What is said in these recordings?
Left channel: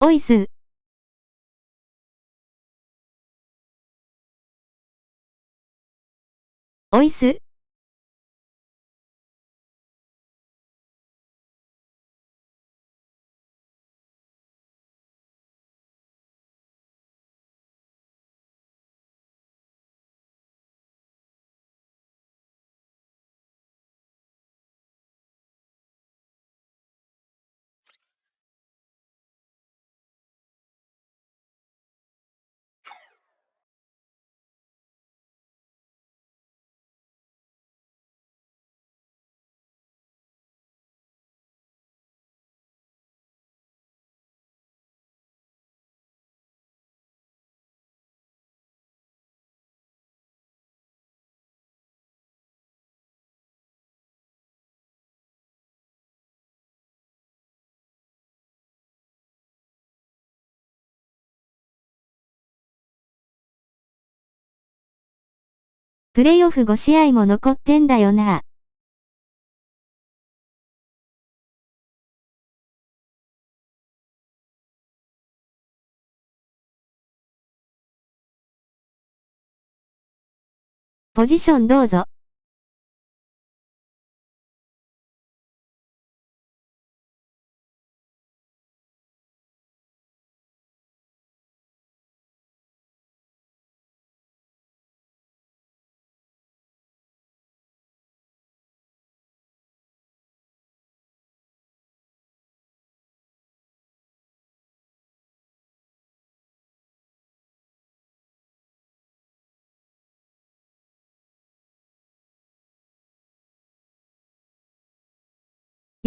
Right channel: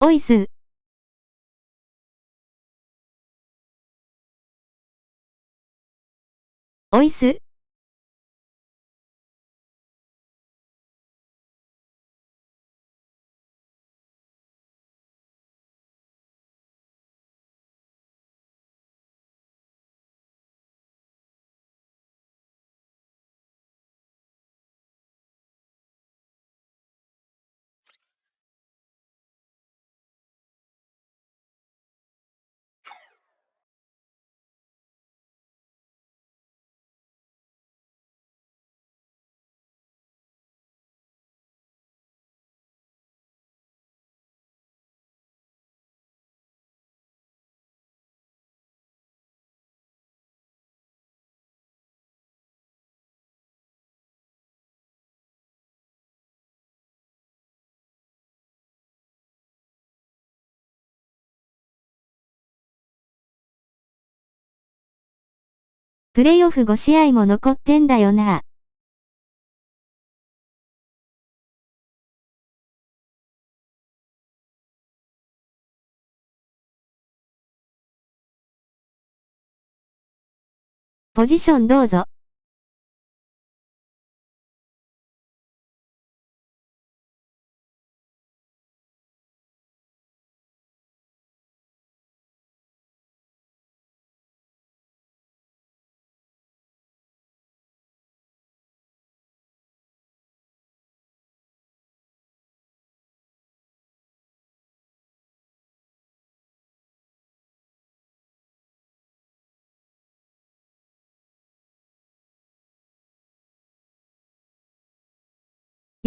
おいす。おいす。プレイオフ5試合も残ってんだよな。ポジションどうぞ。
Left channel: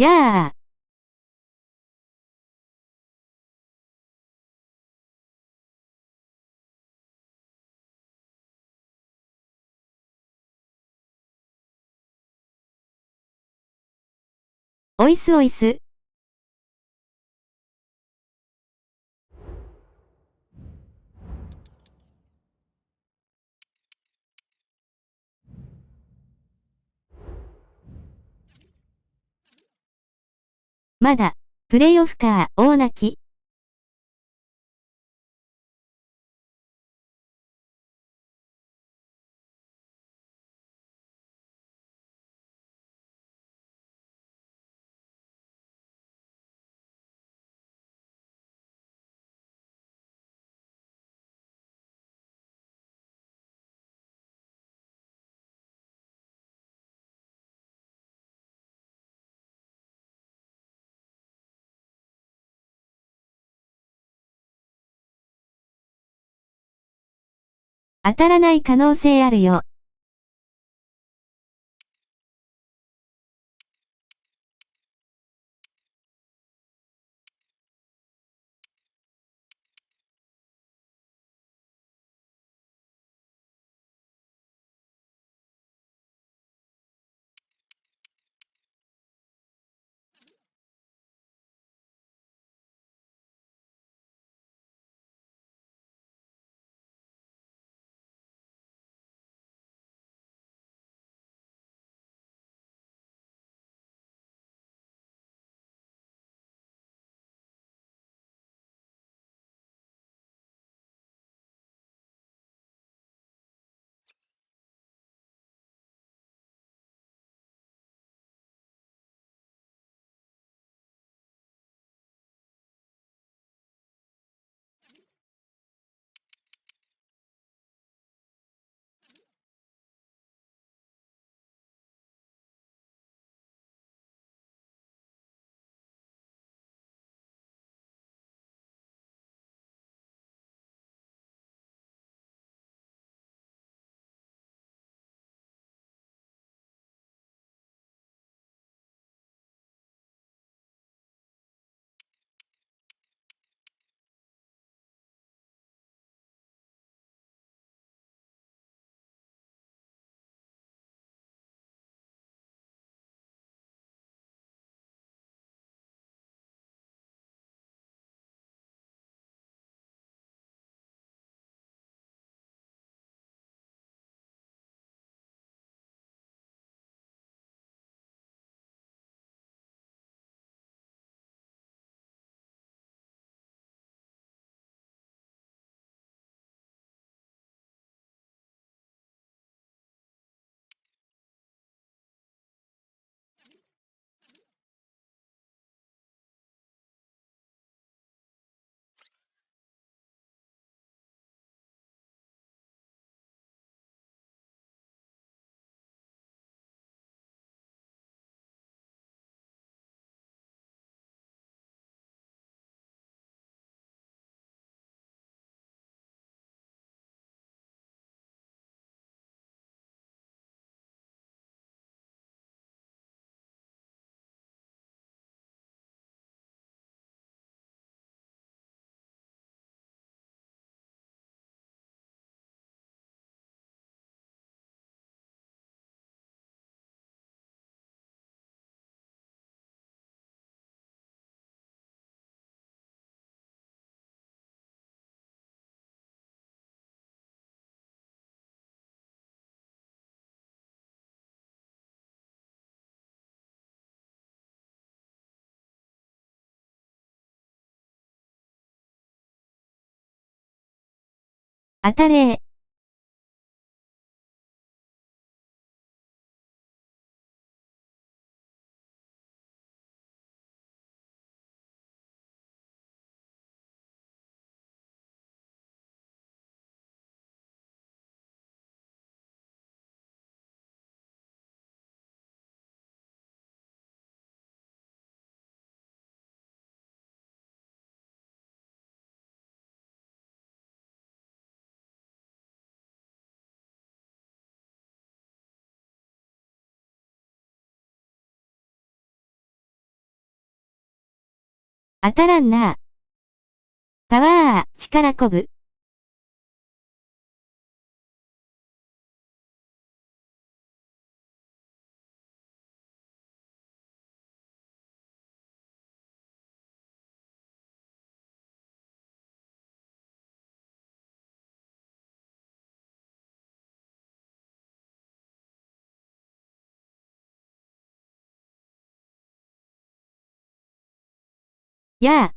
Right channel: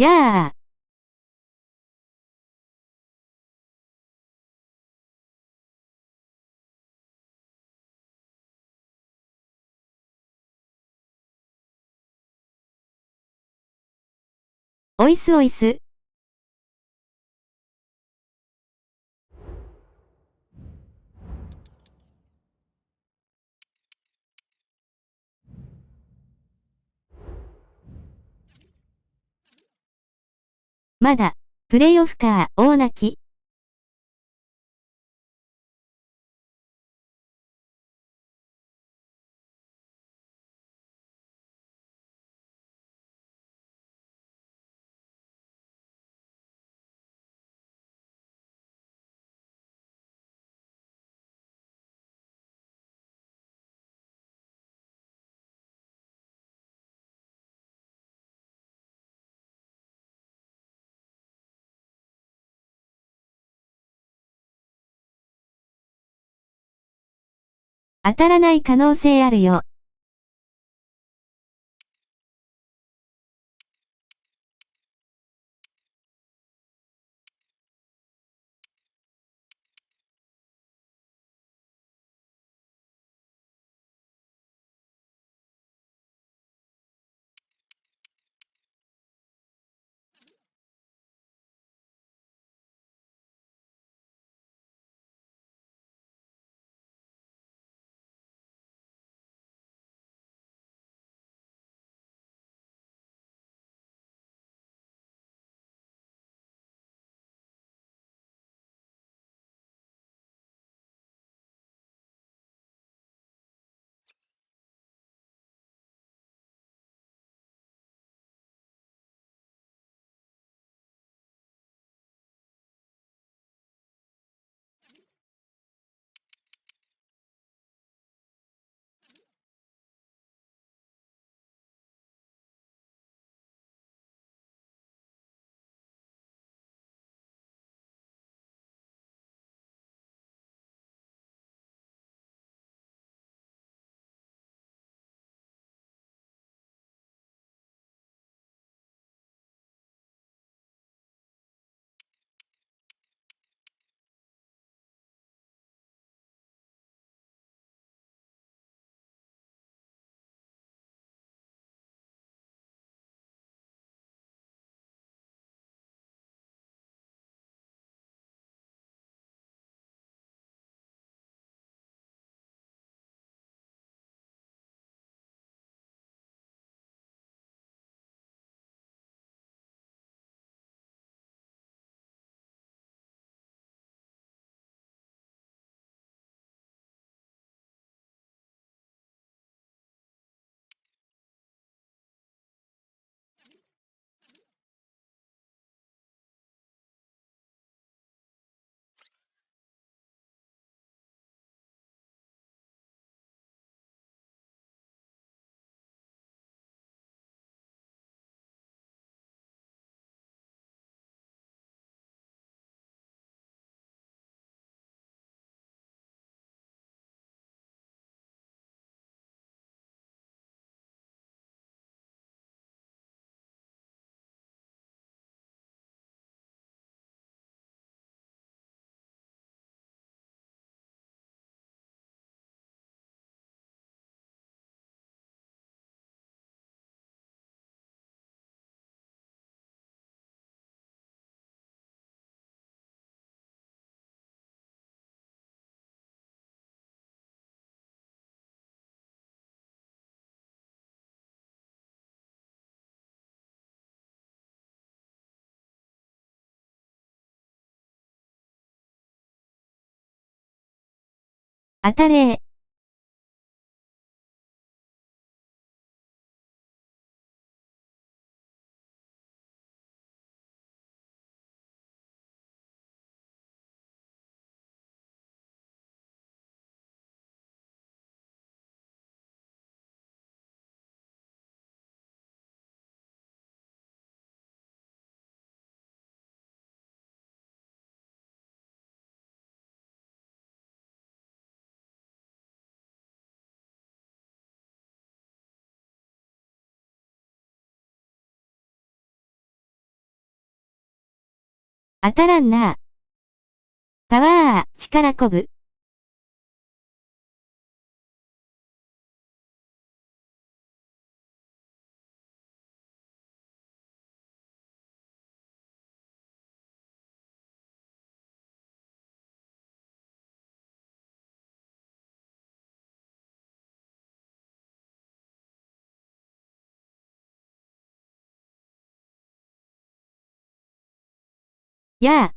やあ。おいすおいす。まだ、プレイオフか、大泣き。当たらない可能性あるよ。当たれー。当たらんな。パワー、力こぶ。やあ。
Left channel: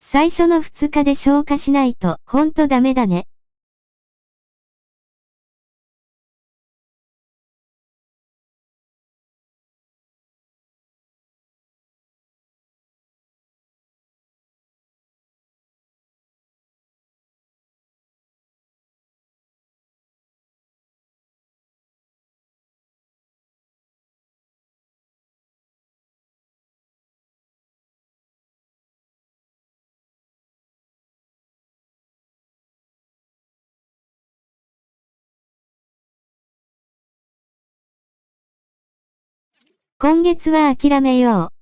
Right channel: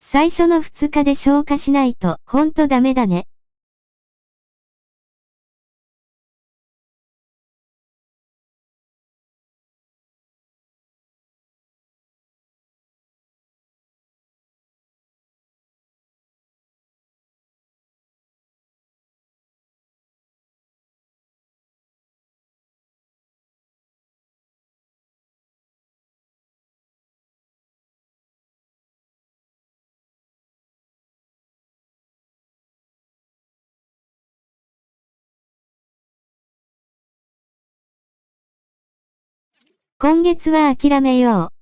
最初の2日で消化しないと、ほんとダメだね。今月は諦めよう。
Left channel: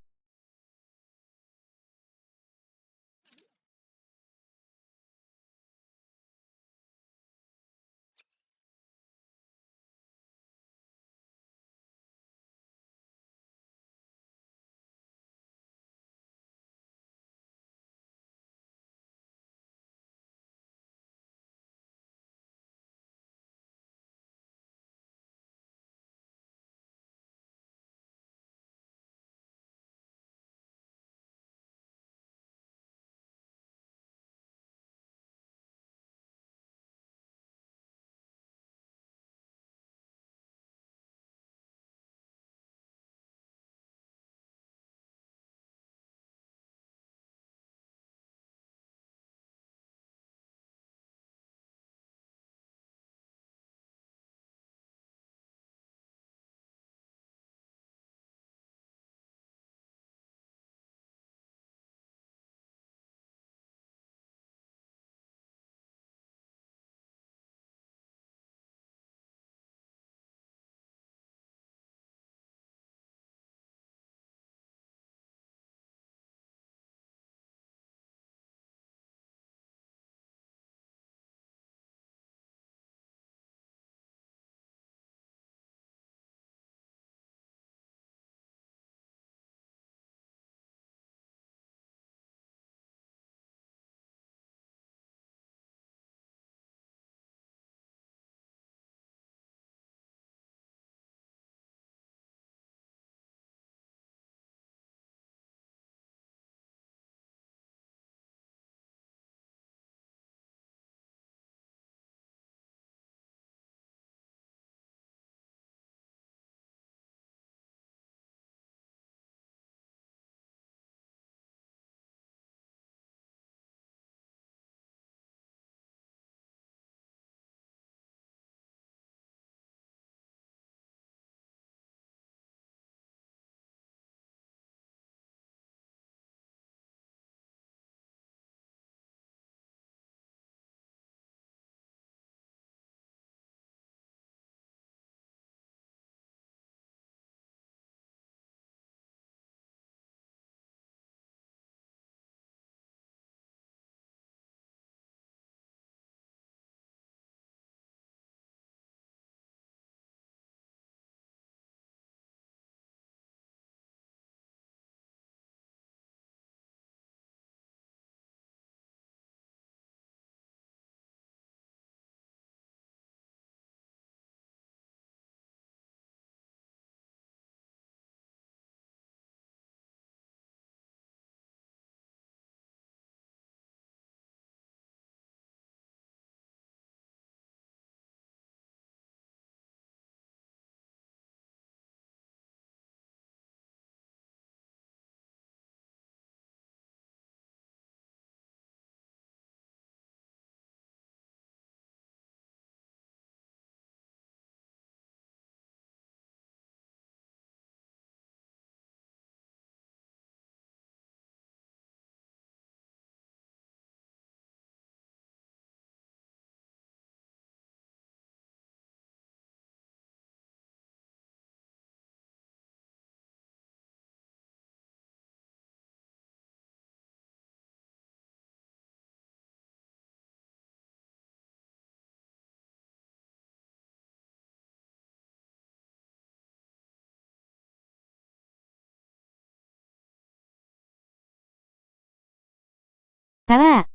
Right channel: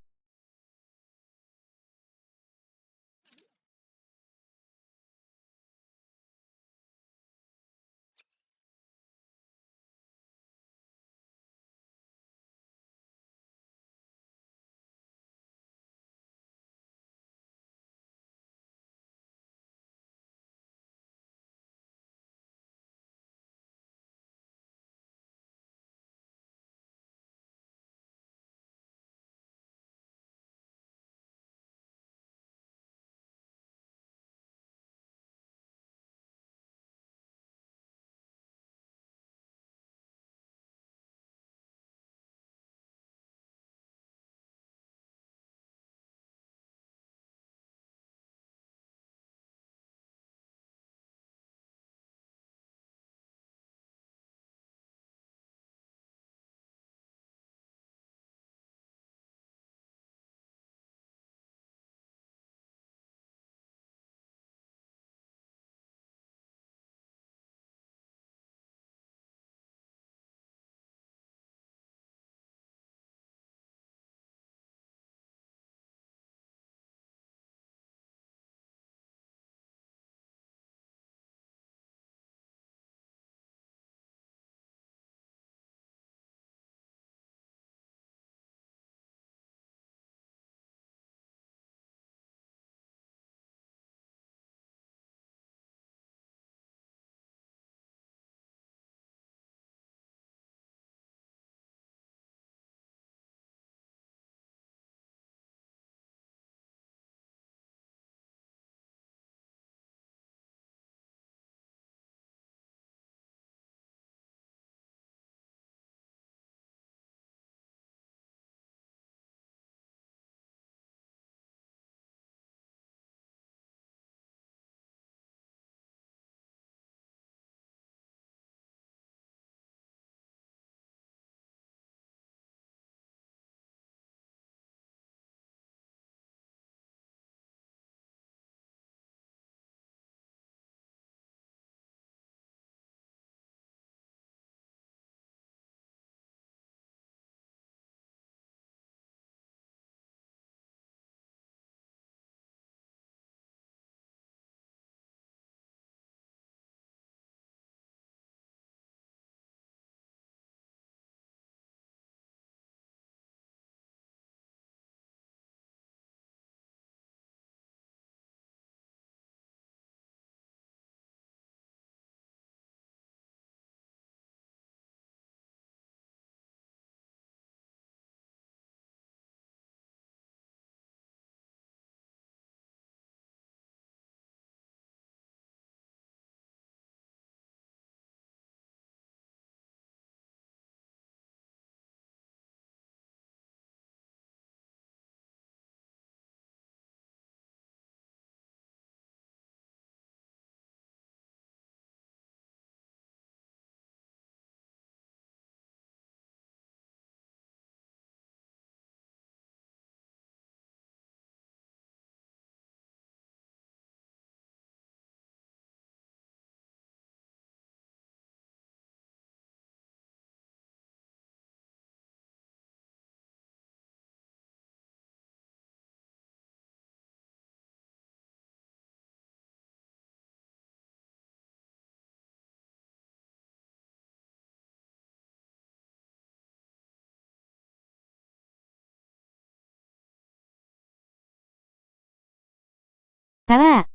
パワー。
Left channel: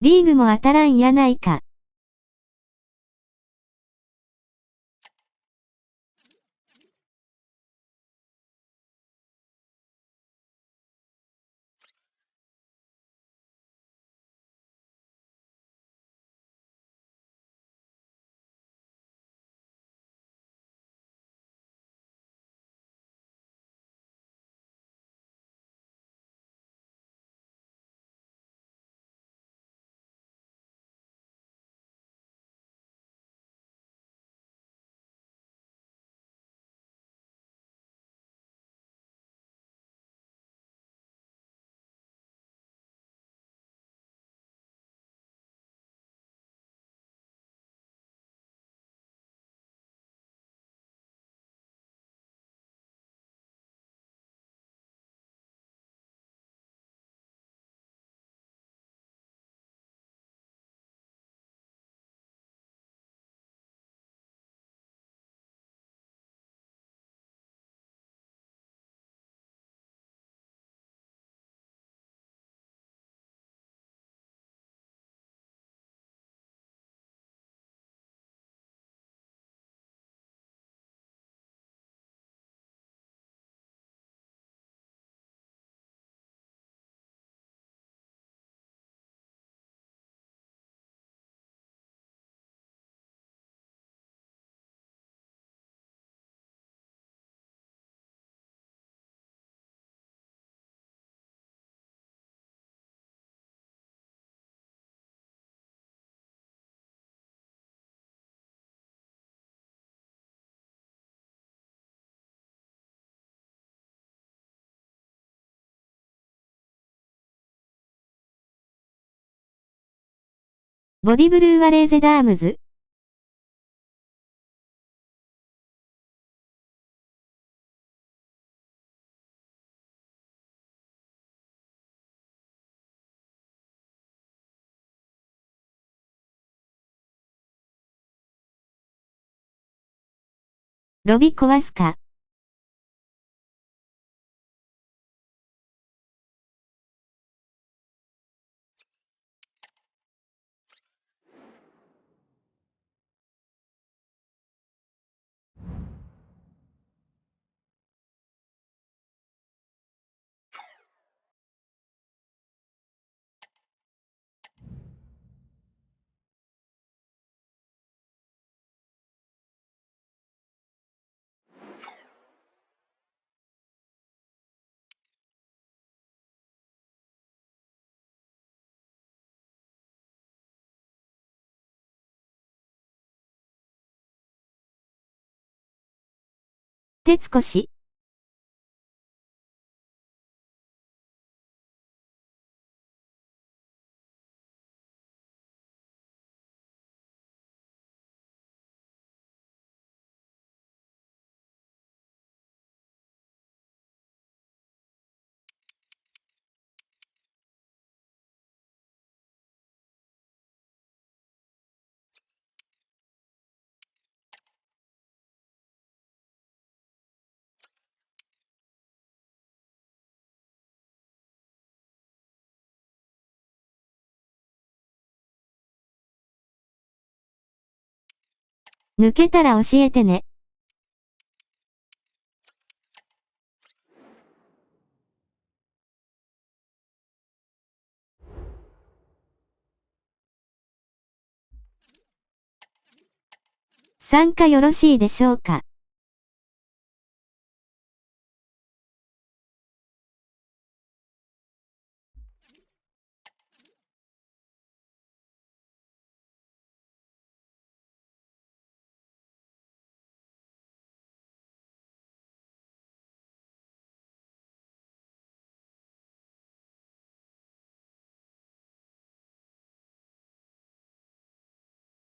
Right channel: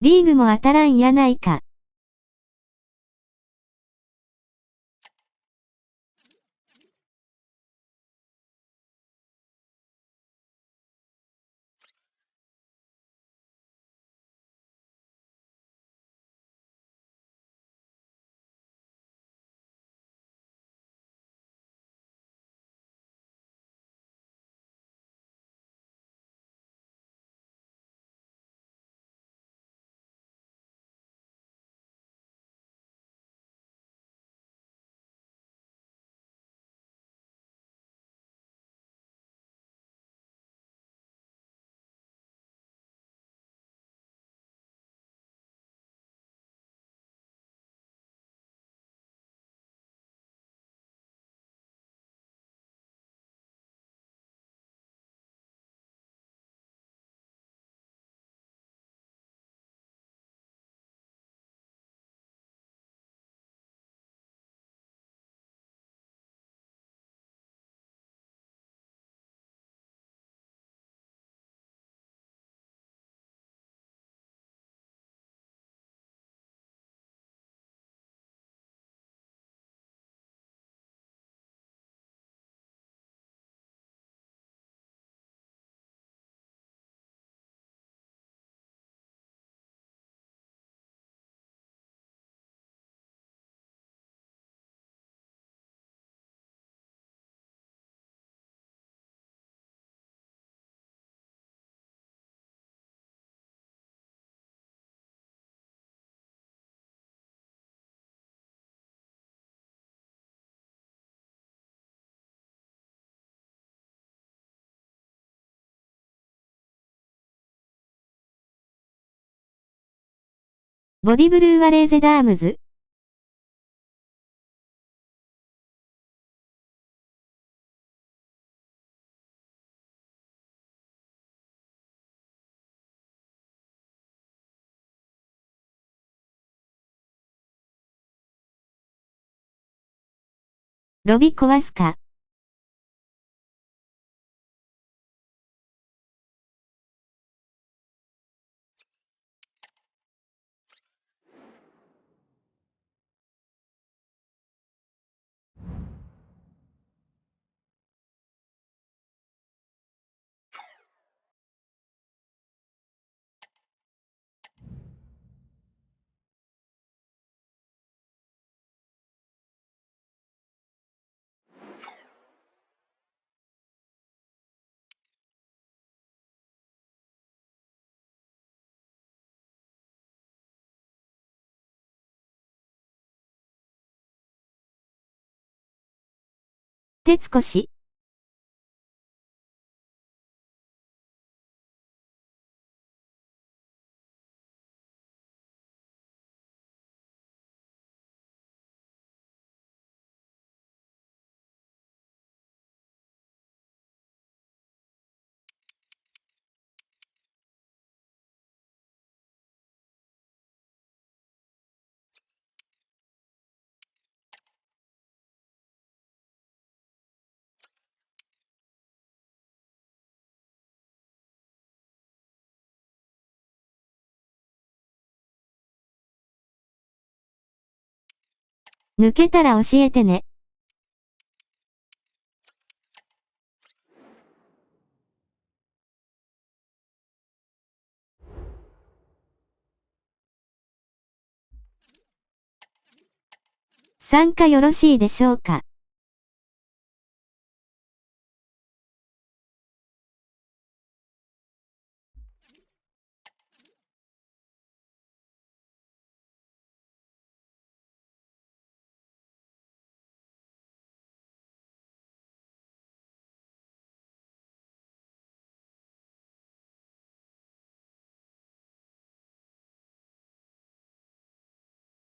リーグも当たらんやないか。ボディブルーワレーゼダームズ。ロビ壊すか。鉄越。抜けたら教えてね。参加よろしいでしょうか。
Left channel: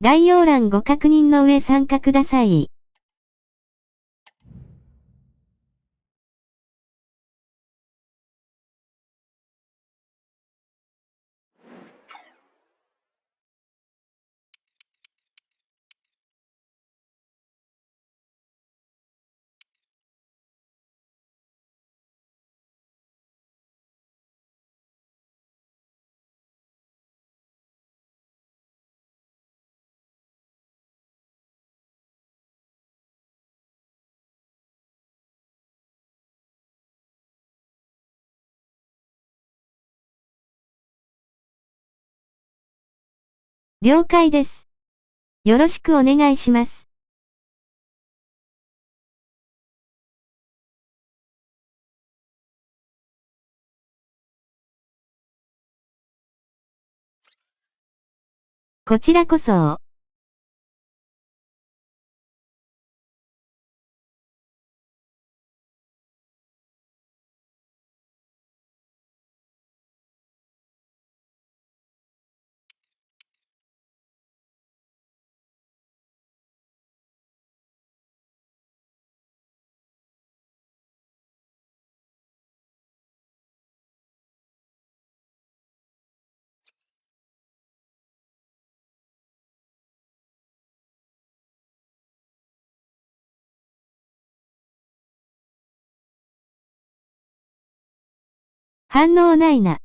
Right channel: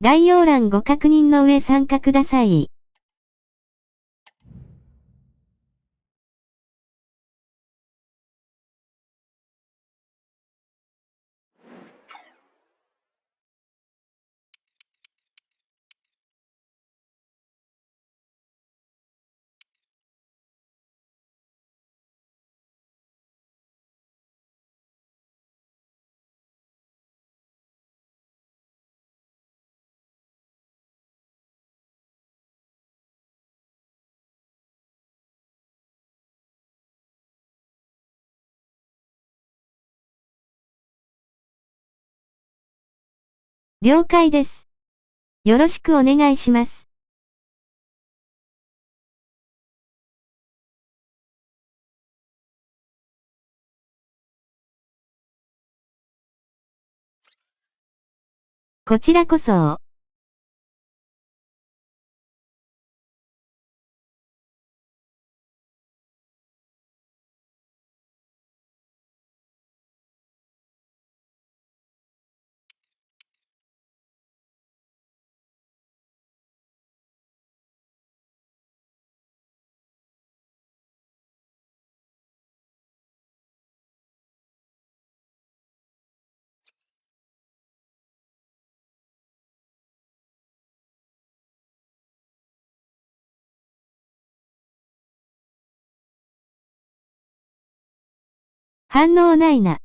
概要欄ご確認の上参加ください。了解です。よろしくお願いします。こちらこそ。反応ないな。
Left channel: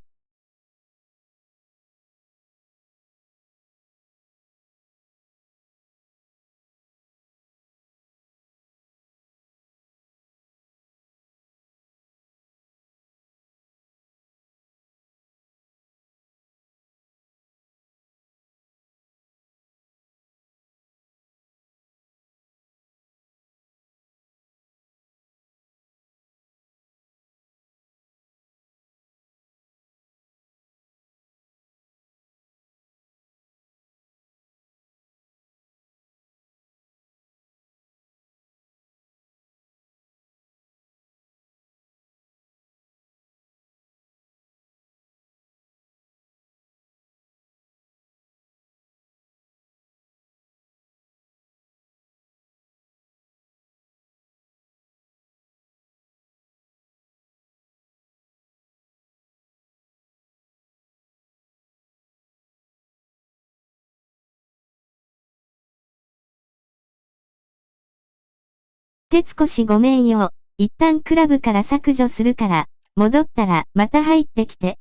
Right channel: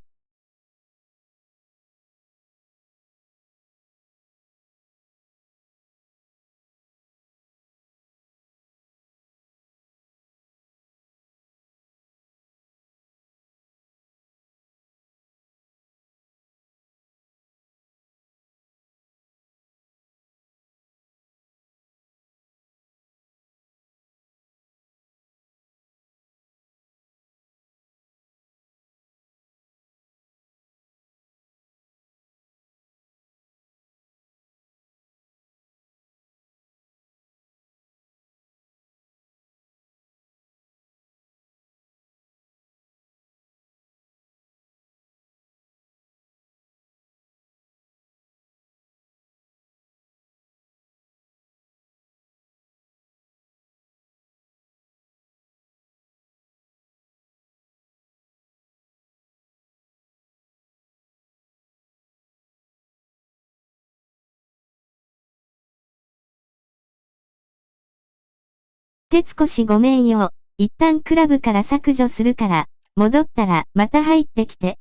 鉄越ごめんよ。一旦クラブから削除するから、戻ったらまた入ってきて。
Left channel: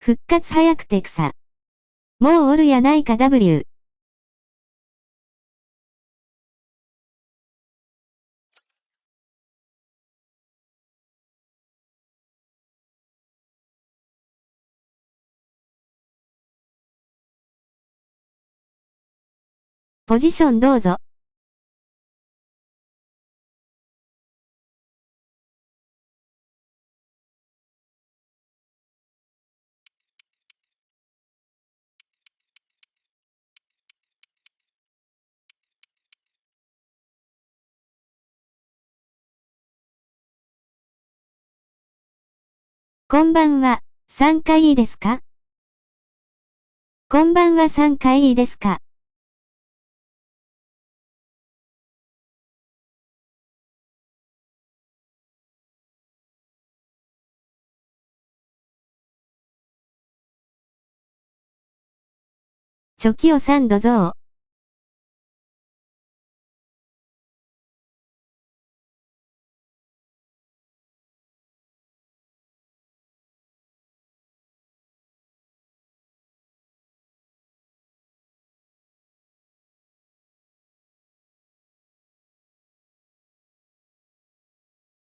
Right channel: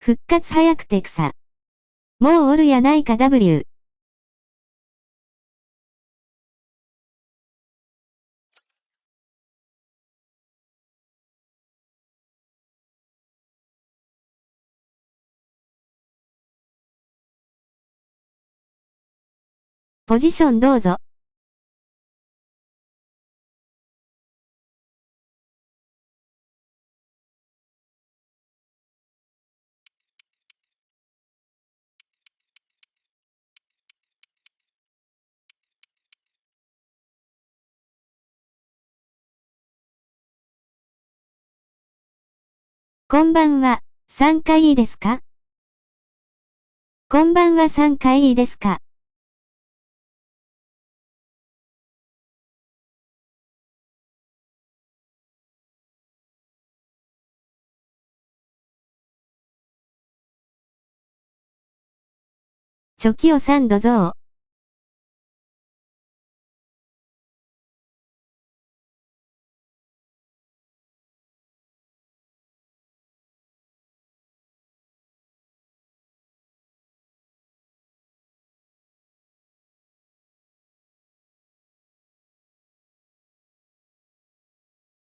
復活早くて草。もうおるやないか W。ポジションどうぞ。こんばんは、3回いいですか？こんばんは3回いいですか？チョキを3どぞ。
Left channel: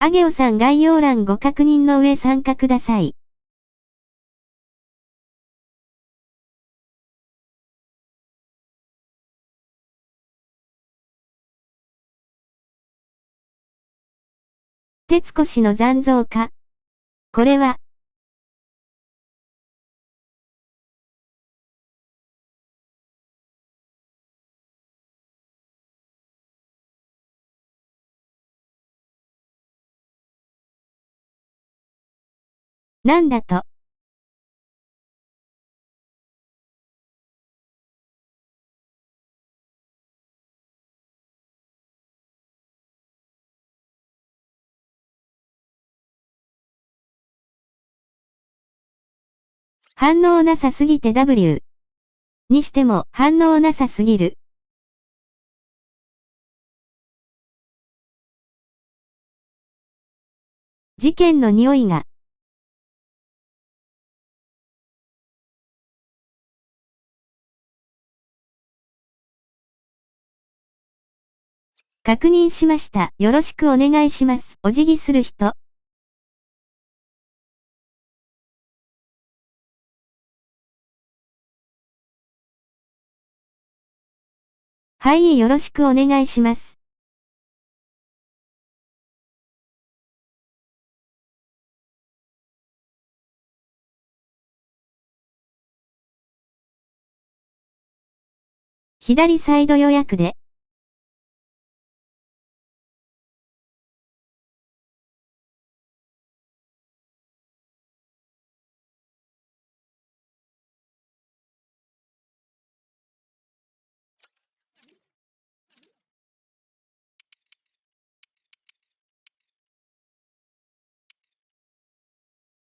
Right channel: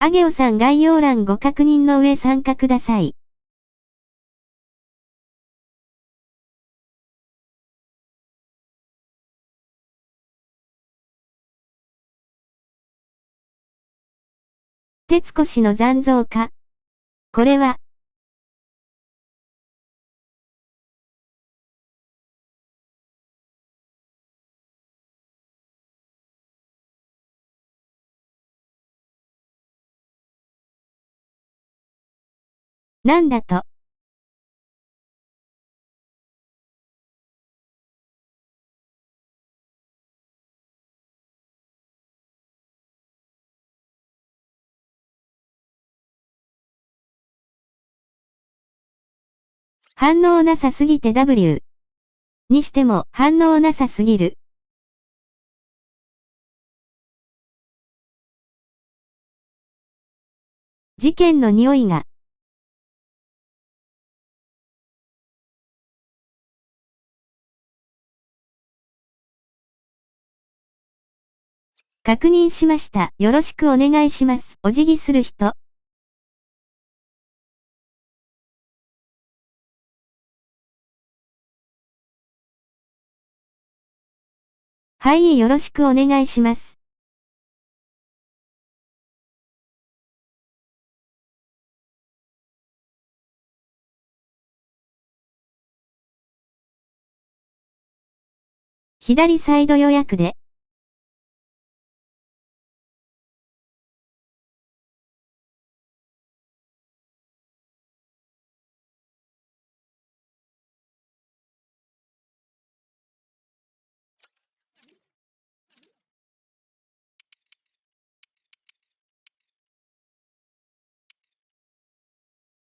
あげおさん概要欄ご確認の上参加ください。徹子氏の残像か。これは、なんだと。反応なさすぎて W。にしても反応なさすぎる。事件の匂いが。確認しました。よろしくお願いします。お辞儀する人。はい、よろしくお願いします。左サイド予約で。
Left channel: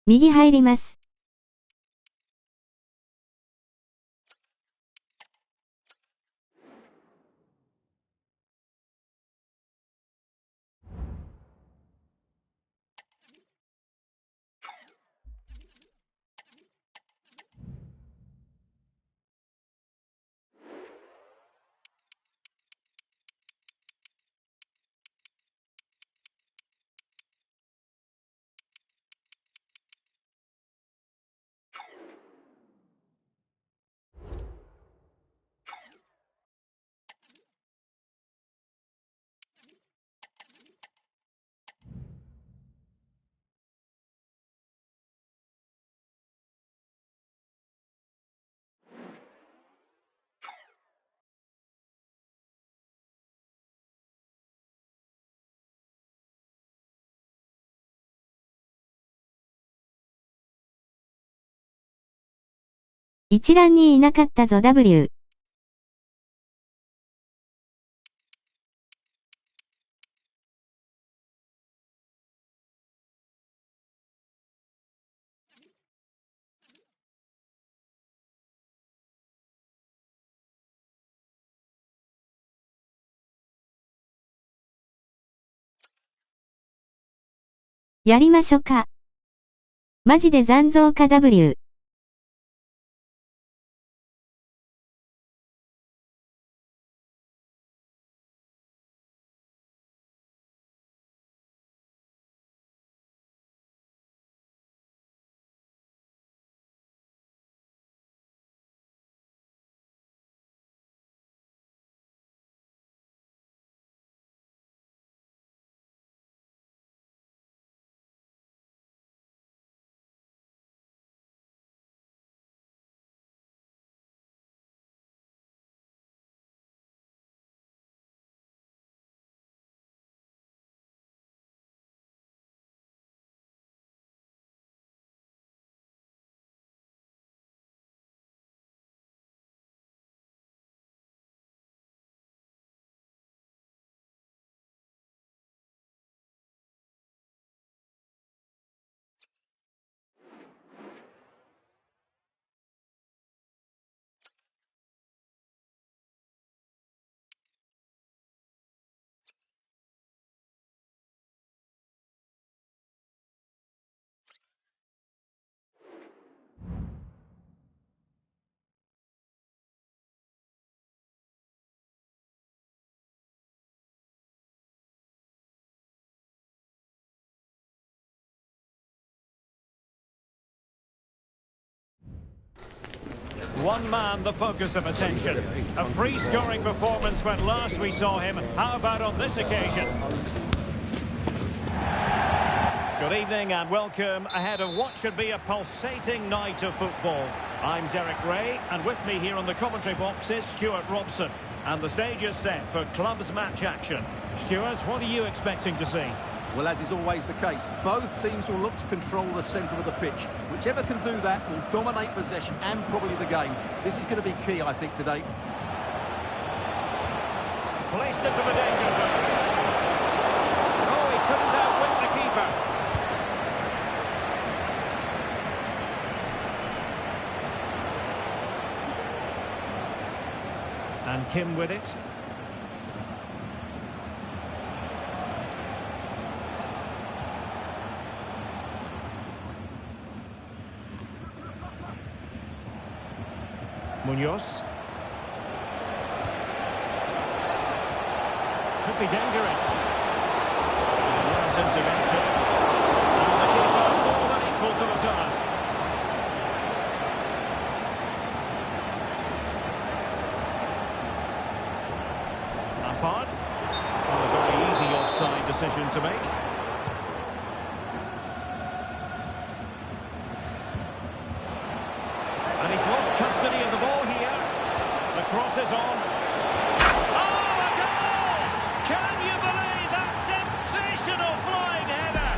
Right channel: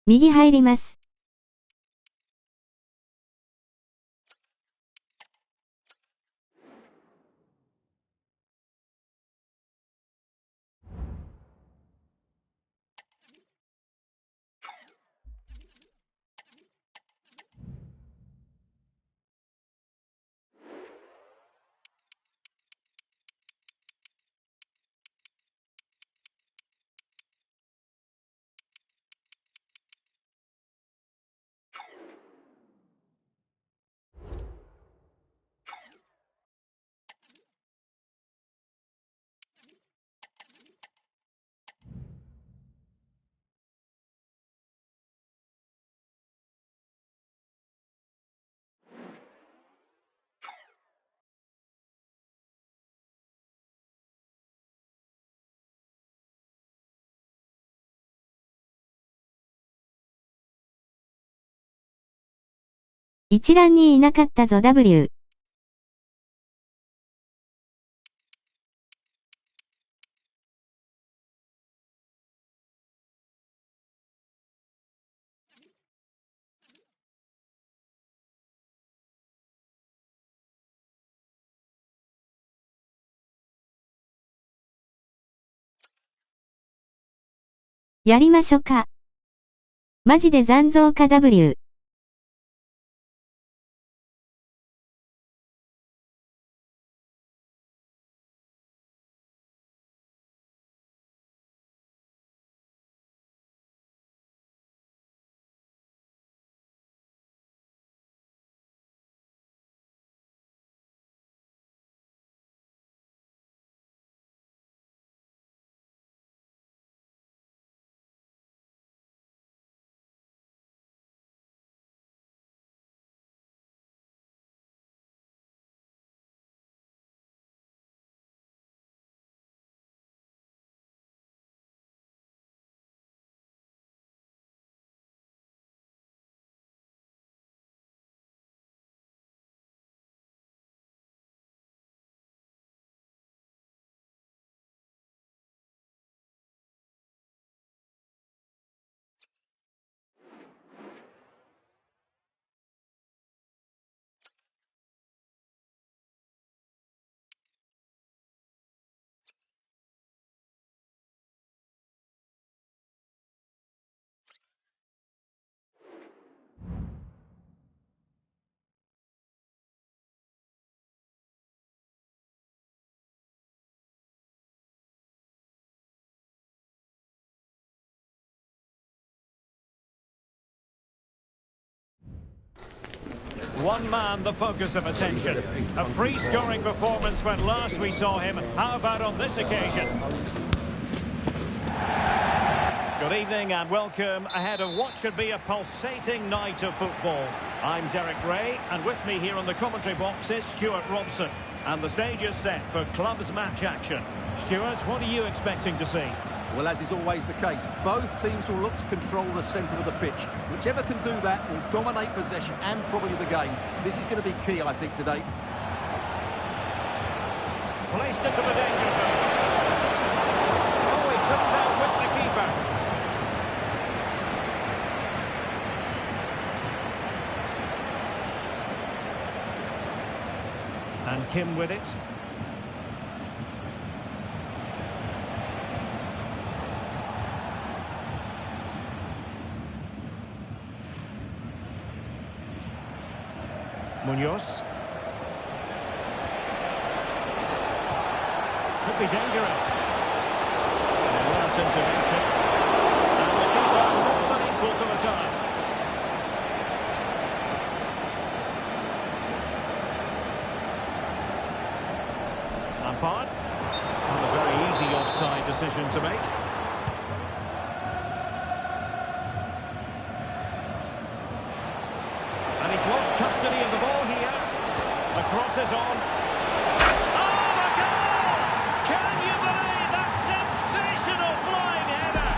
右入ります。一覧にいなかったぞ W。やりましょか。マジで残像か W。One man the focus of attention. A free-scoring performance when last we saw him. How about on this occasion? Good evening and welcome ahead of what should be a pulsating night of football. I'm Derek Ray, and with me here on the commentary box is Stuart Robson. And the stage is set for clubs match action. Stuart, what are you expecting to see? Well, as is always the case, both teams will look to control the centre of the pitch. Whichever can do that will dominate possession and probably the game. This is going to be key, I think, today. Placed into the danger zone. Oh, he couldn't outwit the keeper. And Kim with it. Munoz. Could be dangerous. Alert intervention. And the keeper more than equal to the task. Lampard. Not a very easy offside decision to make. And he's lost custody of the ball here. The cross is on. Oh, a goal! Can you believe that sensational flying header?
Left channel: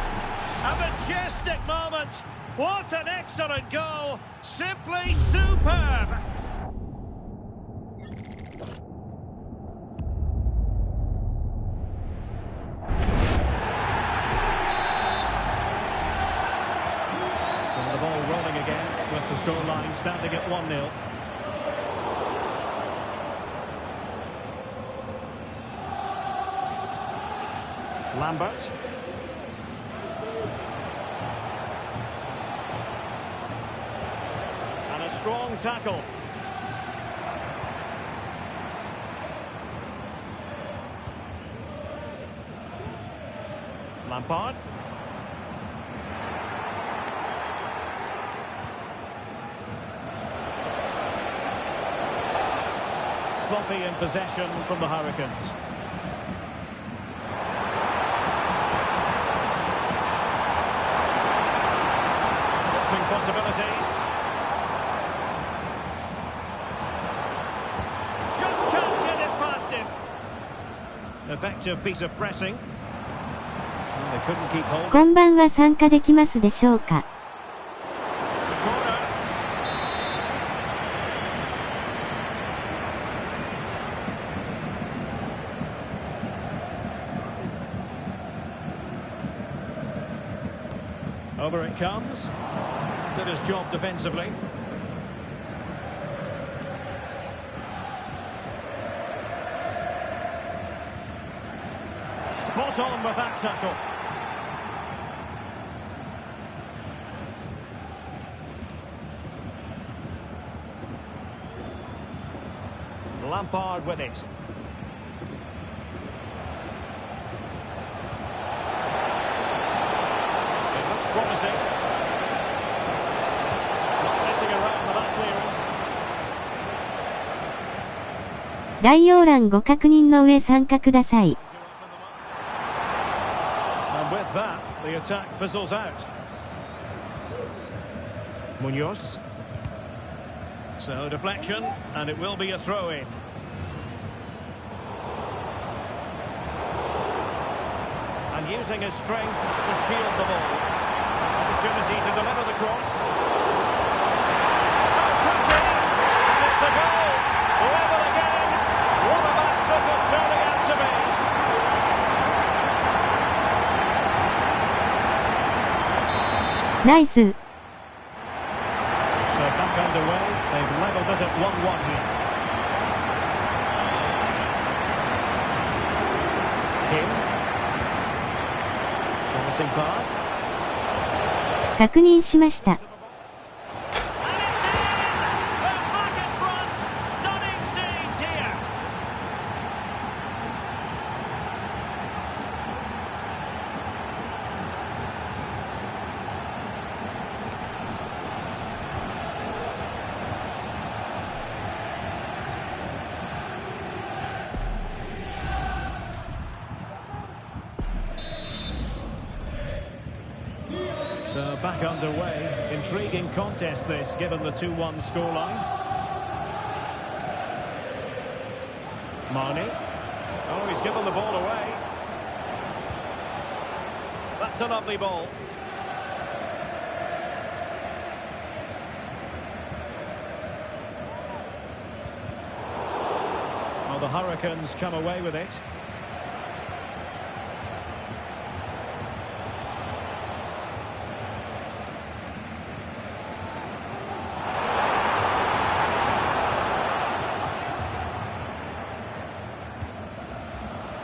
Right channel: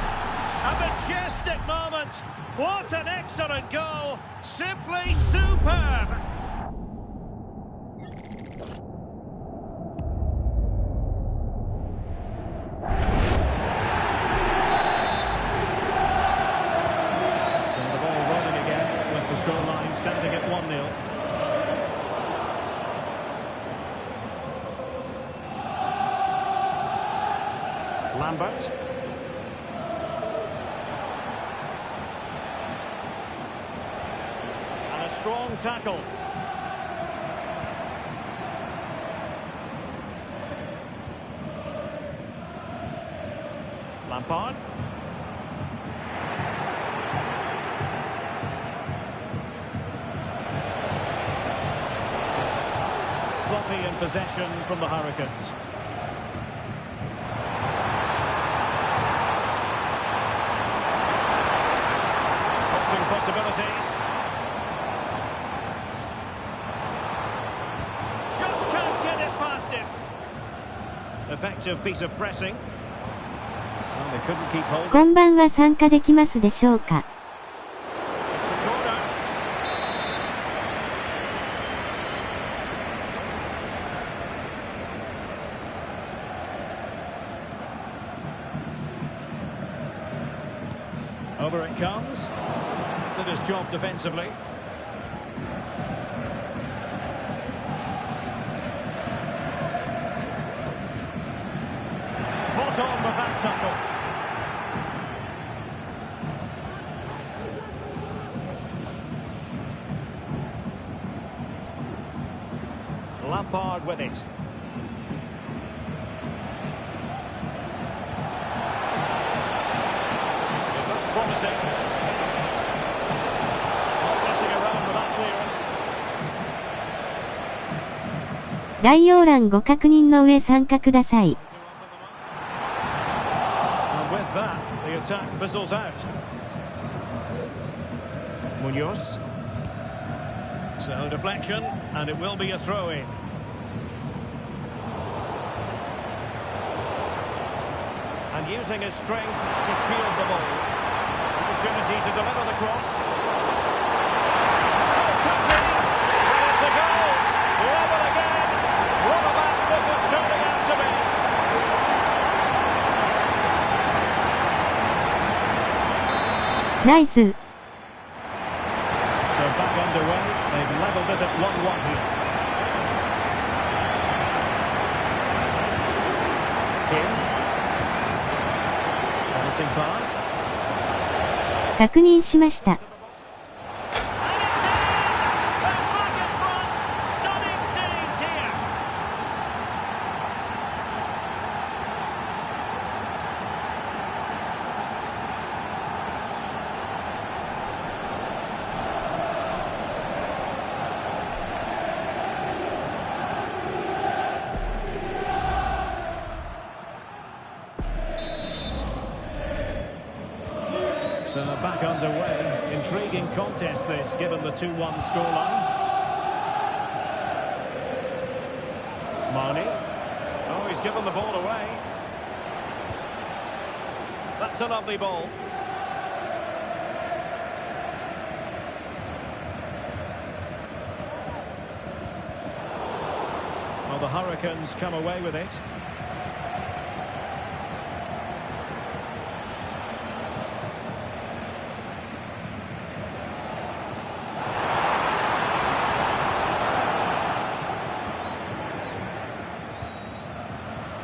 A majestic moment. What an excellent goal. Simply superb. The ball rolling again with the scoreline standing at 1-0. Lambert. And a strong tackle. Lampard. Sloppy in possession from the Hurricanes. Crossing possibilities. Just can't get it past him. Effective piece of pressing. Well, they couldn't keep hold. こんばんは、参加できますでしょうか? It's a corner. Over it comes. Did his job defensively. Spot on with that tackle. Lampard with it. Promising. Not messing around with that clearance. 概要欄ご確認の上参加ください. And with that, the attack fizzles out. Munoz. So deflection, and it will be a throw-in. And using his strength to shield the ball. Opportunity to deliver the cross. Oh, could be! And it's a goal! Level again! What a match this is turning out to be! Nice. So back underway, they've levelled it at 1-1 here. Kim. Promising pass. 確認しました。So back underway. Intriguing contest this, given the 2-1 scoreline. Marnie. Oh, he's given the ball away. That's a lovely ball. Well, the Hurricanes come away with it.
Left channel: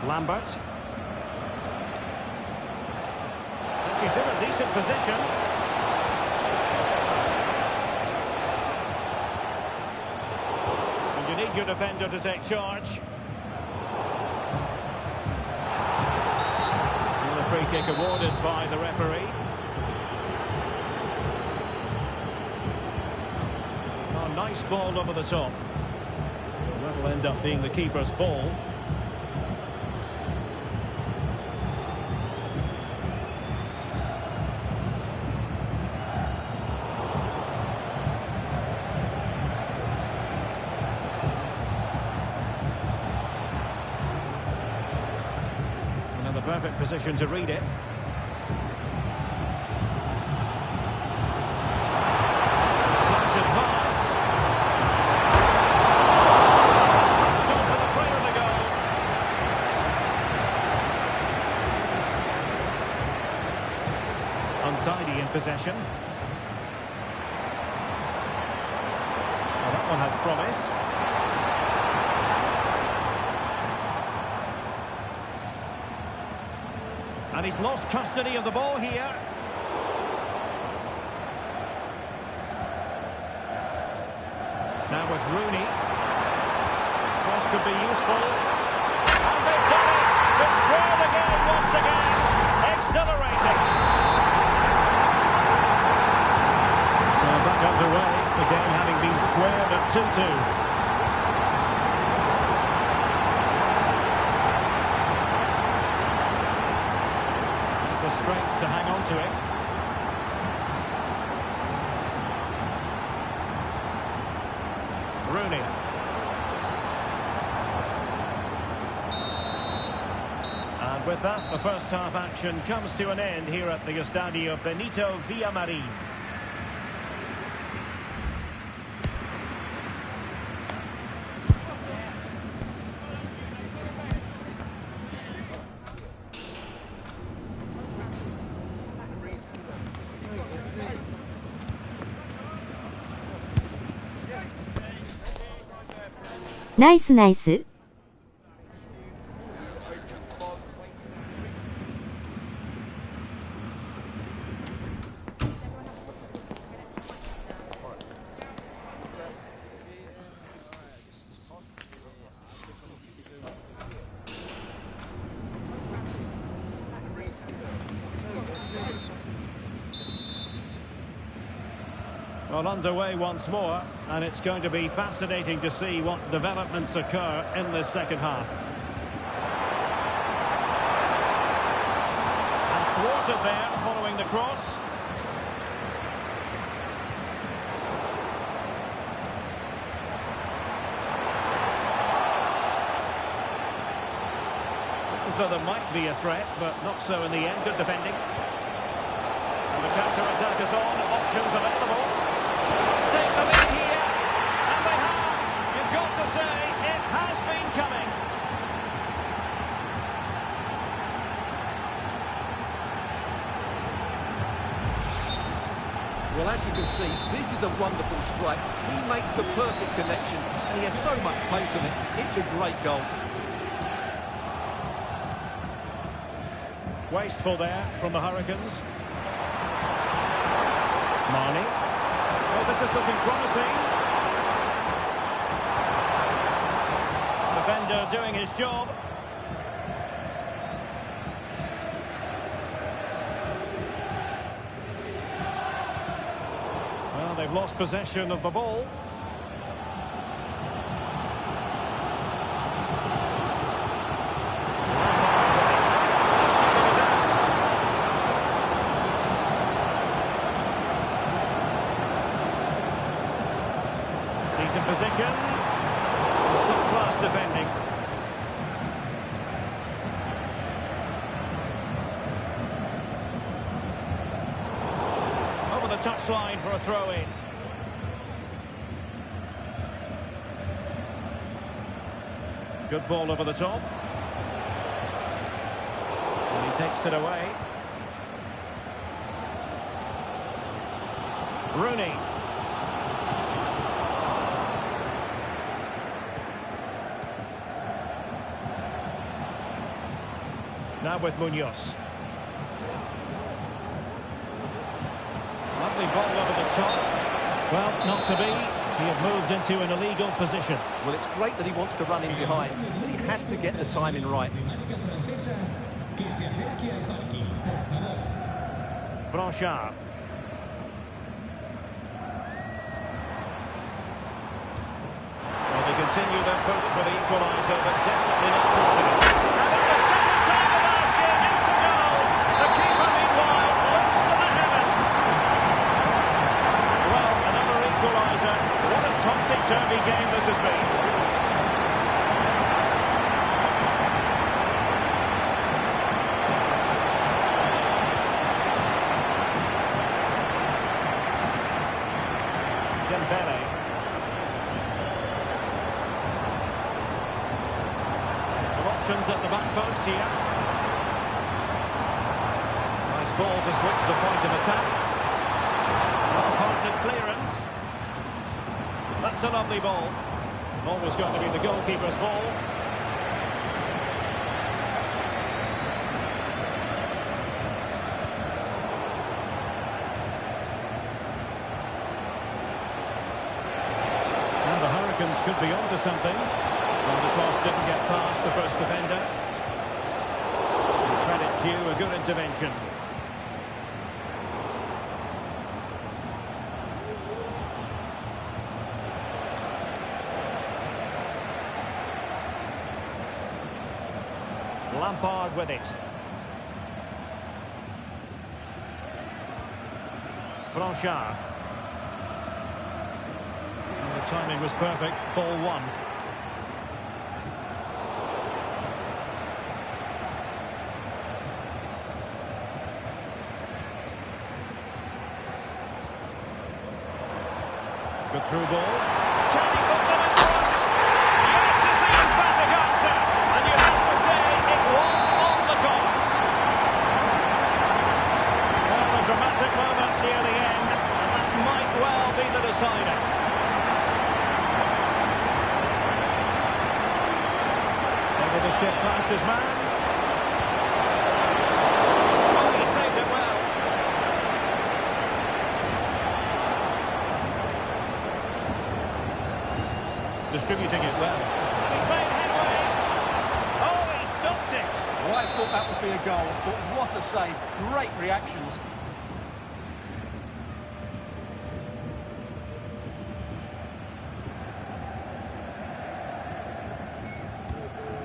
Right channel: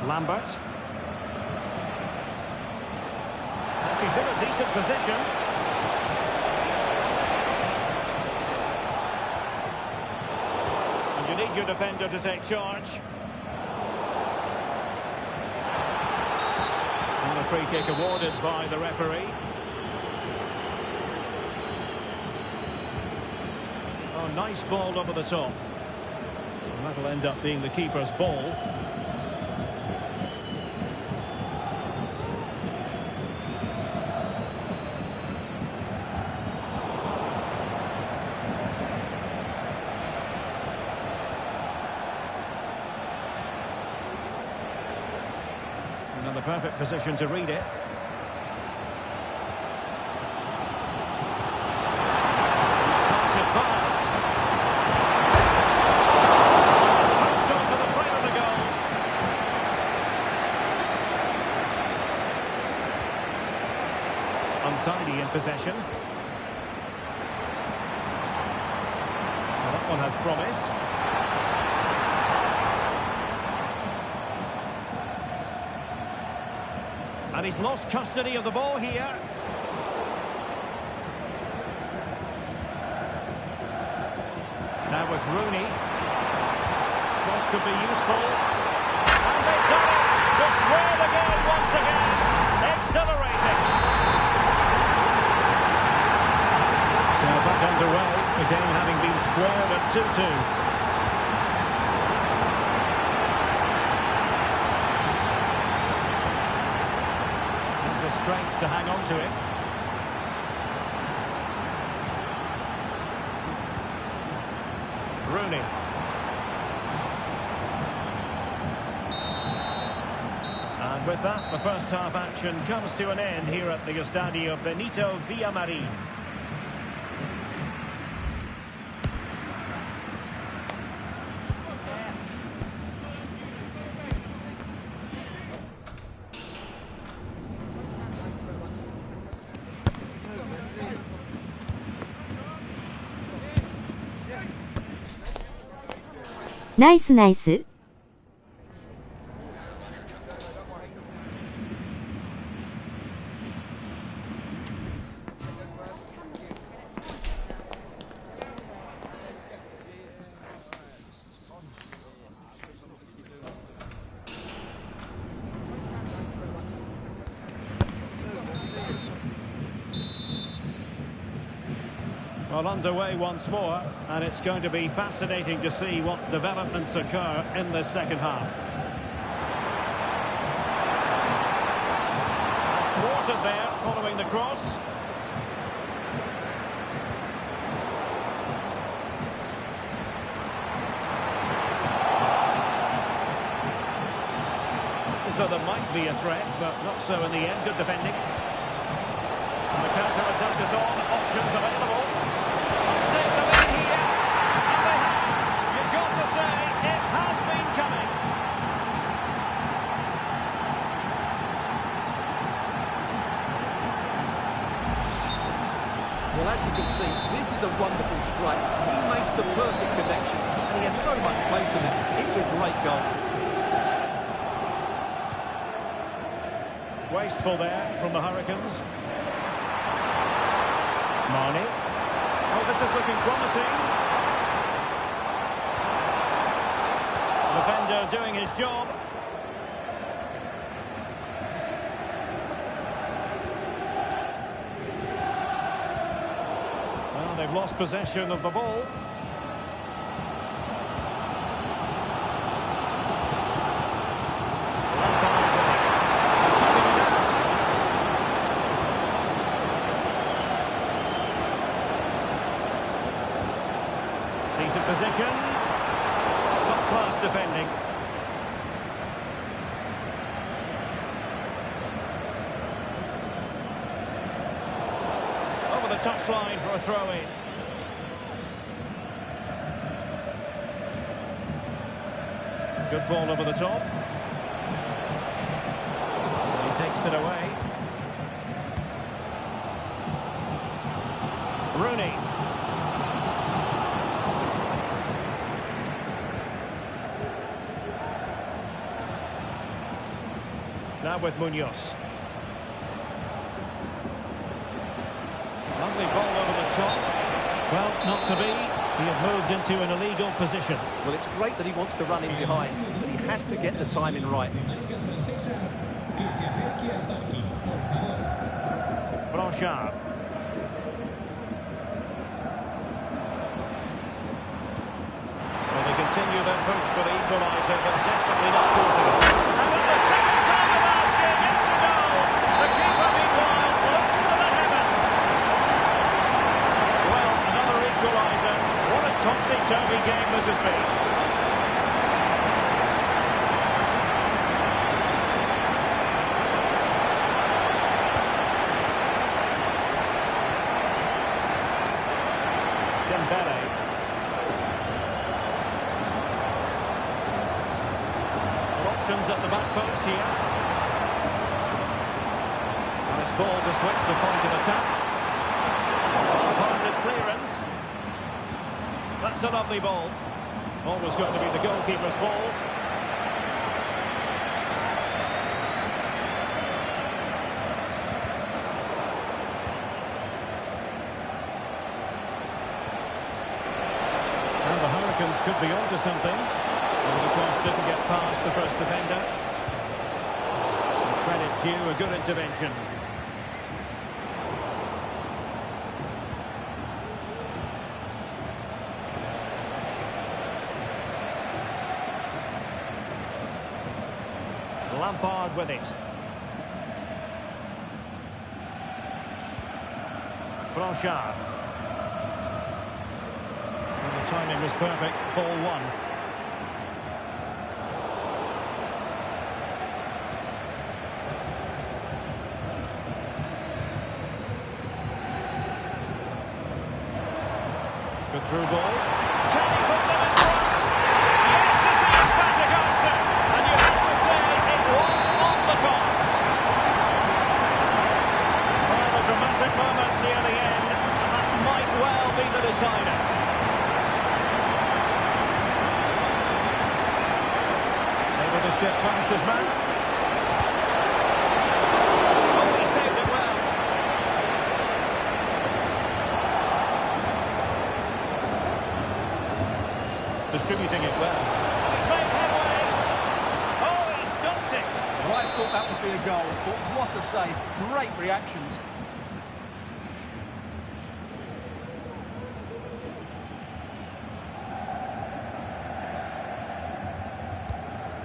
Lambert. And she's in a decent position. And you need your defender to take charge. And a free kick awarded by the referee. Oh, nice ball over the top. Well, that'll end up being the keeper's ball. The perfect position to read it. Decisive pass. Touched onto the frame of the goal. Untidy in possession. Well, that one has promise. And he's lost custody of the ball here. Now with Rooney. Cross could be useful. And they've done it to square the game once again. Exhilarating. So back underway. The game having been squared at 2-2. The strength to hang on to it. Rooney. And with that, the first half action comes to an end here at the Estadio Benito Villamarín.ナイスナイス。Well, underway once more, and it's going to be fascinating to see what developments occur in this second half. And thwarted there, following the cross. So there might be a threat, but not so in the end. Good defending. And the counter-attack is on, options available. Must take them in here, and they have. You've got to say, it has been coming. Well, as you can see, this is a wonderful strike. He makes the perfect connection, and he has so much pace in it. It's a great goal. Wasteful there from the Hurricanes. Marnie. Oh, this is looking promising. The defender doing his job. Well, they've lost possession of the ball. He's in position. Top-class defending. Over the touchline for a throw-in. Good ball over the top. And he takes it away. Rooney. Now with Munoz. Lovely ball over the top. Well, not to be. He had moved into an illegal position. Well, it's great that he wants to run in behind, but he has to get the timing right. Blanchard. Well, they continue their push for the equaliser, but definitely not forcing it. And at the second time of asking, it's a goal. The keeper, meanwhile, looks to the heavens. Well, another equaliser. What a topsy-turvy game this has been. Dembele. Options at the back post here. Nice ball to switch the point of attack. Well-hearted clearance. That's a lovely ball. Always going to be the goalkeeper's ball. And the Hurricanes could be onto something. Well, the cross didn't get past the first defender. And credit due, a good intervention. Lampard with it. Blanchard. And the timing was perfect. Ball one. Good through ball. Can he put them in front? Yes is the emphatic answer. And you have to say it was on the cards. Well, a dramatic moment near the end, and that might well be the decider. Able to skip past his man. Oh, he saved it well. Distributing it well. And he's made headway. Oh, he stopped it. Well, I thought that would be a goal, but what a save. Great reactions.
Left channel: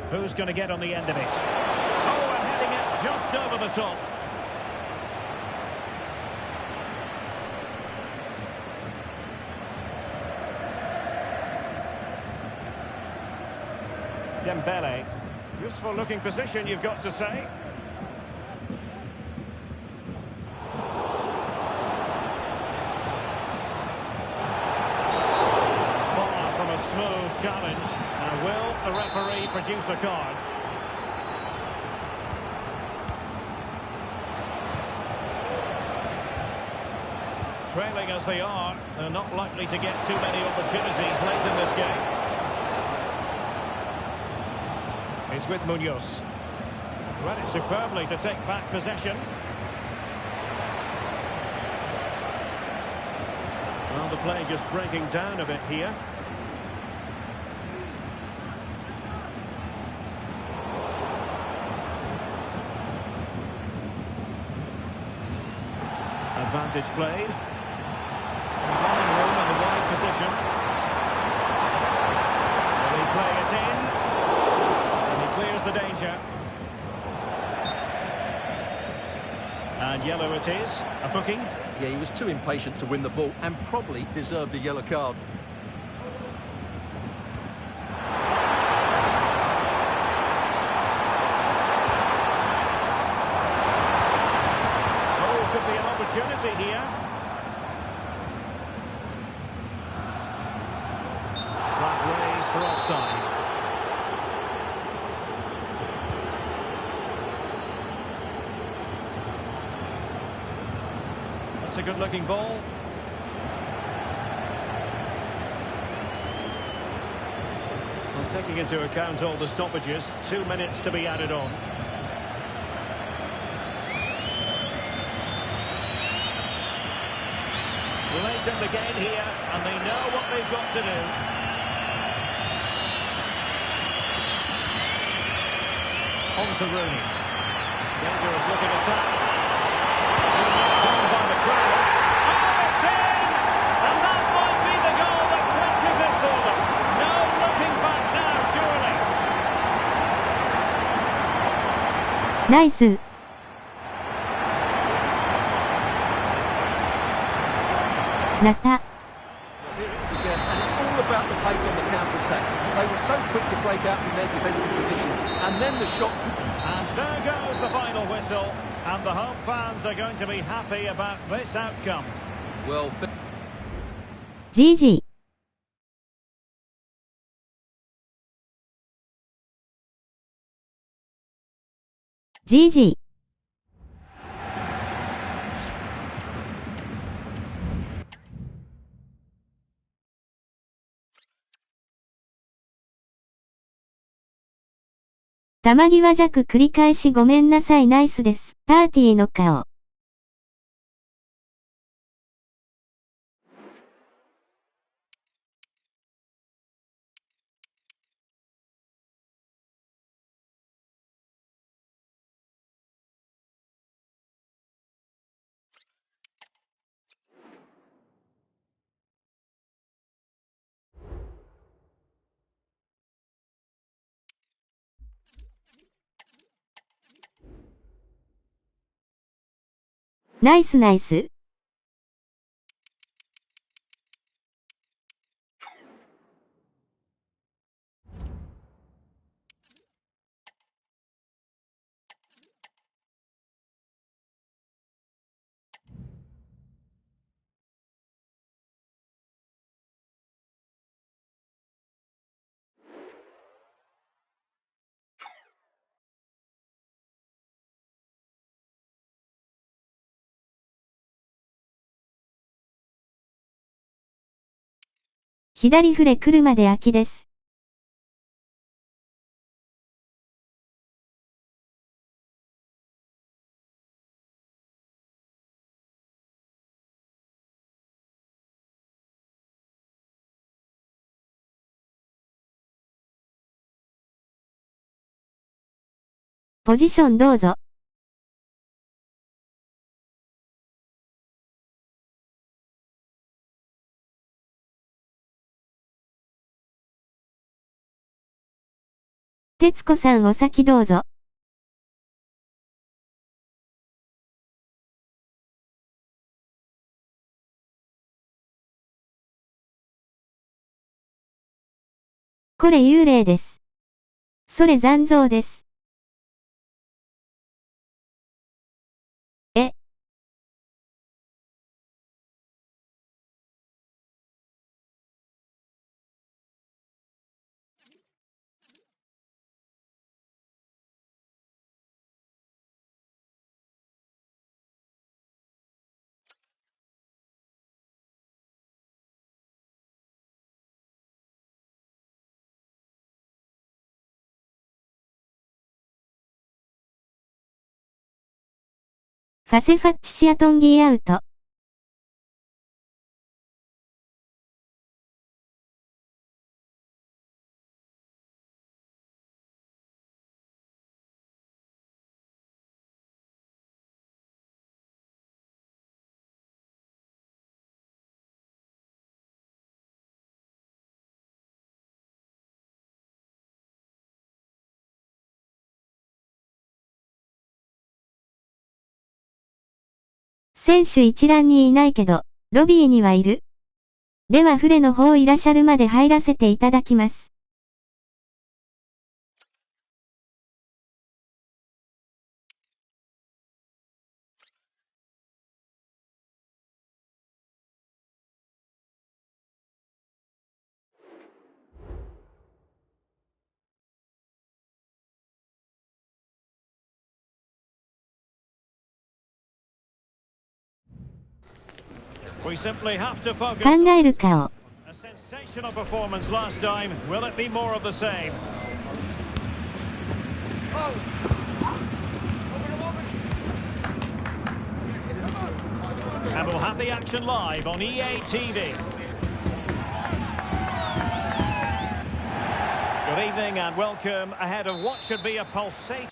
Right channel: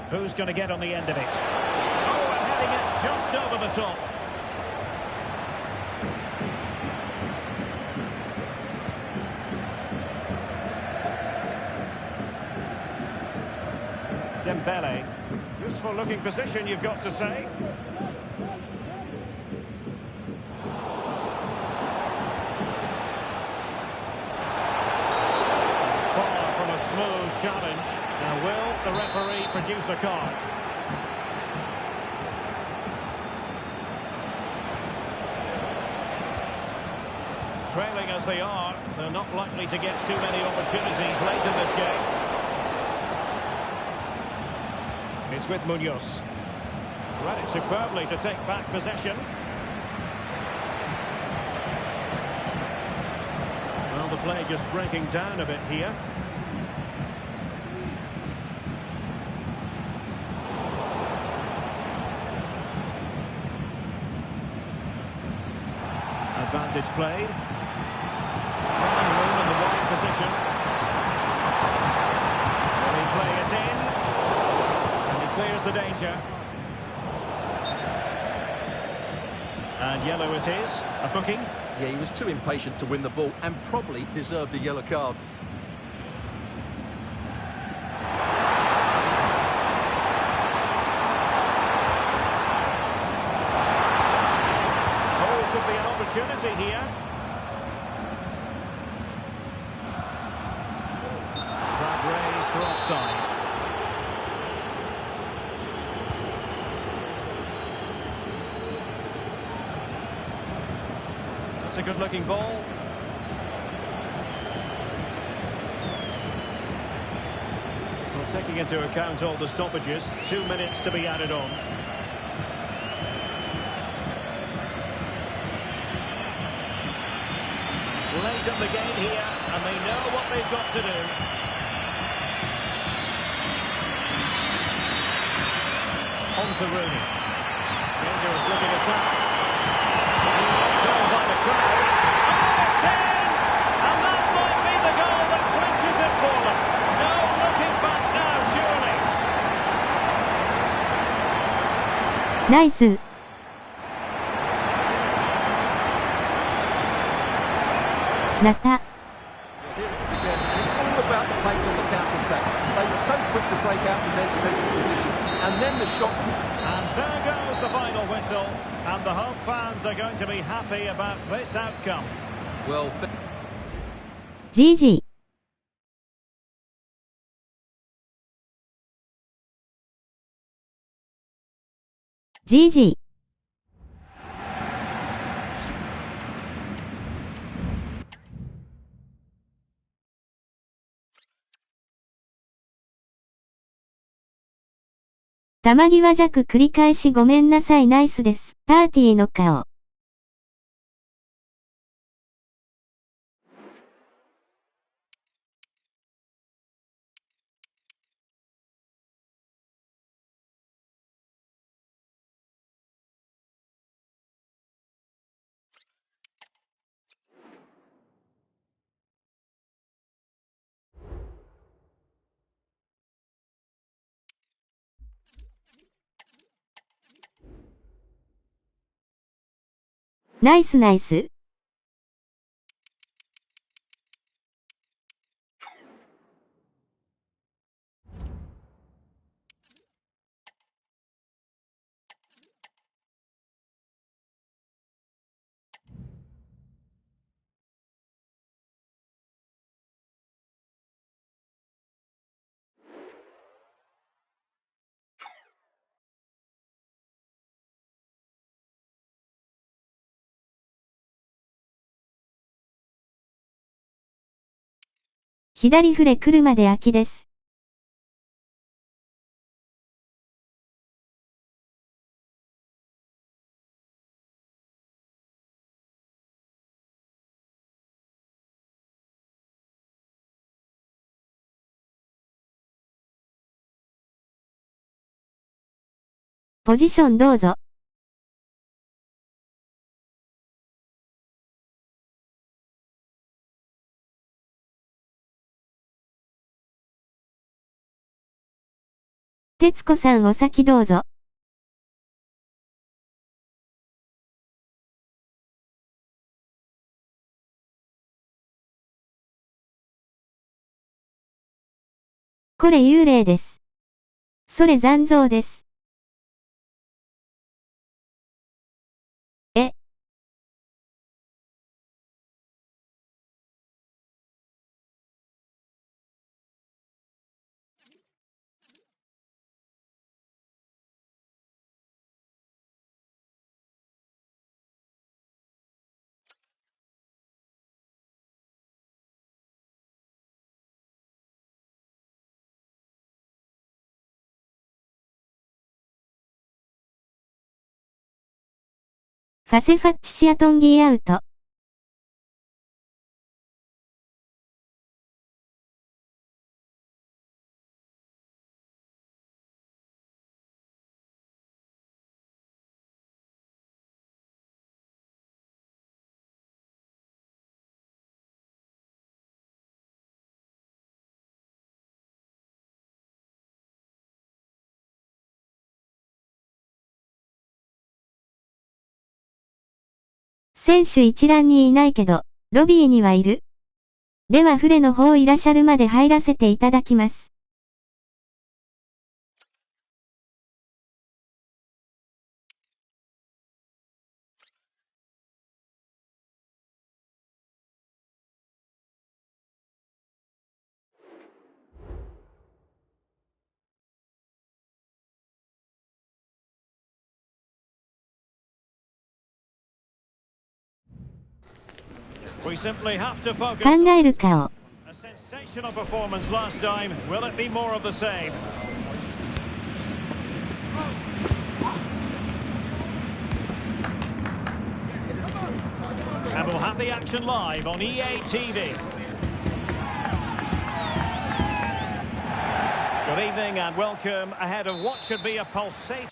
Who's going to get on the end of it? Oh, and heading it just over the top. Dembele. Useful looking position, you've got to say. Far from a smooth challenge. Now will the referee produce a card? Trailing as they are, they're not likely to get too many opportunities late in this game. It's with Munoz. Read it superbly to take back possession. Well, the play just breaking down a bit here. Advantage played. Running room in the wide position. Will he play it in? And he clears the danger. And yellow it is. A booking. Yeah, he was too impatient to win the ball and probably deserved a yellow card. penalty here. Flag raised for offside. That's a good-looking ball. Well, taking into account all the stoppages, 2 minutes to be added on. Late in the game here, and they know what they've got to do. On to Rooney. Dangerous looking attack. Being knocked down by the crowd. Oh, it's in! And that might be the goal that clinches it for them. No looking back now, surely. ナイス。ナタ。Well, here it is again, and it's all about the pace on the counter-attack. They were so quick to break out from their defensive positions, and then the shot. And there goes the final whistle, and the home fans are going to be happy about this outcome. Well, GG。GG。球際弱繰り返しごめんなさいナイスです。パーティーの顔。ナイスナイス。左フレ来るまで空きです。ポジションどうぞ。徹子さんお先どうぞ。これ幽霊です。それ残像です。え。ファセファッチシアトンギーアウト。選手一覧にいないけど、ロビーにはいる？ではフレの方いらっしゃるまで入らせていただきます。We simply have to focus. 考える顔。A sensational performance last time. Will it be more of the same? And we'll have the action live on EA TV. Good evening and welcome ahead of what should be a pulsating...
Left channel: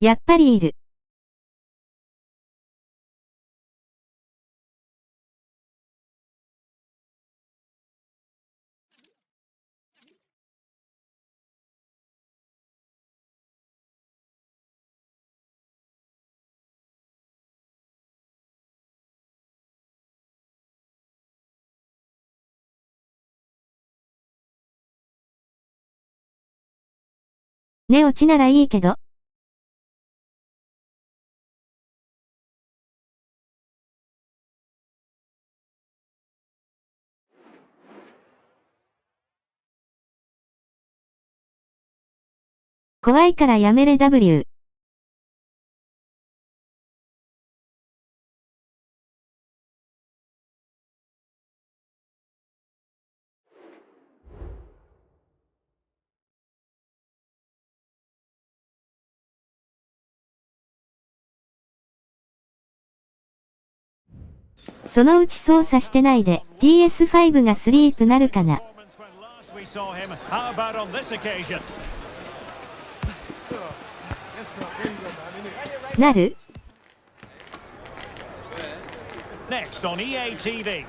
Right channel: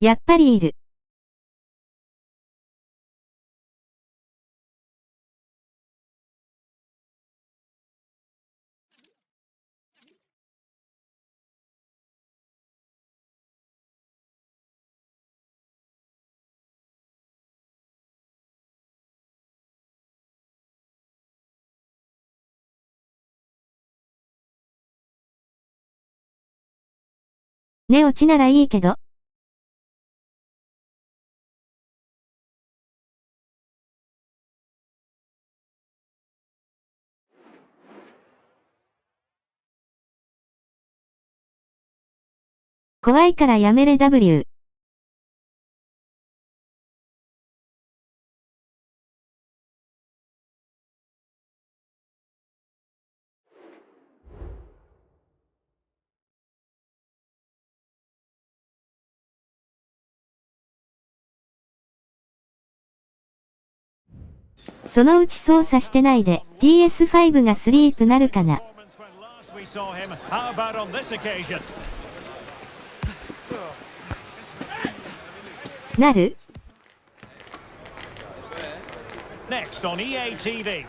やっぱりいる。寝落ちならいいけど。怖いからやめれ W。そのうち操作してないで PS5 がスリープなるかな。なる？ Next on EA TV.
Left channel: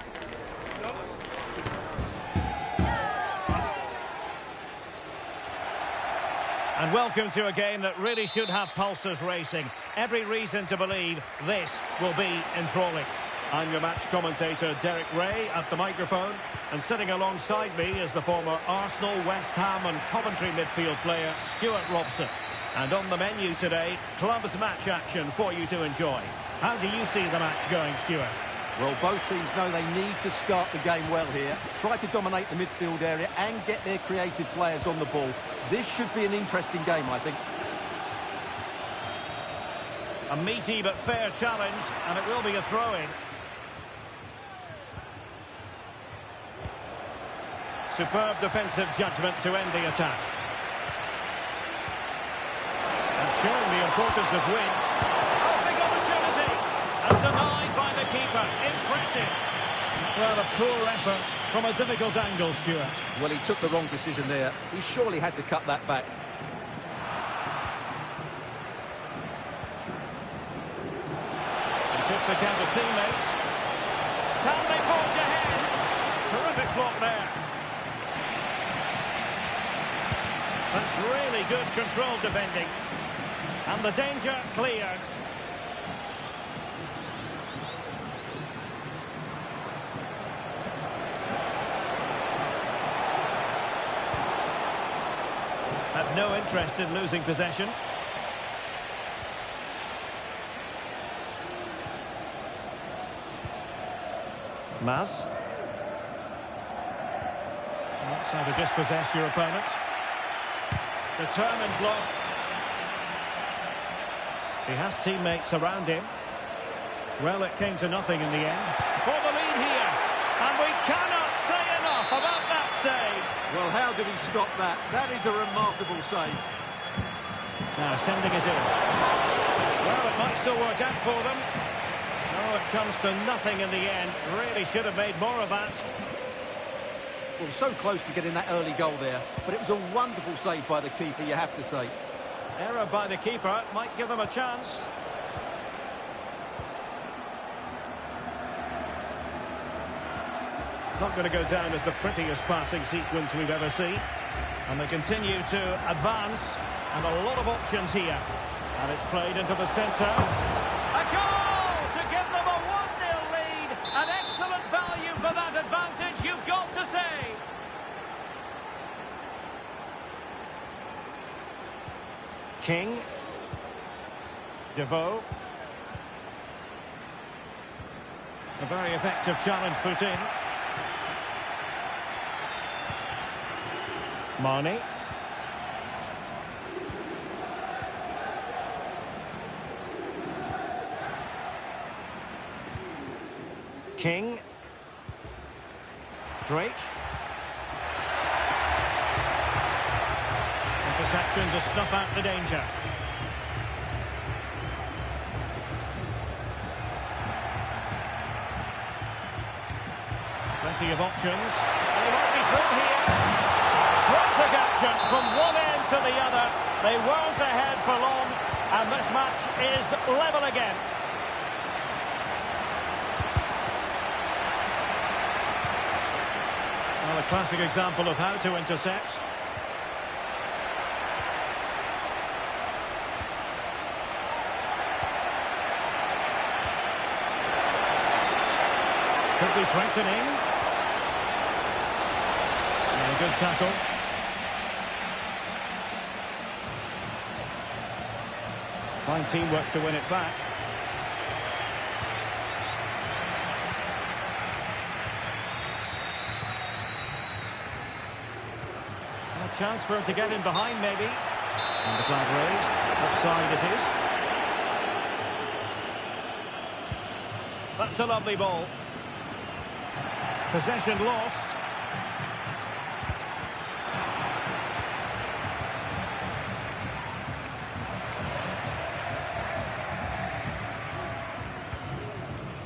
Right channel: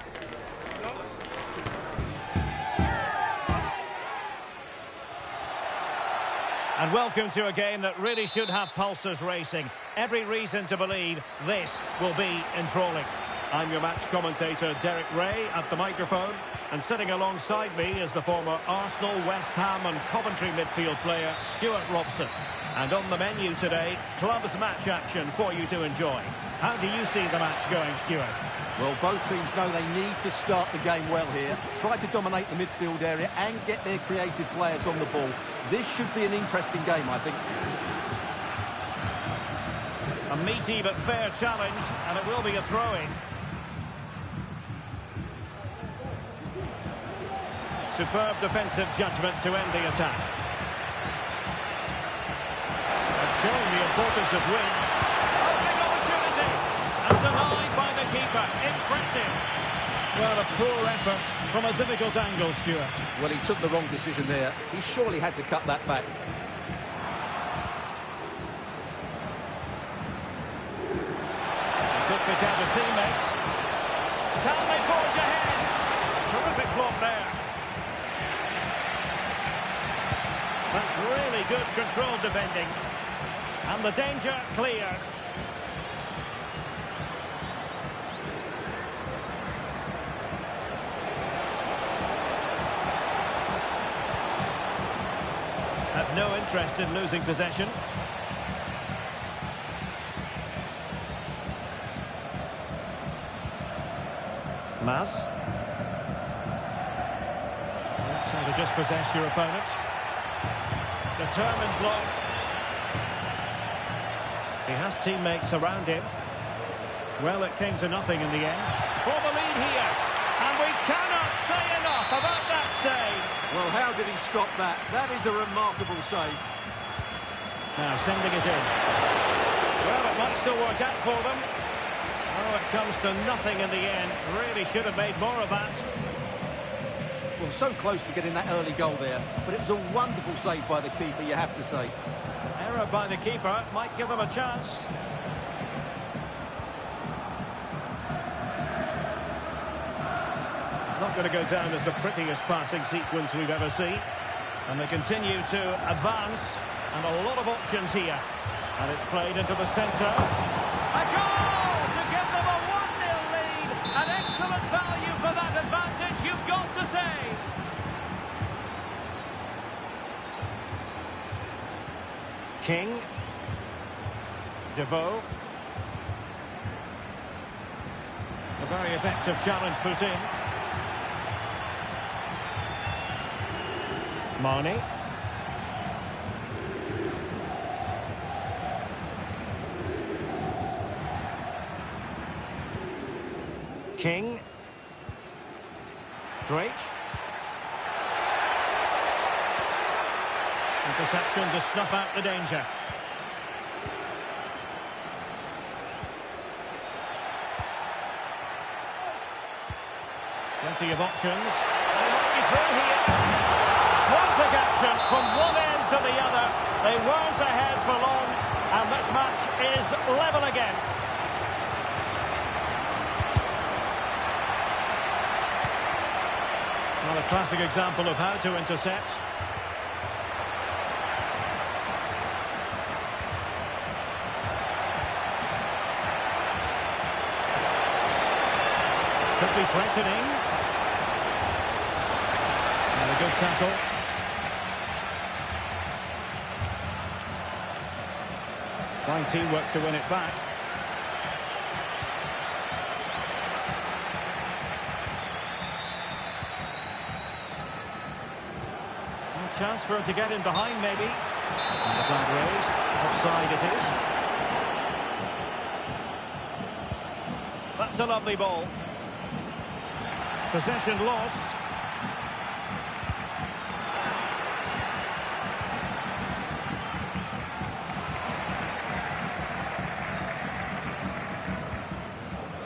And welcome to a game that really should have pulses racing. Every reason to believe this will be enthralling. I'm your match commentator, Derek Ray, at the microphone. And sitting alongside me is the former Arsenal, West Ham and Coventry midfield player, Stuart Robson. And on the menu today, clubs match action for you to enjoy. How do you see the match going, Stuart? Well, both teams know they need to start the game well here. Try to dominate the midfield area and get their creative players on the ball. This should be an interesting game, I think. A meaty but fair challenge, and it will be a throw-in. Superb defensive judgment to end the attack. And showing the importance of wins. Oh, big opportunity! And denied by the keeper. Impressive. Well, a poor effort from a difficult angle, Stuart. Well, he took the wrong decision there. He surely had to cut that back. He could pick out a teammate. Can they forge ahead? Terrific block there. That's really good controlled defending. And the danger cleared. had no interest in losing possession. Mas. That's how to dispossess your opponent. Determined block. He has teammates around him. Well, it came to nothing in the end. For the lead here. And we cannot say enough about that save. Well, how did he stop that? That is a remarkable save. Now sending it in. Well, it might still work out for them. Oh, it comes to nothing in the end. Really should have made more of that. Well, so close to getting that early goal there, but it was a wonderful save by the keeper, you have to say. Error by the keeper might give them a chance. It's not going to go down as the prettiest passing sequence we've ever seen. And they continue to advance, and a lot of options here. And it's played into the centre. A goal to give them a 1-0 lead. An excellent value for that advantage, you've got to say. King. Devoe. A very effective challenge put in. Marnie. King. Drake. Interception to snuff out the danger. Plenty of options. And he might be through here. Frantic action from one end to the other. They weren't ahead for long, and this match is level again. Well, a classic example of how to intercept. Could be threatening. And a good tackle. Fine teamwork to win it back. A chance for him to get in behind, maybe. And the flag raised. Offside it is. That's a lovely ball. Possession lost.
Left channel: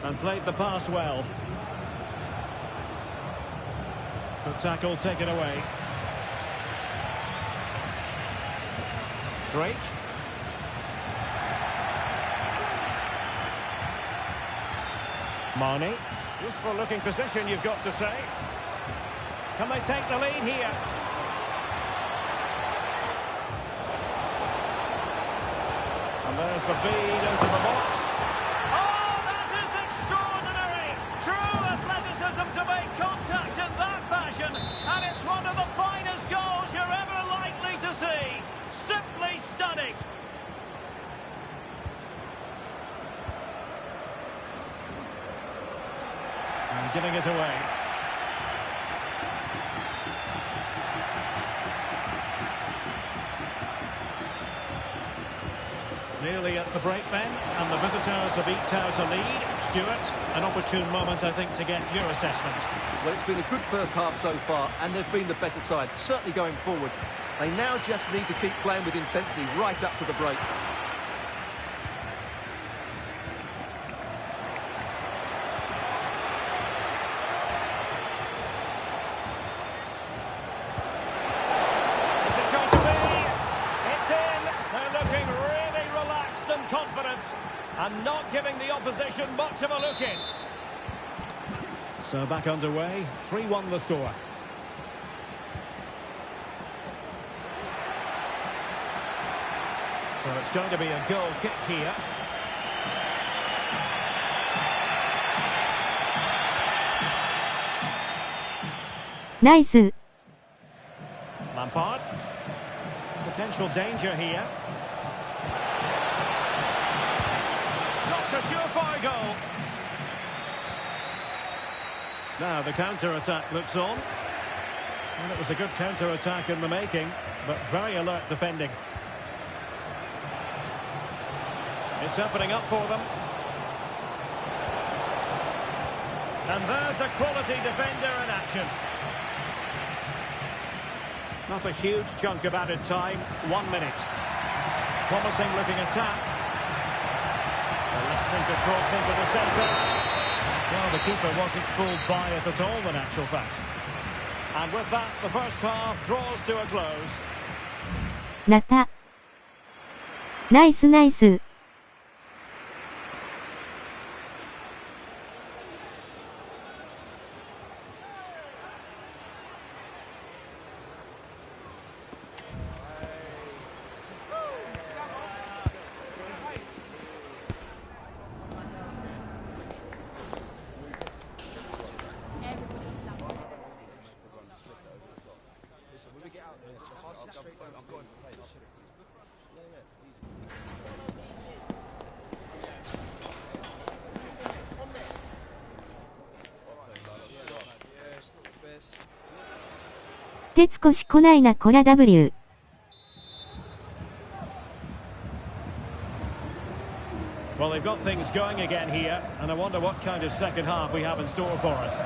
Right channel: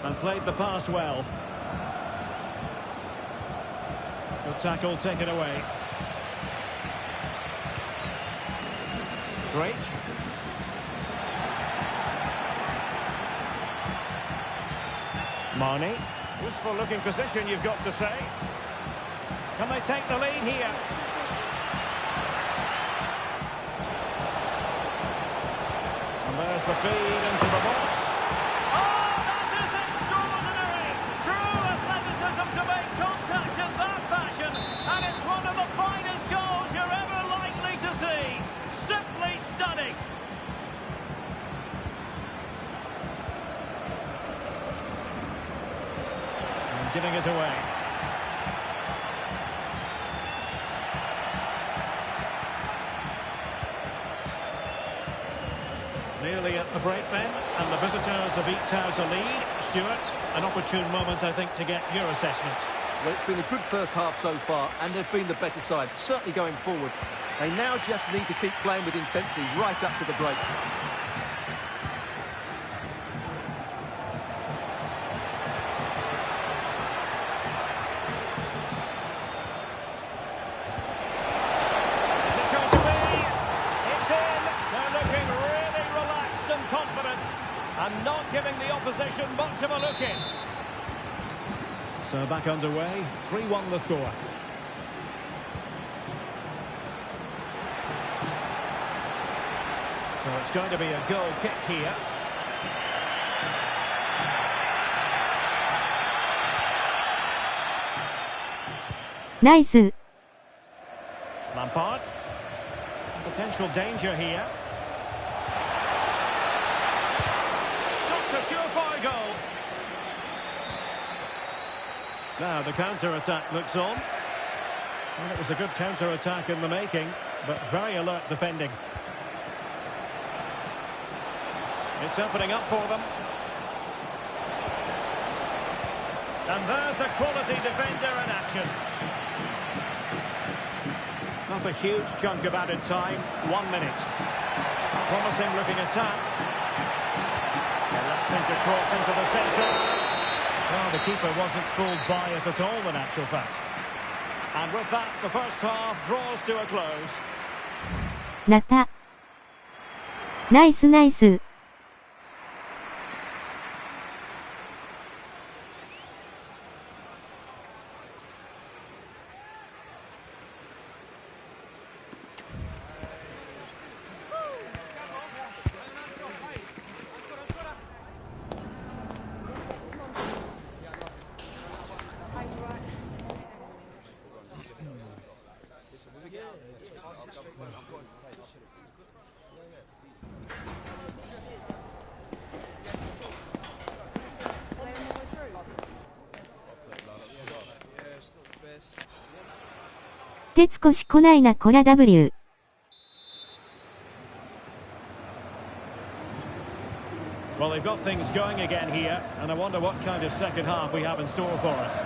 And played the pass well. Good tackle taken away. Drake. Marnie. Useful looking position, you've got to say. Can they take the lead here? And there's the feed into the box. Oh, that is extraordinary! True athleticism to make contact in that fashion. And it's one of the finest goals you're ever likely to see. Simply stunning. And giving it away. Nearly at the break then, and the visitors have eked out a lead. Stuart, an opportune moment, I think, to get your assessment. Well, it's been a good first half so far, and they've been the better side, certainly going forward. They now just need to keep playing with intensity right up to the break. Is it going to be? It's in. They're looking really relaxed and confident, and not giving the opposition much of a look in. So back underway, 3-1 the score. So it's going to be a goal kick here.ナイス。Lampard. The Potential danger here. Not a surefire goal. Now the counter-attack looks on. Well, it was a good counter-attack in the making, but very alert defending. It's opening up for them. And there's a quality defender in action. Not a huge chunk of added time, 1 minute. Promising looking attack. Electing to cross into the centre. Well, the keeper wasn't fooled by it at all, in actual fact. And with that, the first half draws to a close. ナタ。ナイスナイス。徹子し来ないなこら W。Well, they've got things going again here, and I wonder what kind of second half we have in store for us.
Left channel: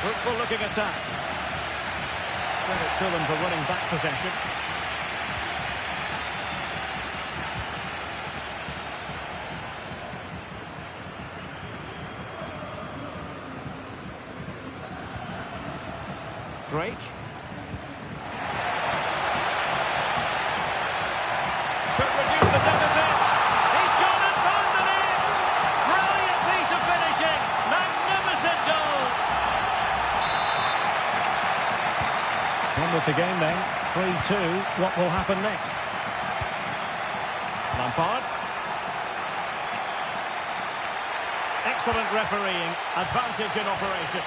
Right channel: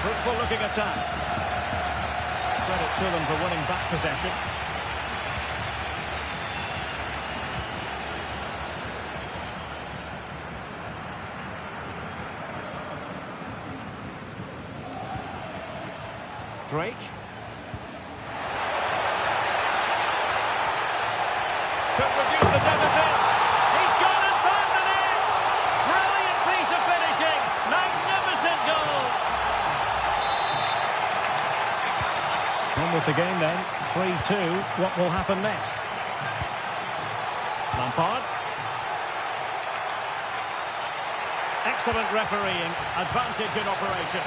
Fruitful looking attack. Credit to them for winning back possession. Drake. Could reduce the deficit. He's gone and found the net. Brilliant piece of finishing. Magnificent goal. On with the game then. 3-2. What will happen next? Lampard. Excellent refereeing. Advantage in operation.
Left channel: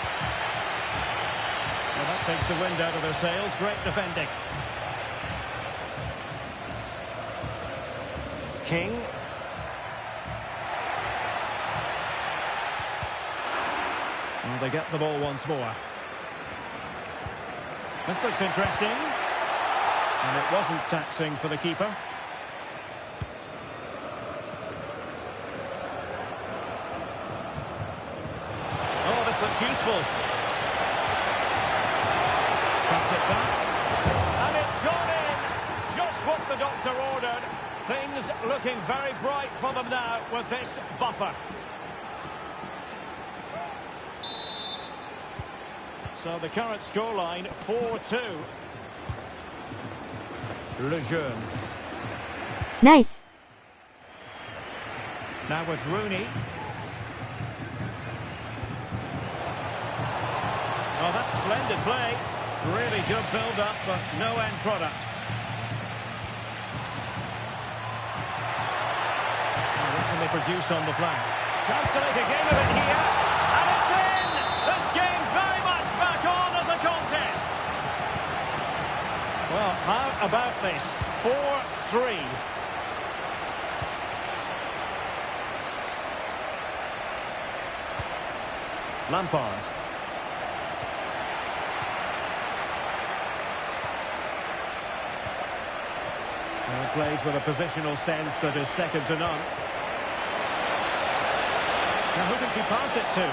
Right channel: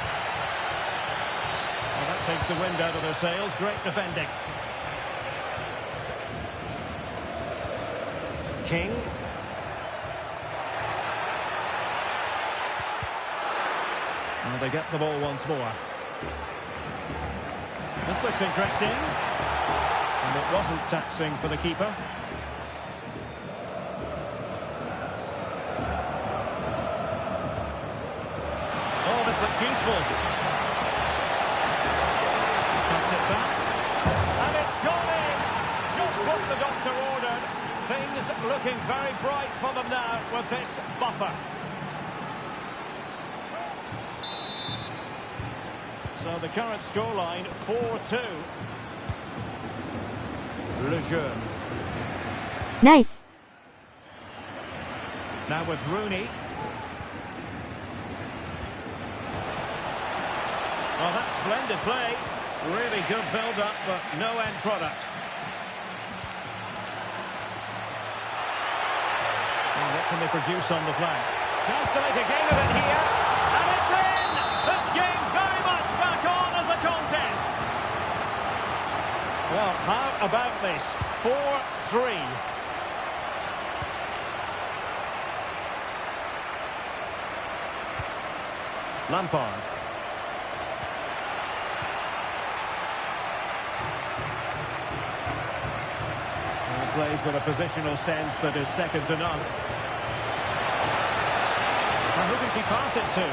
Well, that takes the wind out of their sails. Great defending. King. Well, they get the ball once more. This looks interesting. And it wasn't taxing for the keeper. Oh, this looks useful. Cuts it back. And it's gone in. Just what the doctor ordered. Things looking very bright for them now with this buffer. So the current scoreline, 4-2. Lejeune. Nice. Now with Rooney. Oh, that's splendid play. Really good build-up, but no end product. Well, what can they produce on the flank? Chance to make a game of it here. And it's in! This game very much back on as a contest. Well, how about this? 4-3. Lampard. Plays with a positional sense that is second to none. Now who can she pass it to?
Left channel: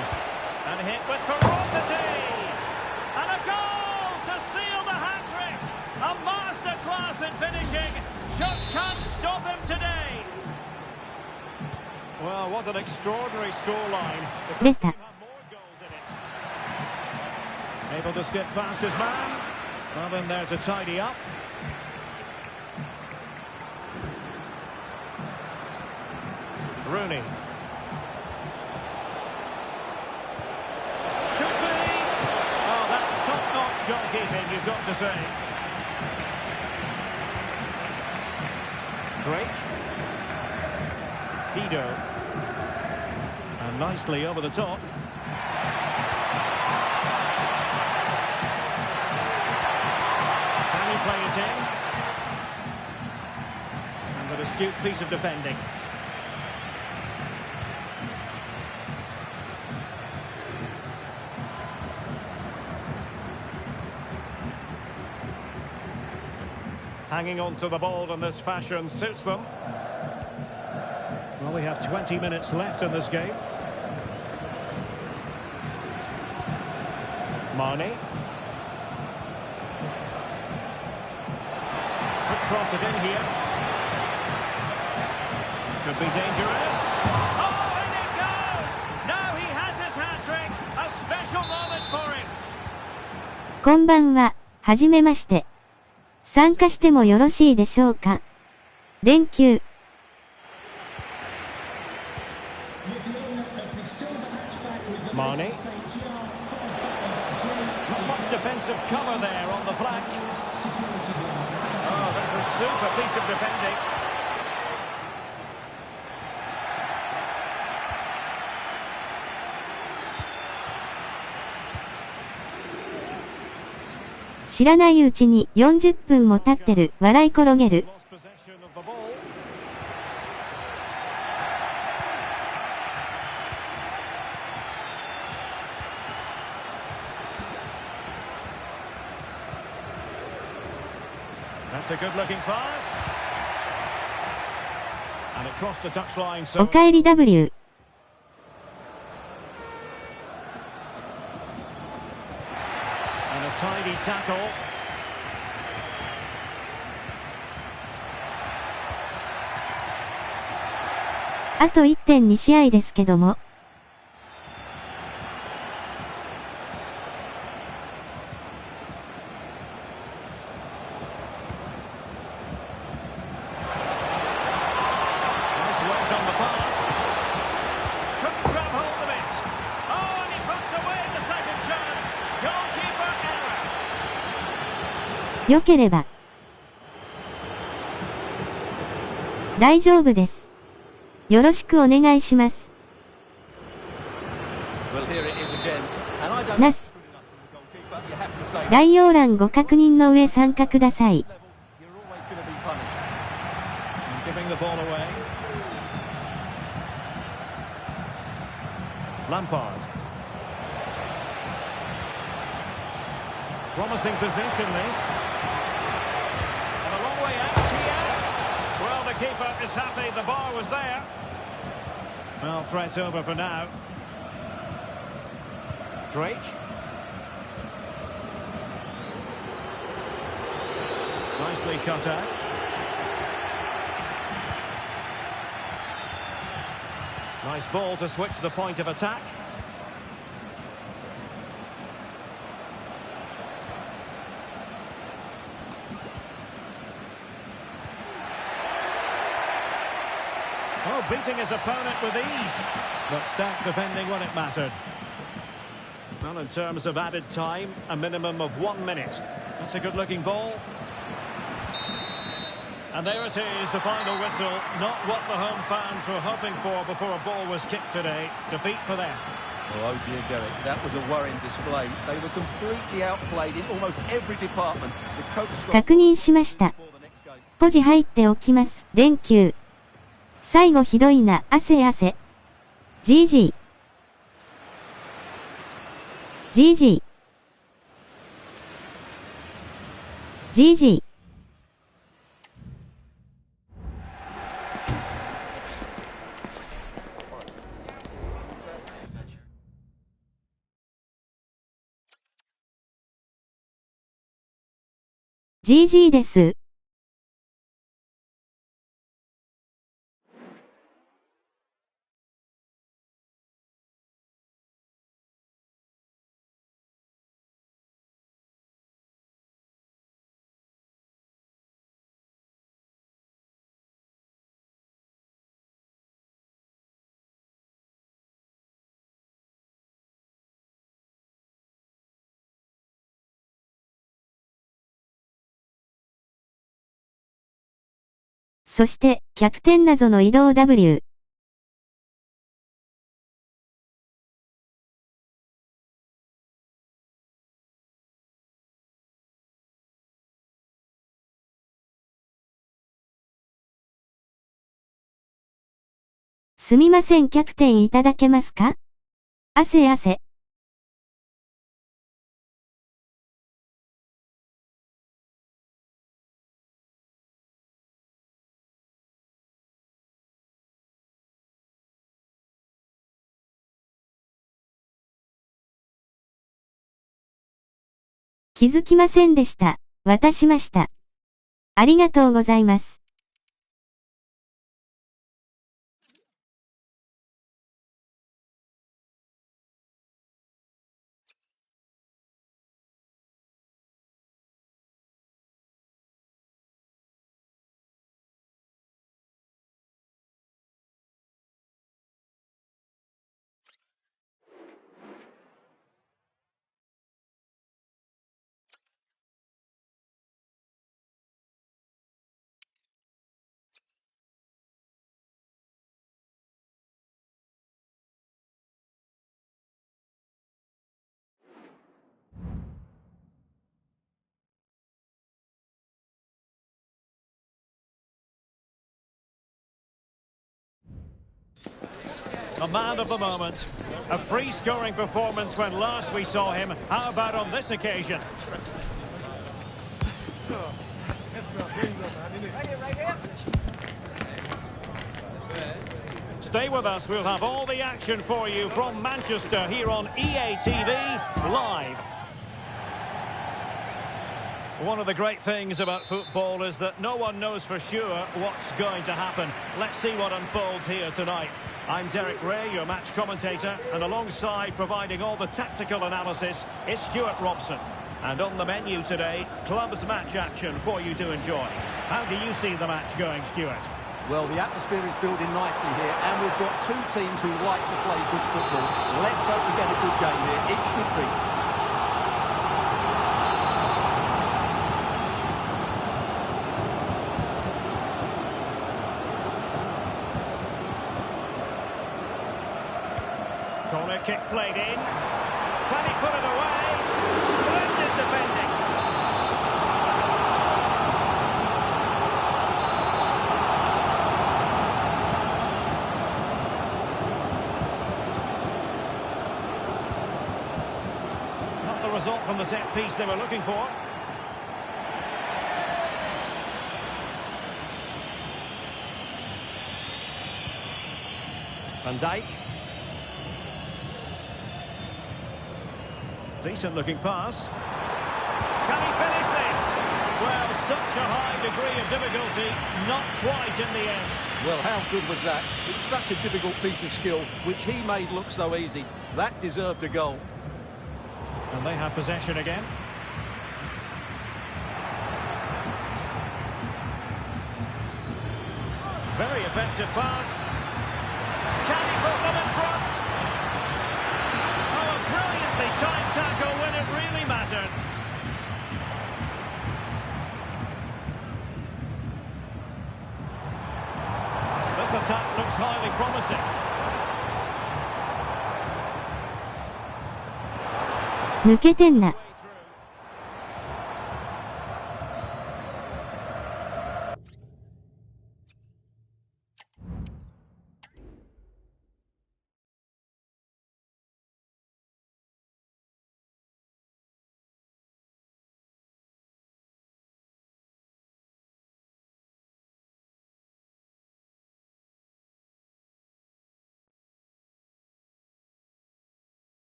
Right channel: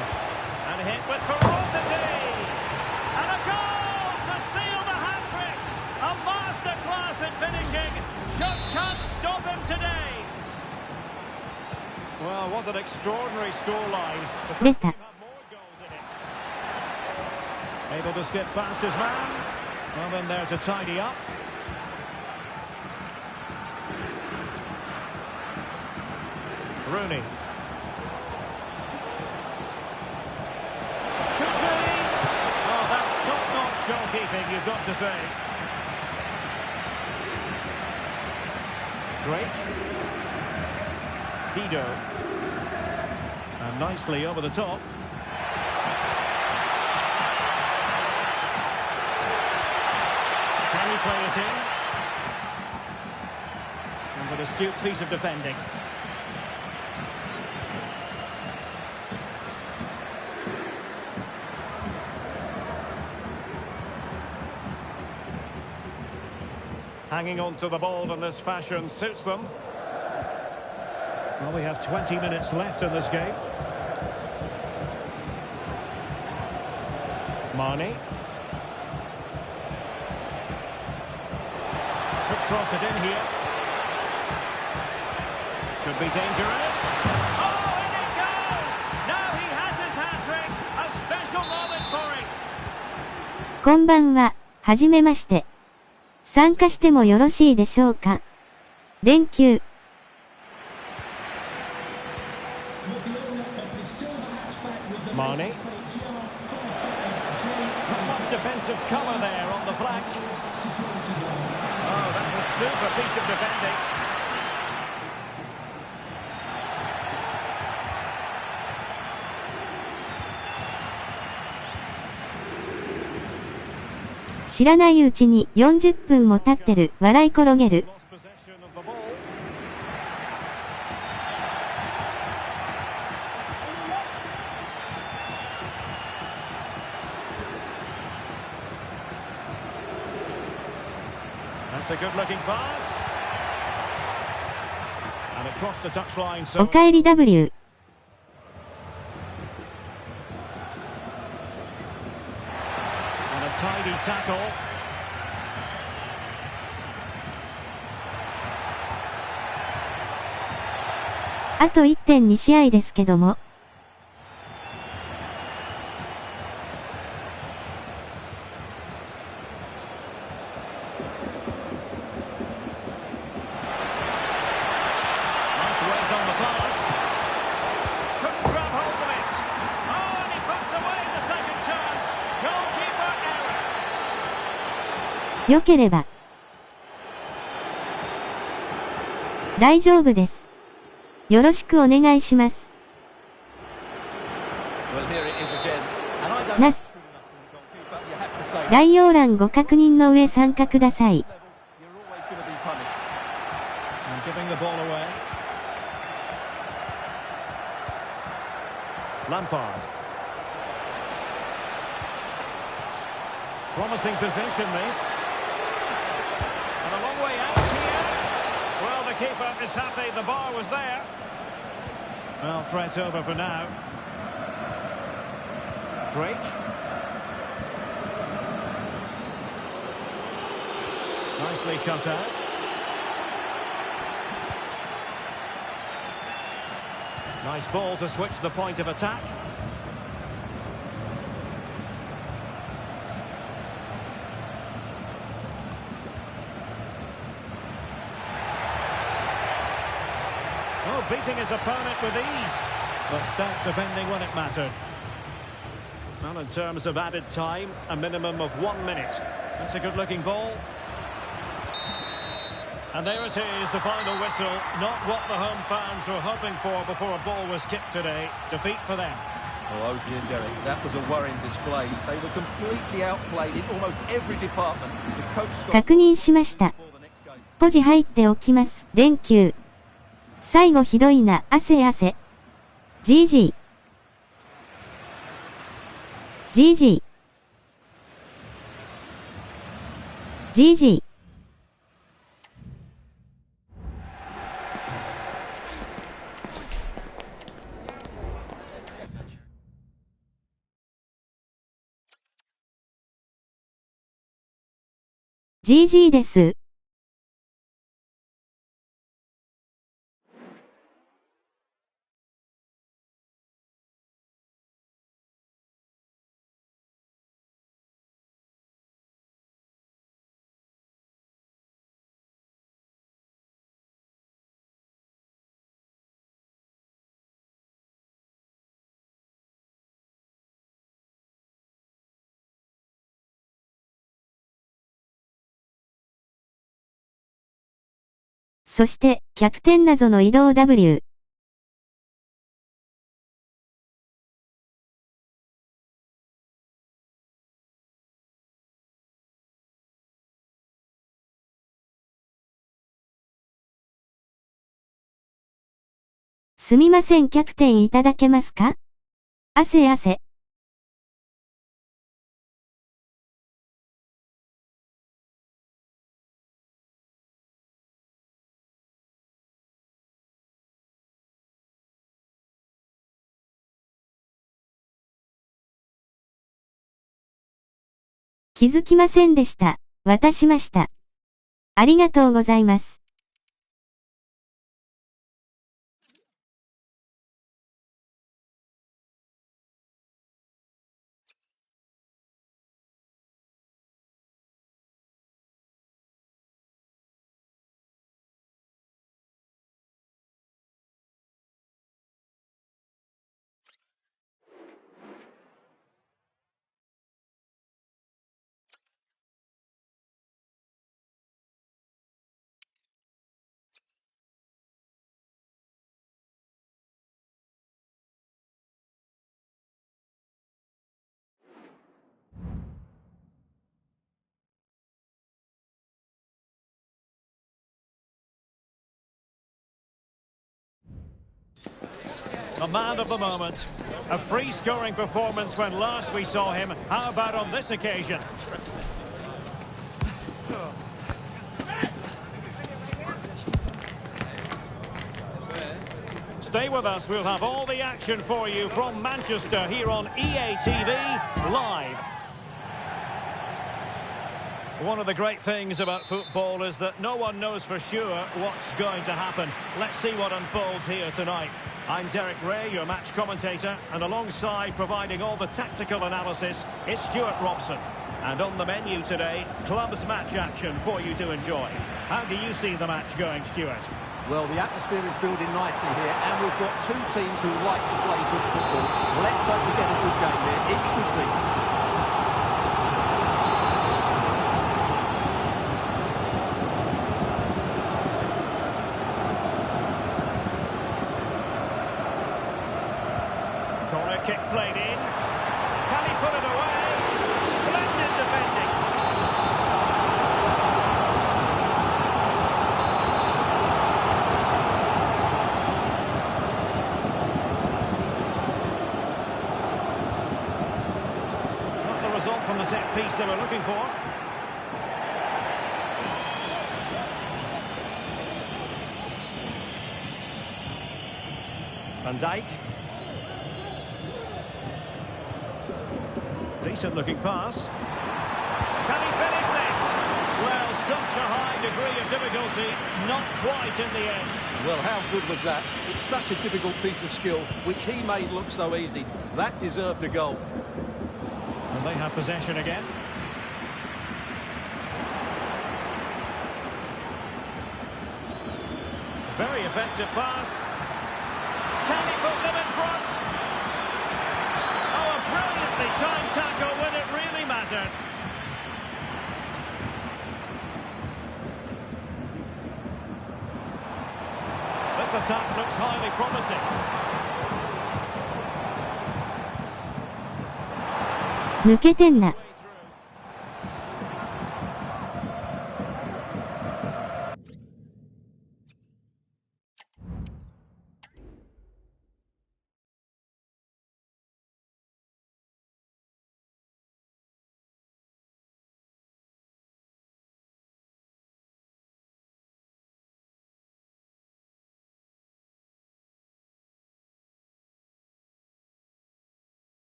And hit with ferocity! And a goal to seal the hat-trick! A masterclass in finishing! Just can't stop him today! Well, what an extraordinary scoreline. The first team had more goals in it. Able to skip past his man. Well, then there to tidy up. Rooney. Could be. Oh, that's top-notch goalkeeping, you've got to say. Drake. Dido. And nicely over the top. Can he play it in? And an astute piece of defending. Hanging on to the ball in this fashion suits them. Well, we have 20 minutes left in this game. Marnie. Quick cross it in here. Could be dangerous. Oh, in it goes! Now he has his hat-trick. A special moment for him. こんばんは、はじめまして。参加してもよろしいでしょうか。連休。Marnie. Not much defensive colour there on the flank. Oh, that's a super piece of defending. 知らないうちに40分も経ってる、笑い転げる。That's a good-looking pass. And it crossed the touchline. おかえり W。And a tidy tackle. あと 1.2 試合ですけども。Nice weight on the pass. Couldn't grab hold of it. Oh, and he puts away the second chance. Goalkeeper error. 良ければ。大丈夫です。よろしくお願いします。ナス。概要欄ご確認の上参加ください。Giving the ball away. Lampard. Promising position this. And a long way out here. Well, the keeper is happy the bar was there. Well, threat over for now. Drake. Nicely cut out. Nice ball to switch the point of attack. Oh, beating his opponent with ease, but stout defending when it mattered. Well, in terms of added time, a minimum of 1 minute. That's a good-looking ball. And there it is, the final whistle. Not what the home fans were hoping for before a ball was kicked today. Defeat for them. Oh dear, Derek, that was a worrying display. They were completely outplayed in almost every department. The coach got... 確認しました。ポジ入っておきます。連休。最後ひどいな、汗汗。GG。GG。GG。GG です。そして、キャプテン謎の移動 W。すみません、キャプテンいただけますか？汗汗。気づきませんでした。渡しました。ありがとうございます。A man of the moment. A free-scoring performance when last we saw him. How about on this occasion? Stay with us. We'll have all the action for you from Manchester here on EA TV Live. One of the great things about football is that no one knows for sure what's going to happen. Let's see what unfolds here tonight. I'm Derek Ray, your match commentator, and alongside providing all the tactical analysis is Stuart Robson. And on the menu today, clubs match action for you to enjoy. How do you see the match going, Stuart? Well, the atmosphere is building nicely here, and we've got two teams who like to play good football. Let's hope we get a good game here. It should be. Corner kick played in. Can he put it away? Splendid defending. Not the result from the set piece they were looking for. Van Dijk. Decent looking pass. Can he finish this? Well, such a high degree of difficulty, not quite in the end. Well, how good was that? It's such a difficult piece of skill, which he made look so easy. That deserved a goal. And they have possession again. Very effective pass. Can he put them in front? Oh, a brilliantly timed tackle when it really mattered. This attack looks highly promising. 抜けてんな。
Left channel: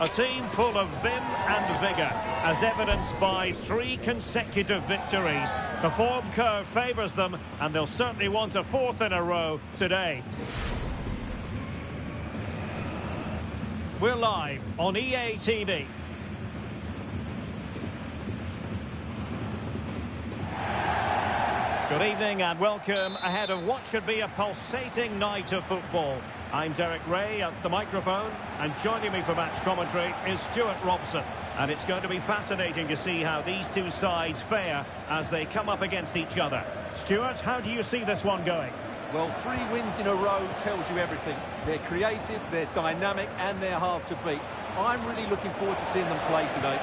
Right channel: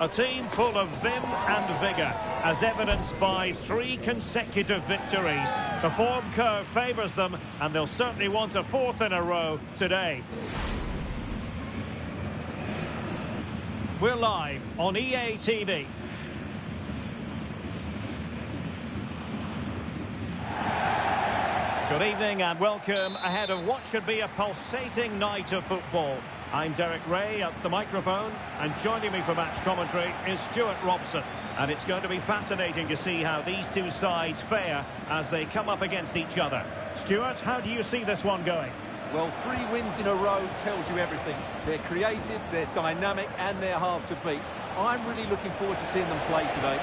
A team full of vim and vigour, as evidenced by 3 consecutive victories. The form curve favours them, and they'll certainly want a 4th in a row today. We're live on EA TV. Good evening and welcome ahead of what should be a pulsating night of football. I'm Derek Ray at the microphone, and joining me for match commentary is Stuart Robson. And it's going to be fascinating to see how these two sides fare as they come up against each other. Stuart, how do you see this one going? Well, 3 wins in a row tells you everything. They're creative, they're dynamic, and they're hard to beat. I'm really looking forward to seeing them play today.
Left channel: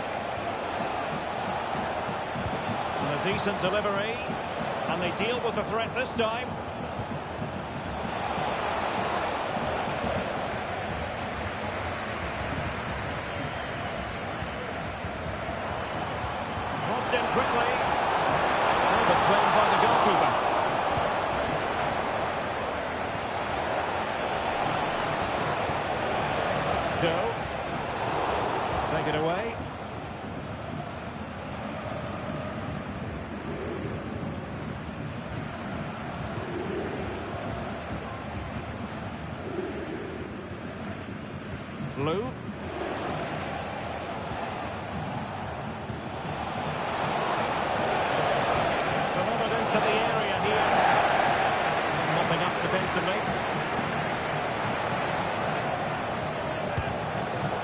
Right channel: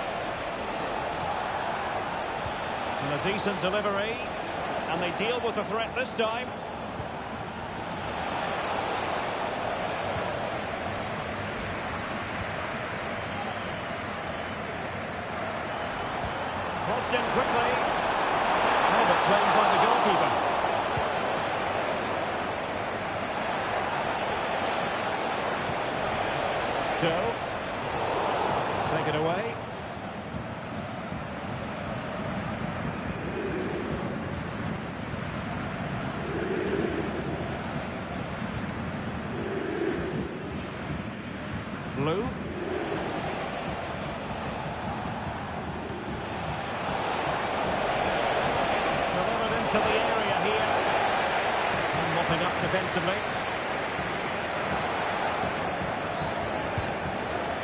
And a decent delivery, and they deal with the threat this time. Crossed in quickly. Oh, but played by the goalkeeper. Joe. Take it away. Blue. Delivered into the area here. Mopping up defensively.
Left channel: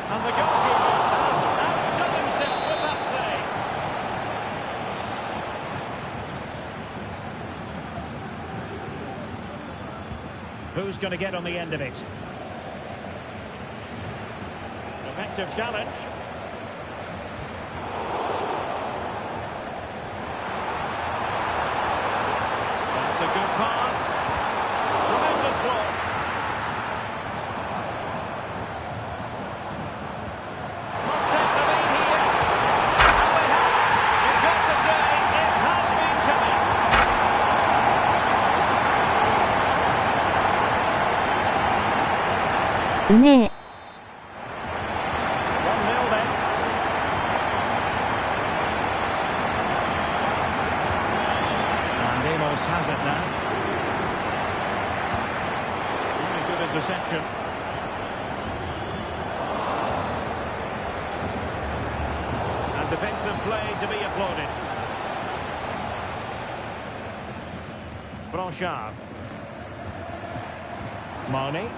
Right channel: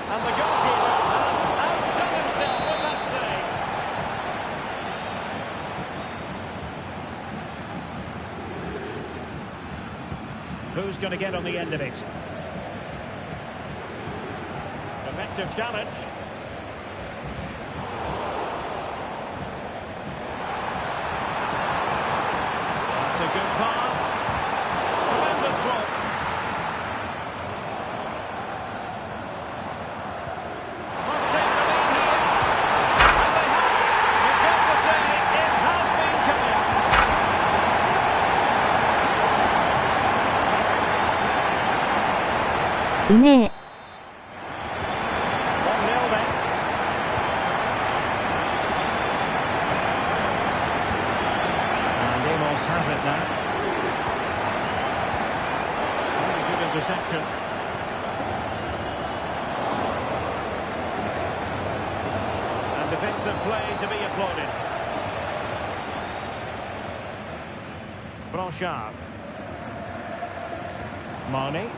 And the goalkeeper has outdone himself with that save. Who's going to get on the end of it? Effective challenge. That's a good pass. Tremendous block. Must take the lead here. And they have. You've got to say it has been coming. うめえ。Has it now. Really good interception. And defensive play to be applauded. Blanchard. Marnie.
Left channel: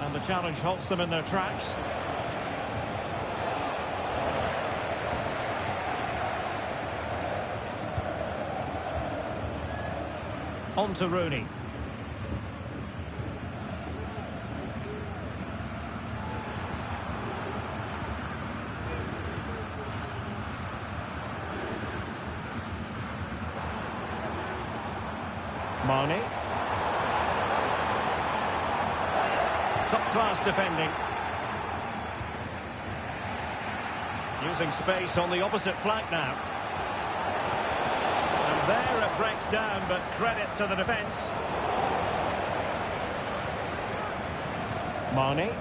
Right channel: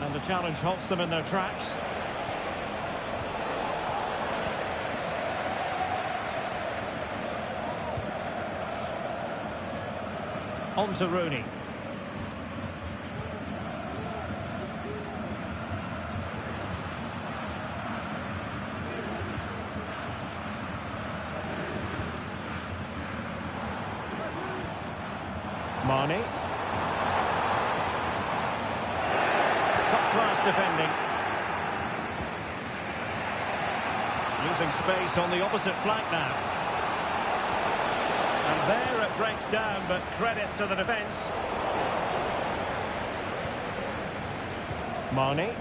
And the challenge halts them in their tracks. On to Rooney. Marnie. Top-class defending. Using space on the opposite flank now. And there it breaks down, but credit to the defence. Marnie.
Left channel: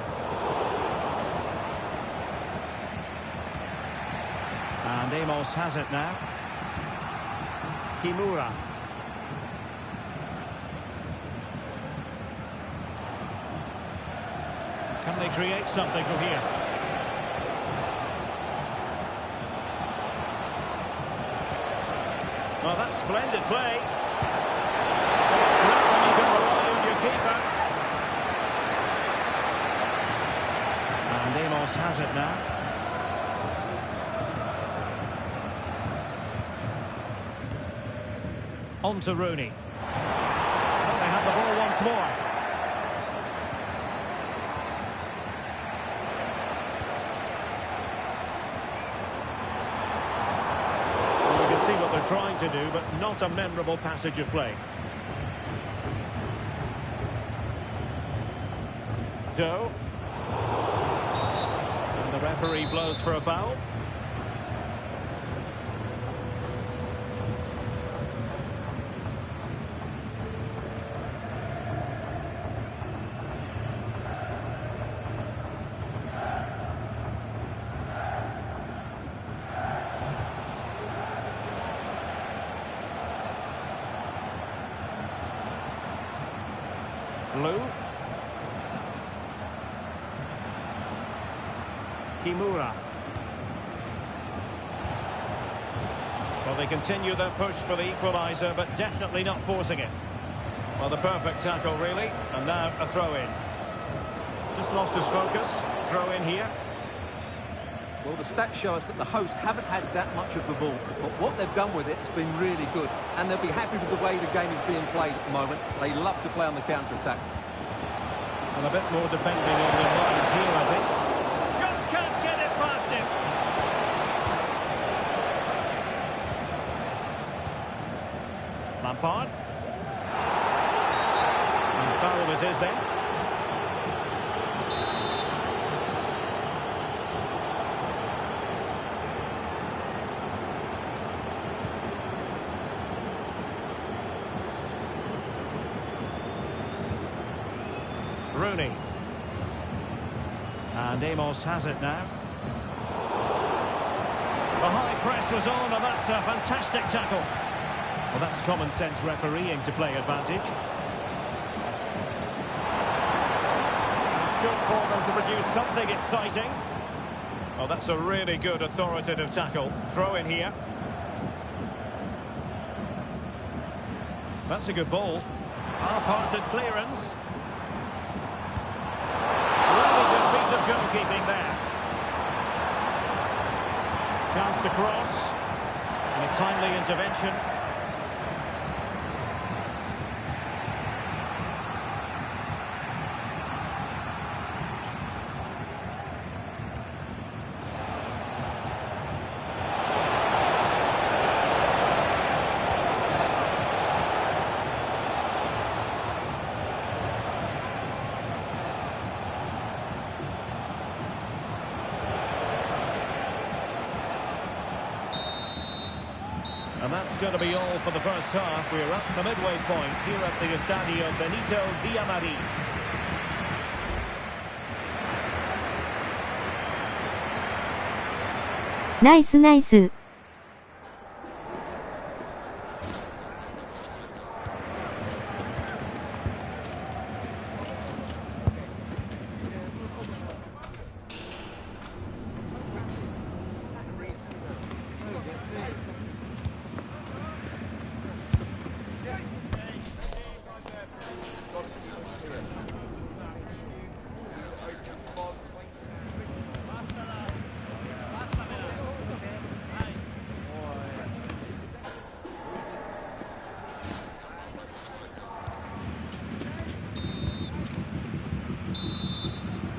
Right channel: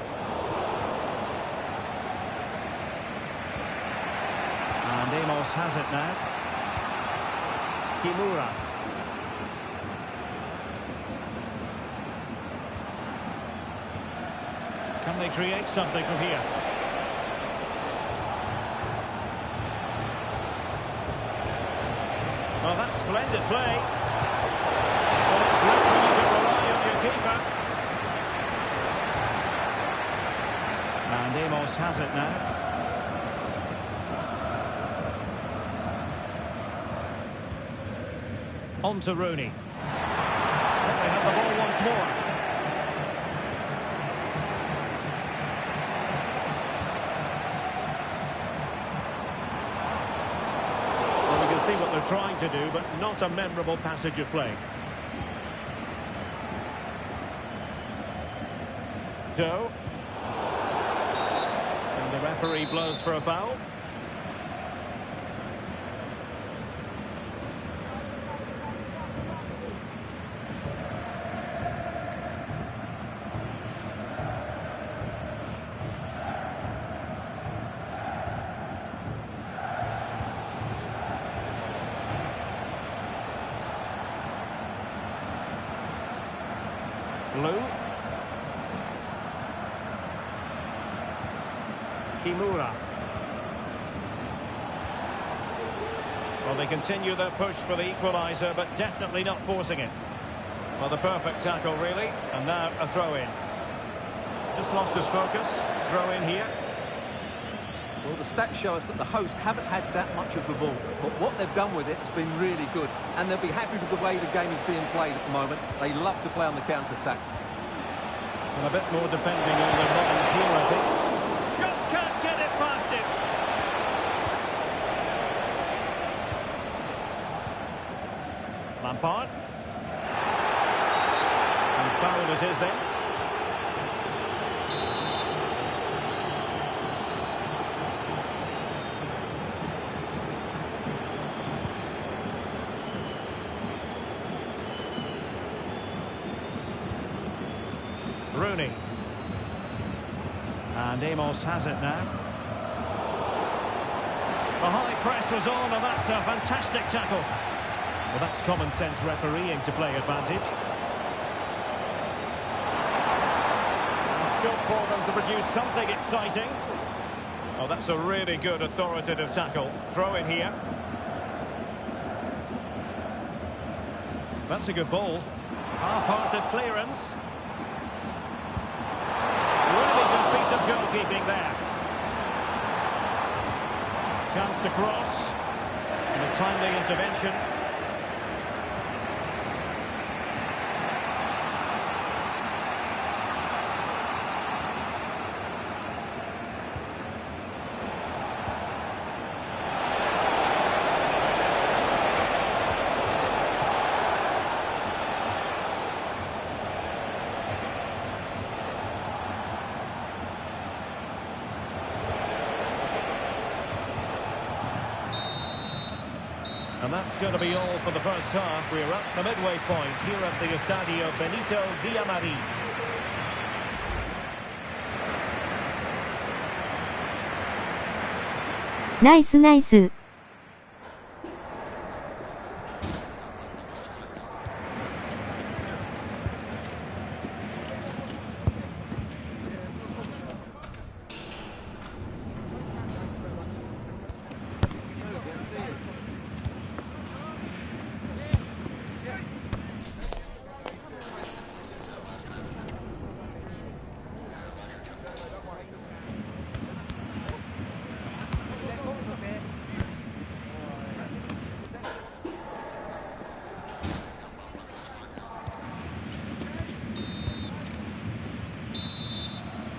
And Amos has it now. Kimura. Can they create something from here? Oh, that's splendid play. But it's great when you can rely on your keeper. And Amos has it now. On to Rooney. Well, they have the ball once more. See what they're trying to do, but not a memorable passage of play. Doe. And the referee blows for a foul. Blue. Kimura. Well, they continue their push for the equaliser, but definitely not forcing it. Well, the perfect tackle, really. And now a throw-in. Just lost his focus. Throw-in here. Well, the stats show us that the hosts haven't had that much of the ball, but what they've done with it has been really good, and they'll be happy with the way the game is being played at the moment. They love to play on the counter-attack. And a bit more depending on their minds here, I think. Just can't get it past him. Lampard. And foul it is then. Rooney. And Amos has it now. The high press was on, and that's a fantastic tackle. Well, that's common sense refereeing to play advantage. And scope for them to produce something exciting. Oh, that's a really good authoritative tackle. Throw in here. That's a good ball. Half-hearted clearance. Really good piece of goalkeeping there. Chance to cross. And a timely intervention. And that's going to be all for the first half. We're at the midway point here at the Estadio Benito Villamarín. Nice, nice.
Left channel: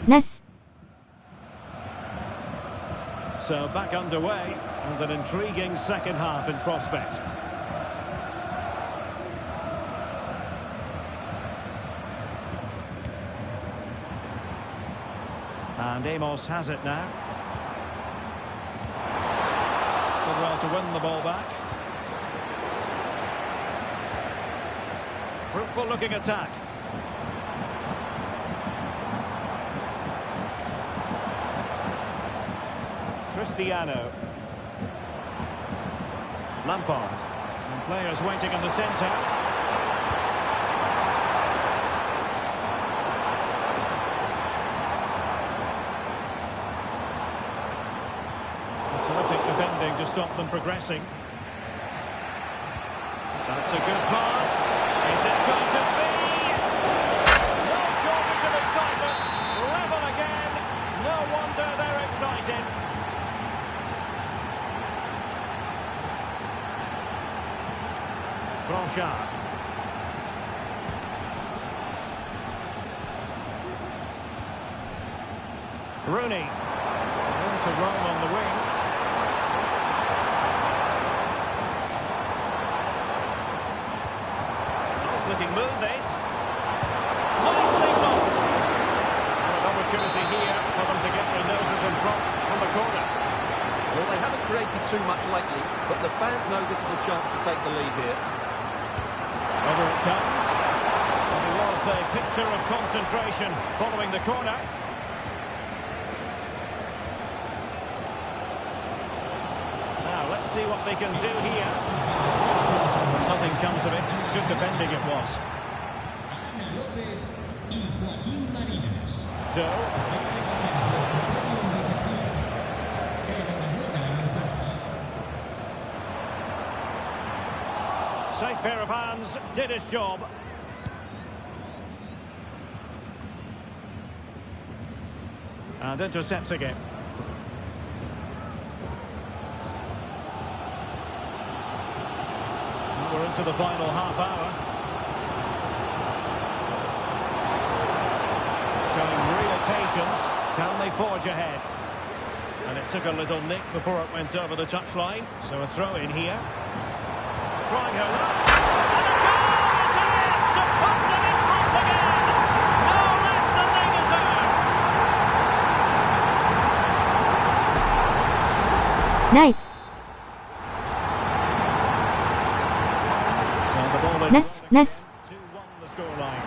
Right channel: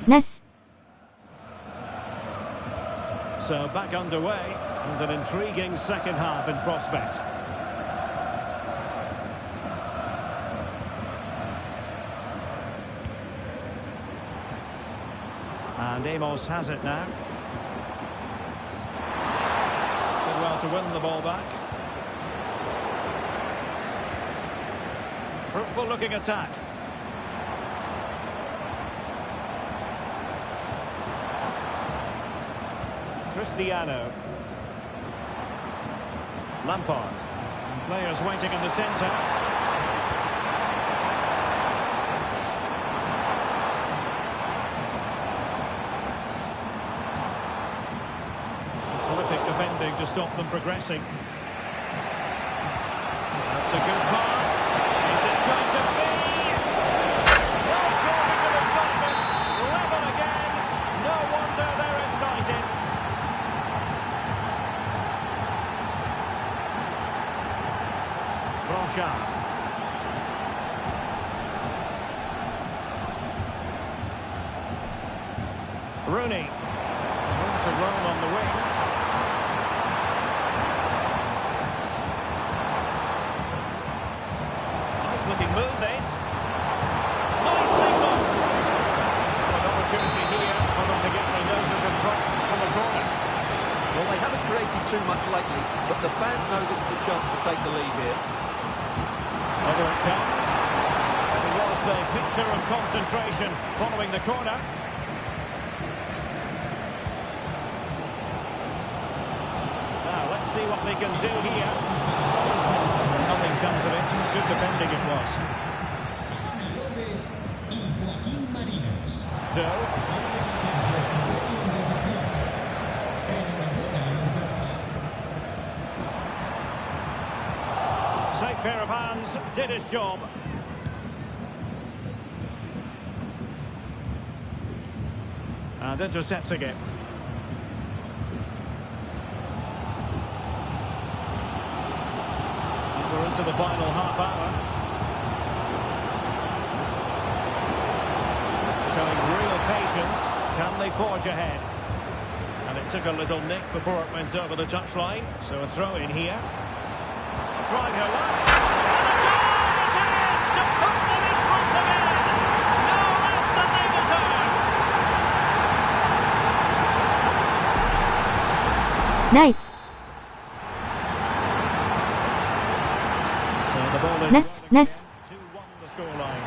Nice. So back underway, and an intriguing second half in prospect. And Amos has it now. Did well to win the ball back. Fruitful looking attack. Cristiano. Lampard. And players waiting in the centre. Terrific defending to stop them progressing. That's a good pass. Is it going to be? No shortage of excitement. Level again. No wonder they're excited. Blanchard. Rooney. Room to roam on the wing. Nice looking move this. Nicely blocked. What an opportunity here for them to get their noses in front from the corner. Well, they haven't created too much lately, but the fans know this is a chance to take the lead here. Over it comes. It was the picture of concentration following the corner. Now, let's see what they can do here. Nothing comes of it. Good defending it was. Doe. Safe pair of hands, did his job. And intercepting it. And we're into the final half hour. Showing real patience. Can they forge ahead? And it took a little nick before it went over the touchline. So a throw in here. Trying her luck. And a goal it is to put them in front again. No less than they deserve. Nice. So the ball is Nice. 2-1 the scoreline.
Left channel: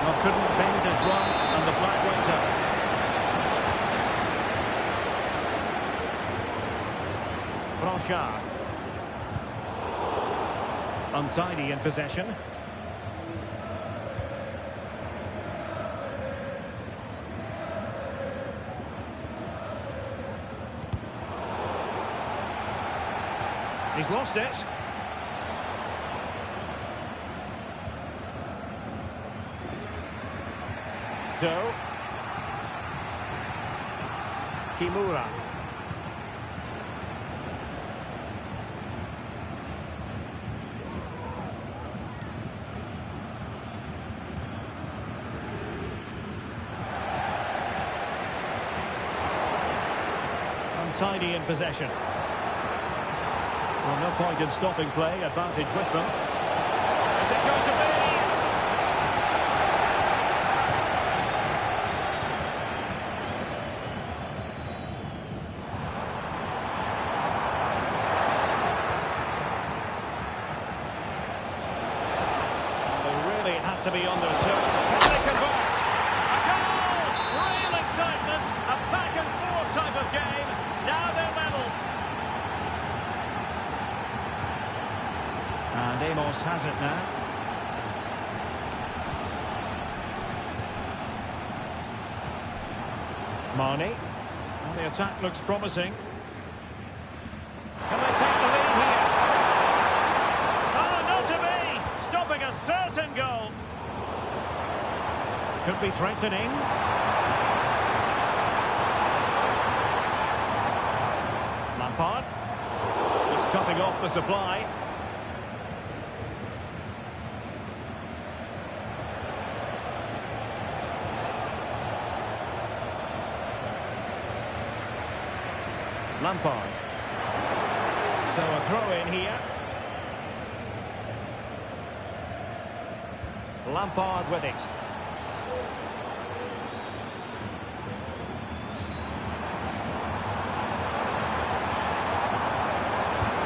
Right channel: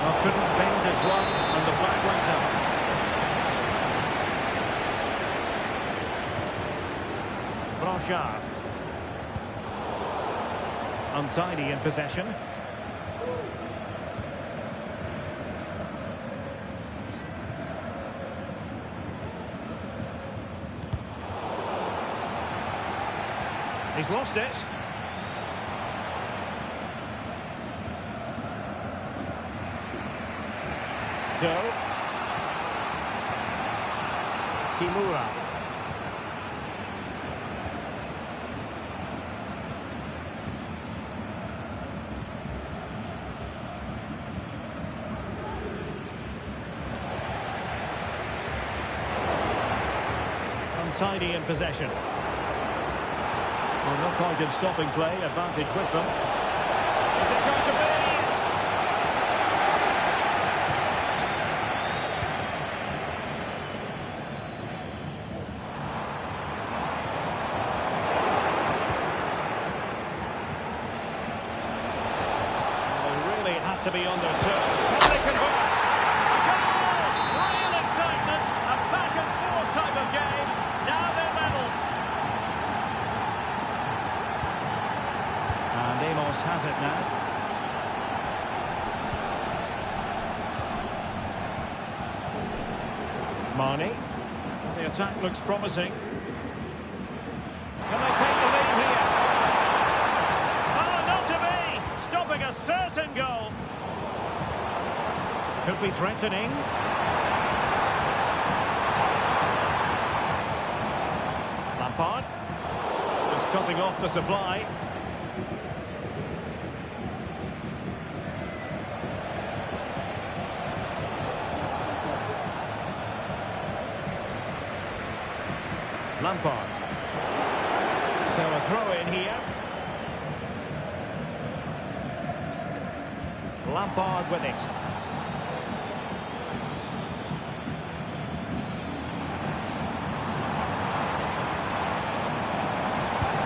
Well, couldn't bend his run and the flag went up. Blanchard. Untidy in possession. He's lost it. Doe. Kimura. Untidy in possession. Well, no point in stopping play. Advantage with them. Is it going to be? Well, they really had to be on their toes. Can they convert? A goal! Real excitement. A back and forth type of game. Now they're level. And Amos has it now. Marnie. Well, the attack looks promising. Can they take the lead here? Oh, not to be! Stopping a certain goal. Could be threatening. Lampard. Just cutting off the supply. Lampard. So a throw in here. Lampard with it.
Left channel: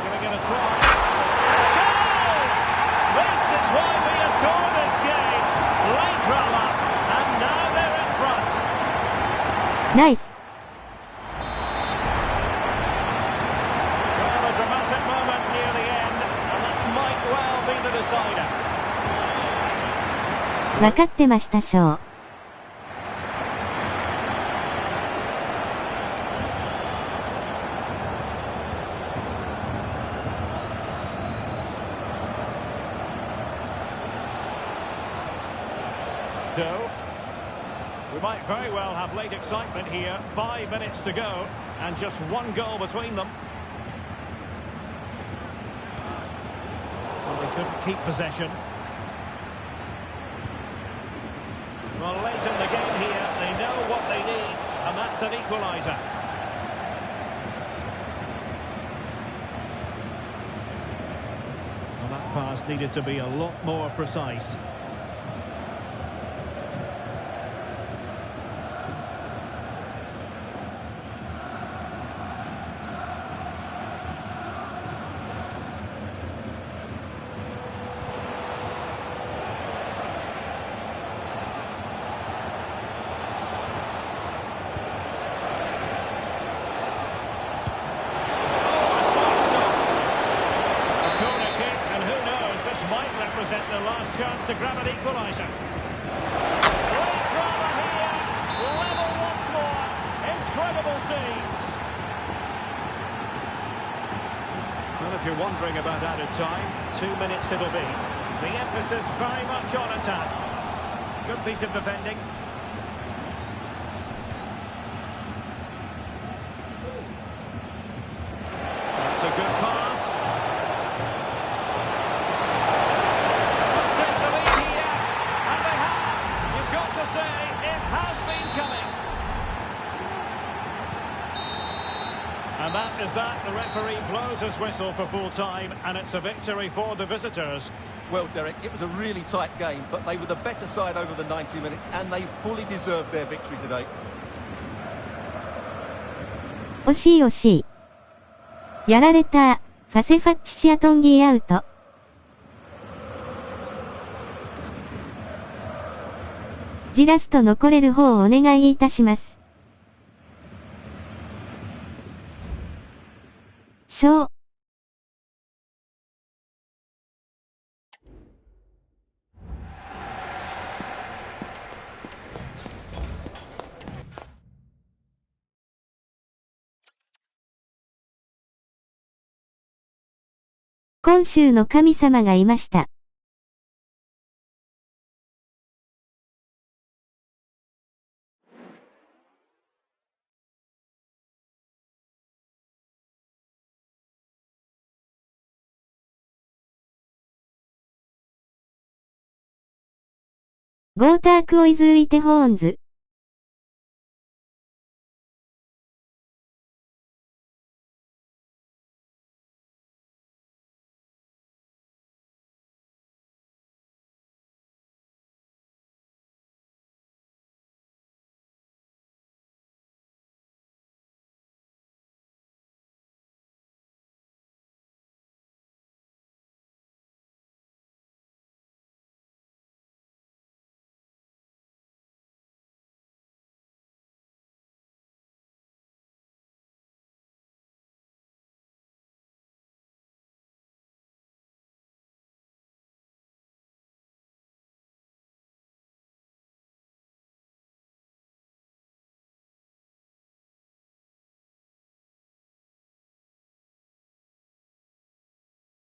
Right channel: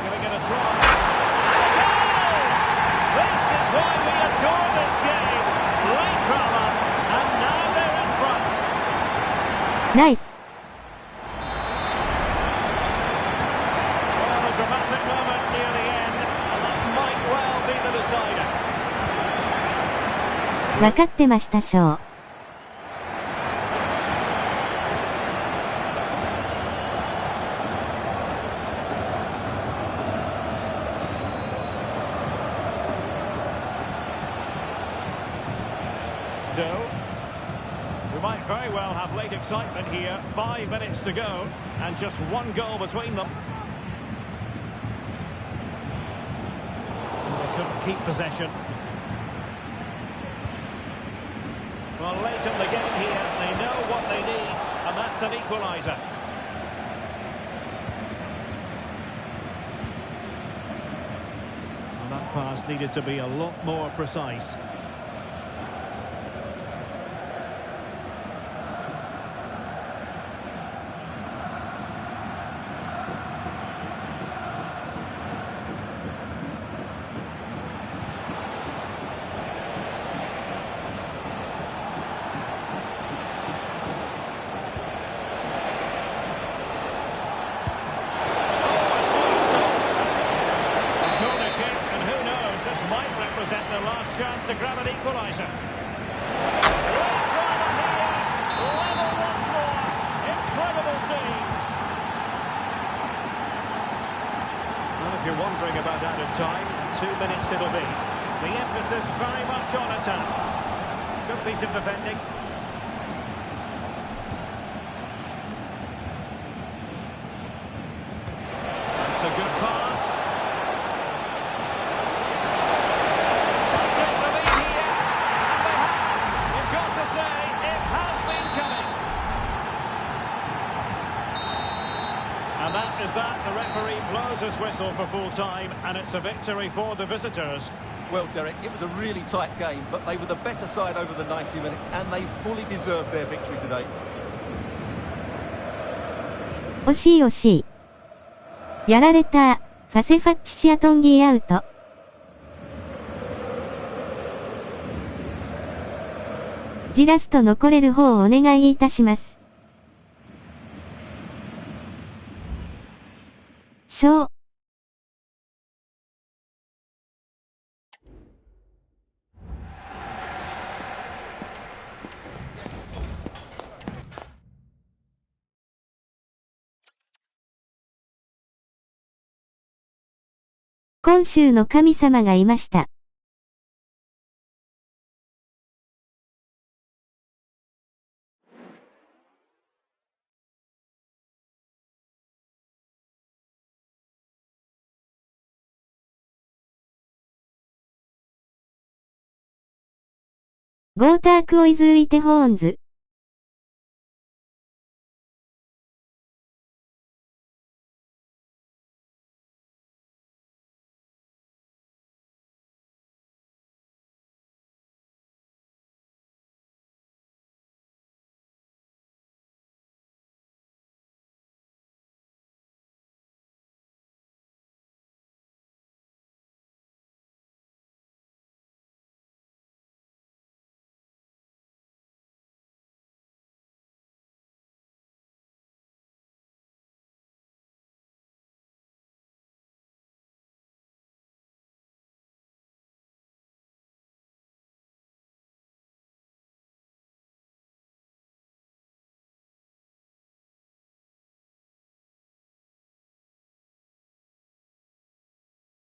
Giving it a try. And a goal! This is why we adore this game. Late drama, and now they're in front. Nice. Dramatic moment near the end, and that might well be the decider. わかってましたしょう。Doe. We might very well have late excitement here. 5 minutes to go, and just one goal between them. They couldn't keep possession. Well, late in the game here, they know what they need, and that's an equaliser. Well, that pass needed to be a lot more precise. Might represent their last chance to grab an equaliser. Great drama here. Level once more. Incredible scenes. Well, if you're wondering about added time, 2 minutes it'll be. The emphasis very much on attack. Good piece of defending. That's a good pass. Must take the lead here. And they have. You've got to say, it has been coming. And that is that. The referee blows his whistle for full time, and it's a victory for the visitors. Well, Derek, it was a really tight game, but they were the better side over the 90 minutes, and they fully deserved their victory today. 惜しい惜しい。やられた。ファセファッチシアトンギーアウト。ジラスト残れる方をお願いいたします。今週の神様がいました。ゴータークオイズウイテホーンズ。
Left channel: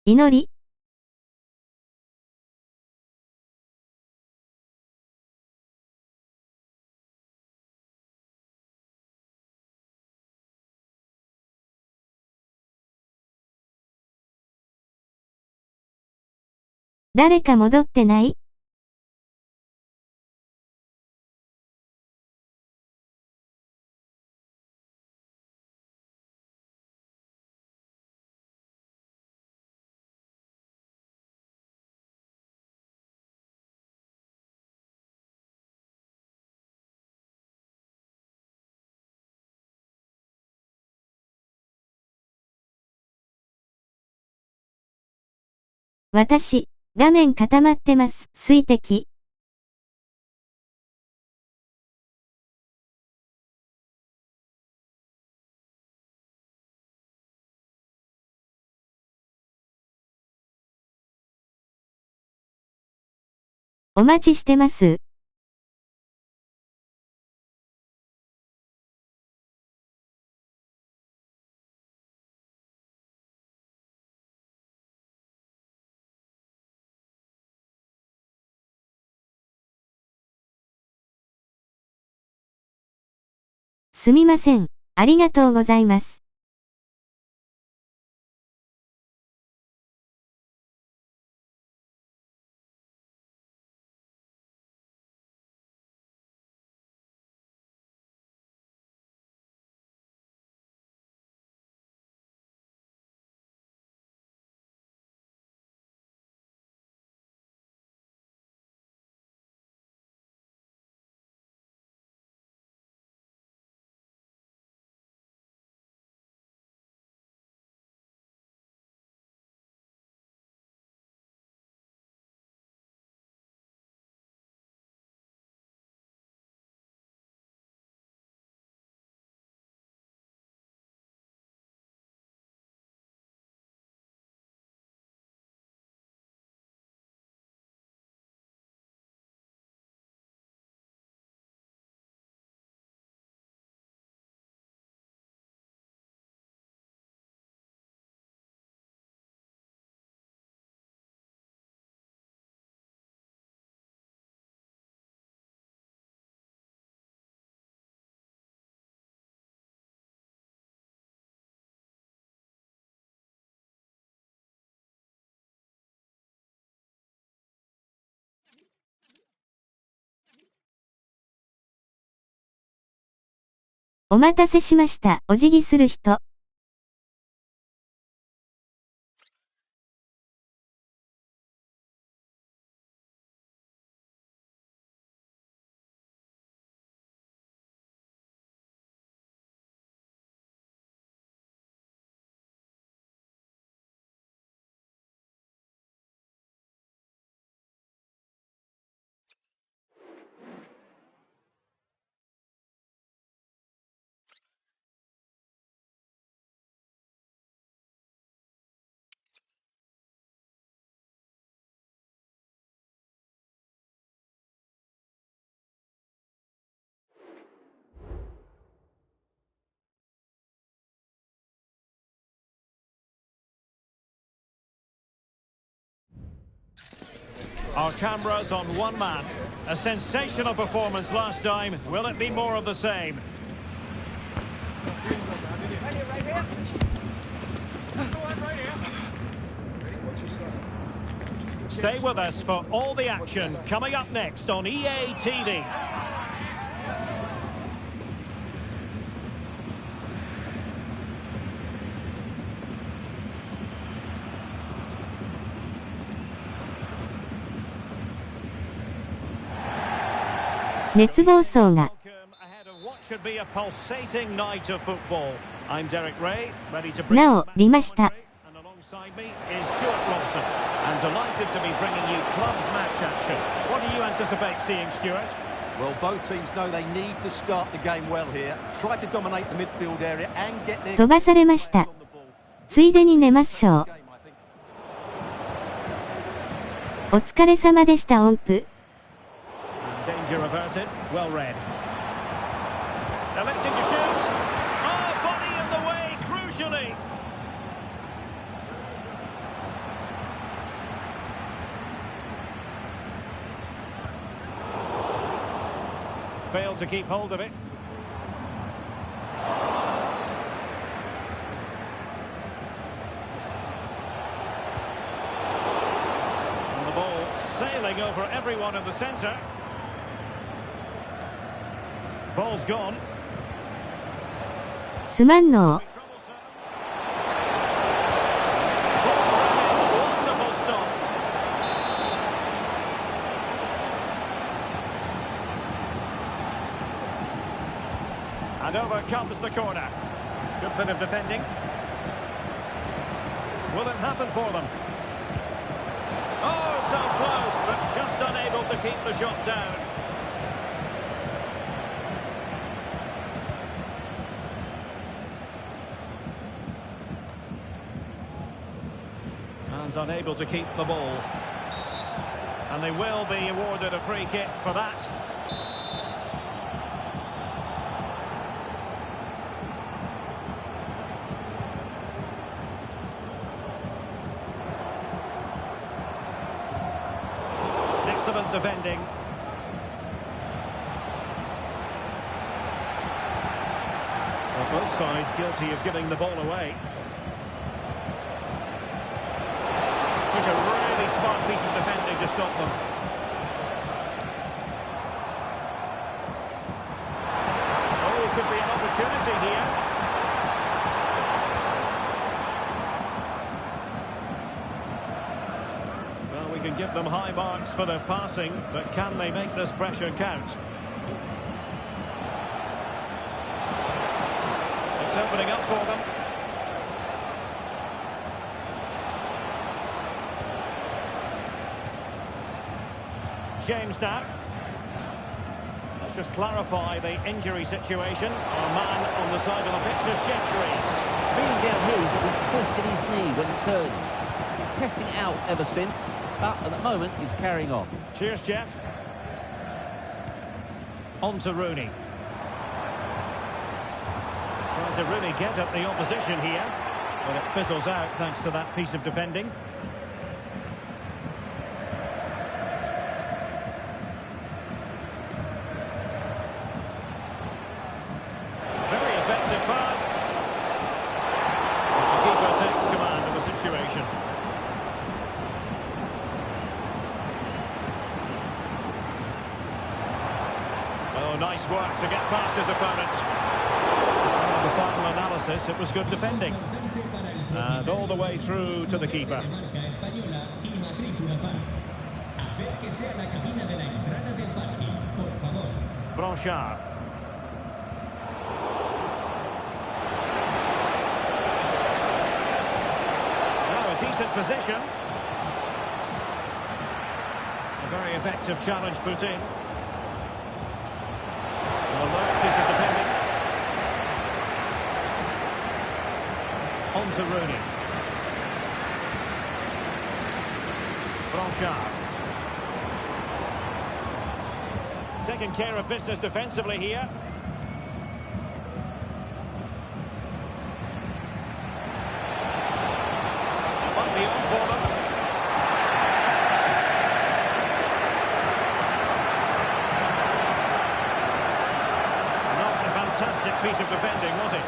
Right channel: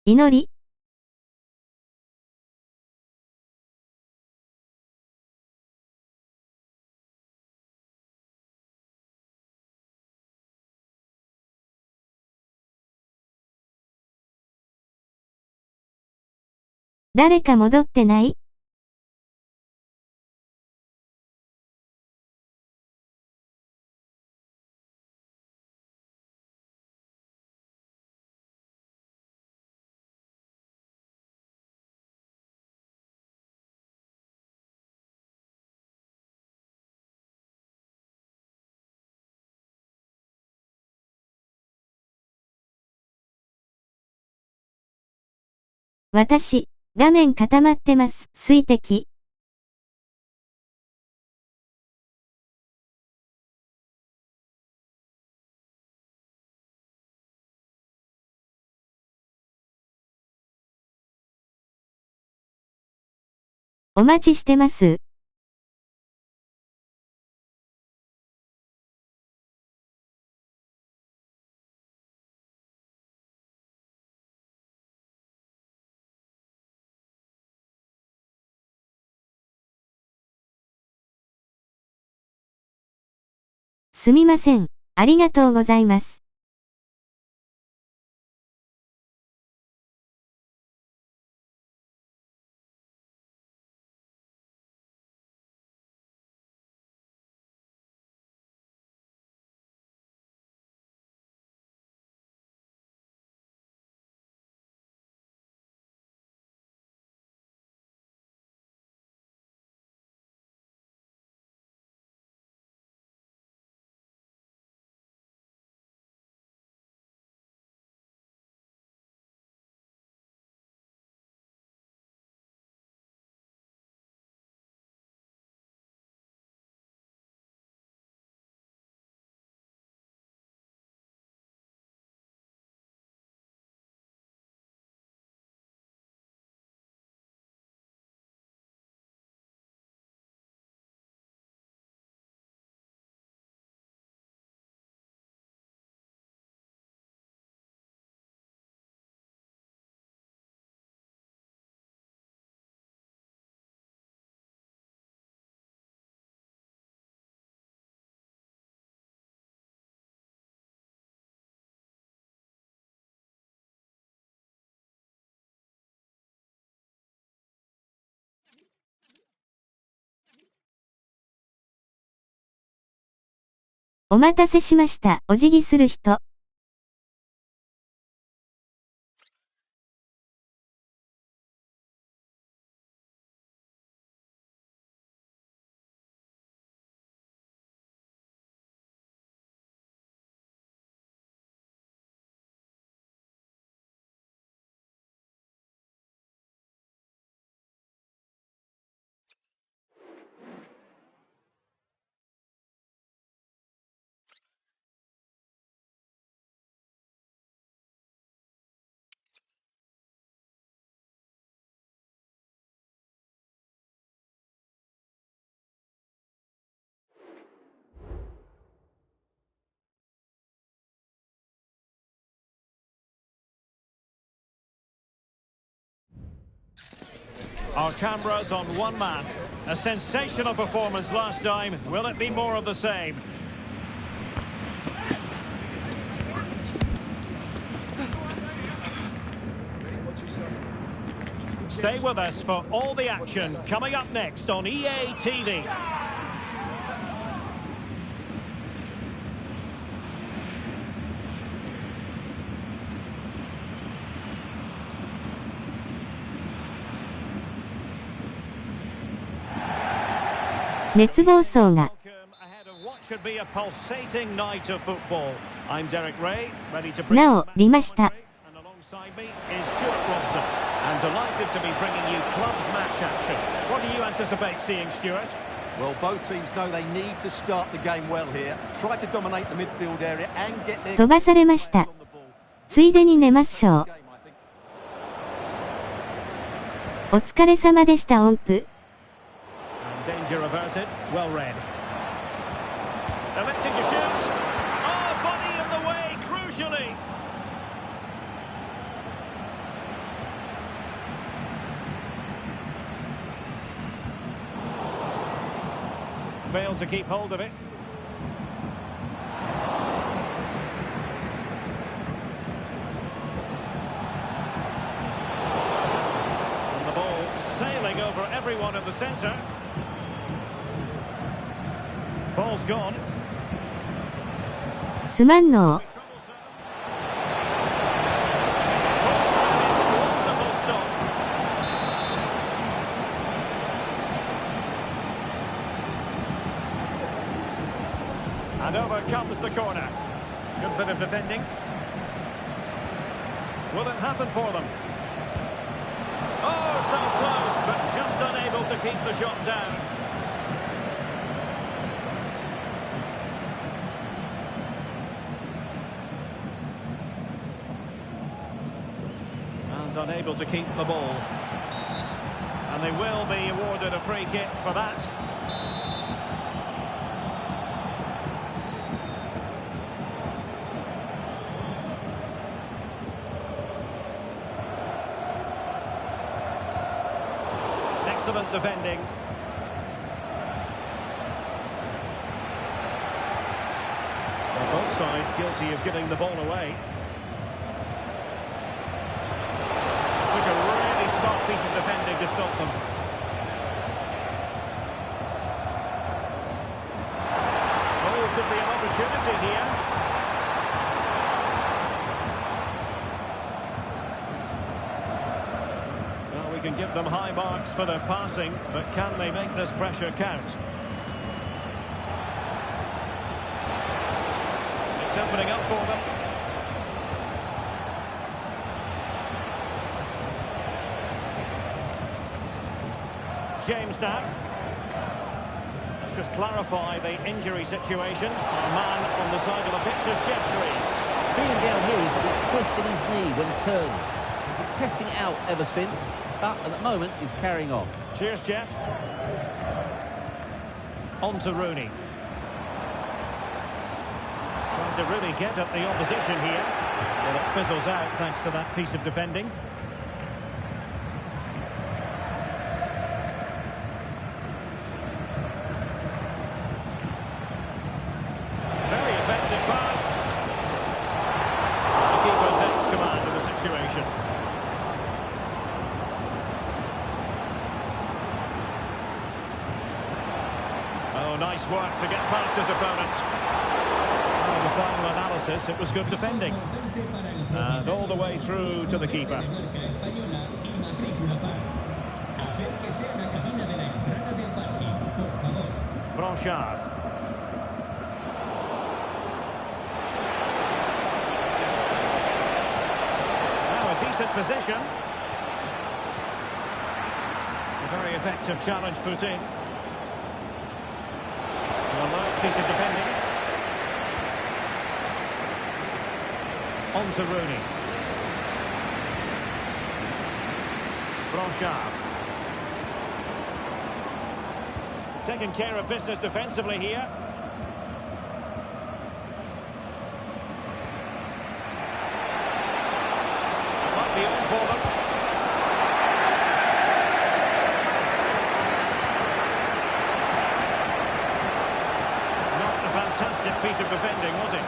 祈り。誰か戻ってない？私、画面固まってます。水滴。お待ちしてます。すみません。ありがとうございます。お待たせしました。お辞儀する人。Our cameras on one man. A sensational performance last time. Will it be more of the same? Stay with us for all the action coming up next on EA TV.熱暴走が。なお、りました。Well, both teams know they need to start the game well here. Try to dominate the midfield area and get their 飛ばされました。ついでに寝ますしょう。お疲れ様でした音符。Danger averted, well read. Electing to shoot. Oh, body in the way, crucially. Failed to keep hold of it. And the ball sailing over everyone in the centre. Ball's gone. すまんの。Wonderful stop. And over comes the corner. Good bit of defending. Will it happen for them? Oh, so close, but just unable to keep the shot down. Unable to keep the ball, and they will be awarded a free kick for that. Excellent defending. Well, both sides guilty of giving the ball away. Took a really smart piece of defending to stop them. Oh, it could be an opportunity here. Well, we can give them high marks for their passing, but can they make this pressure count? It's opening up for them. James now. Let's just clarify the injury situation. Our man on the side of the pitch is Jeff Shreves. Feeling down here is that he twisted his knee when turning. He's been testing it out ever since, but at the moment he's carrying on. Cheers, Jeff. On to Rooney. Trying to really get at the opposition here. Well, it fizzles out thanks to that piece of defending. Effective pass. The keeper takes command of the situation. Oh, nice work to get past his opponent. On the final analysis, it was good defending. And all the way through to the keeper. Blanchard. Now a decent position. A very effective challenge put in. An alert piece of defending. On to Rooney. Blanchard. Taking care of business defensively here. It might be on for them. Not a fantastic piece of defending, was it?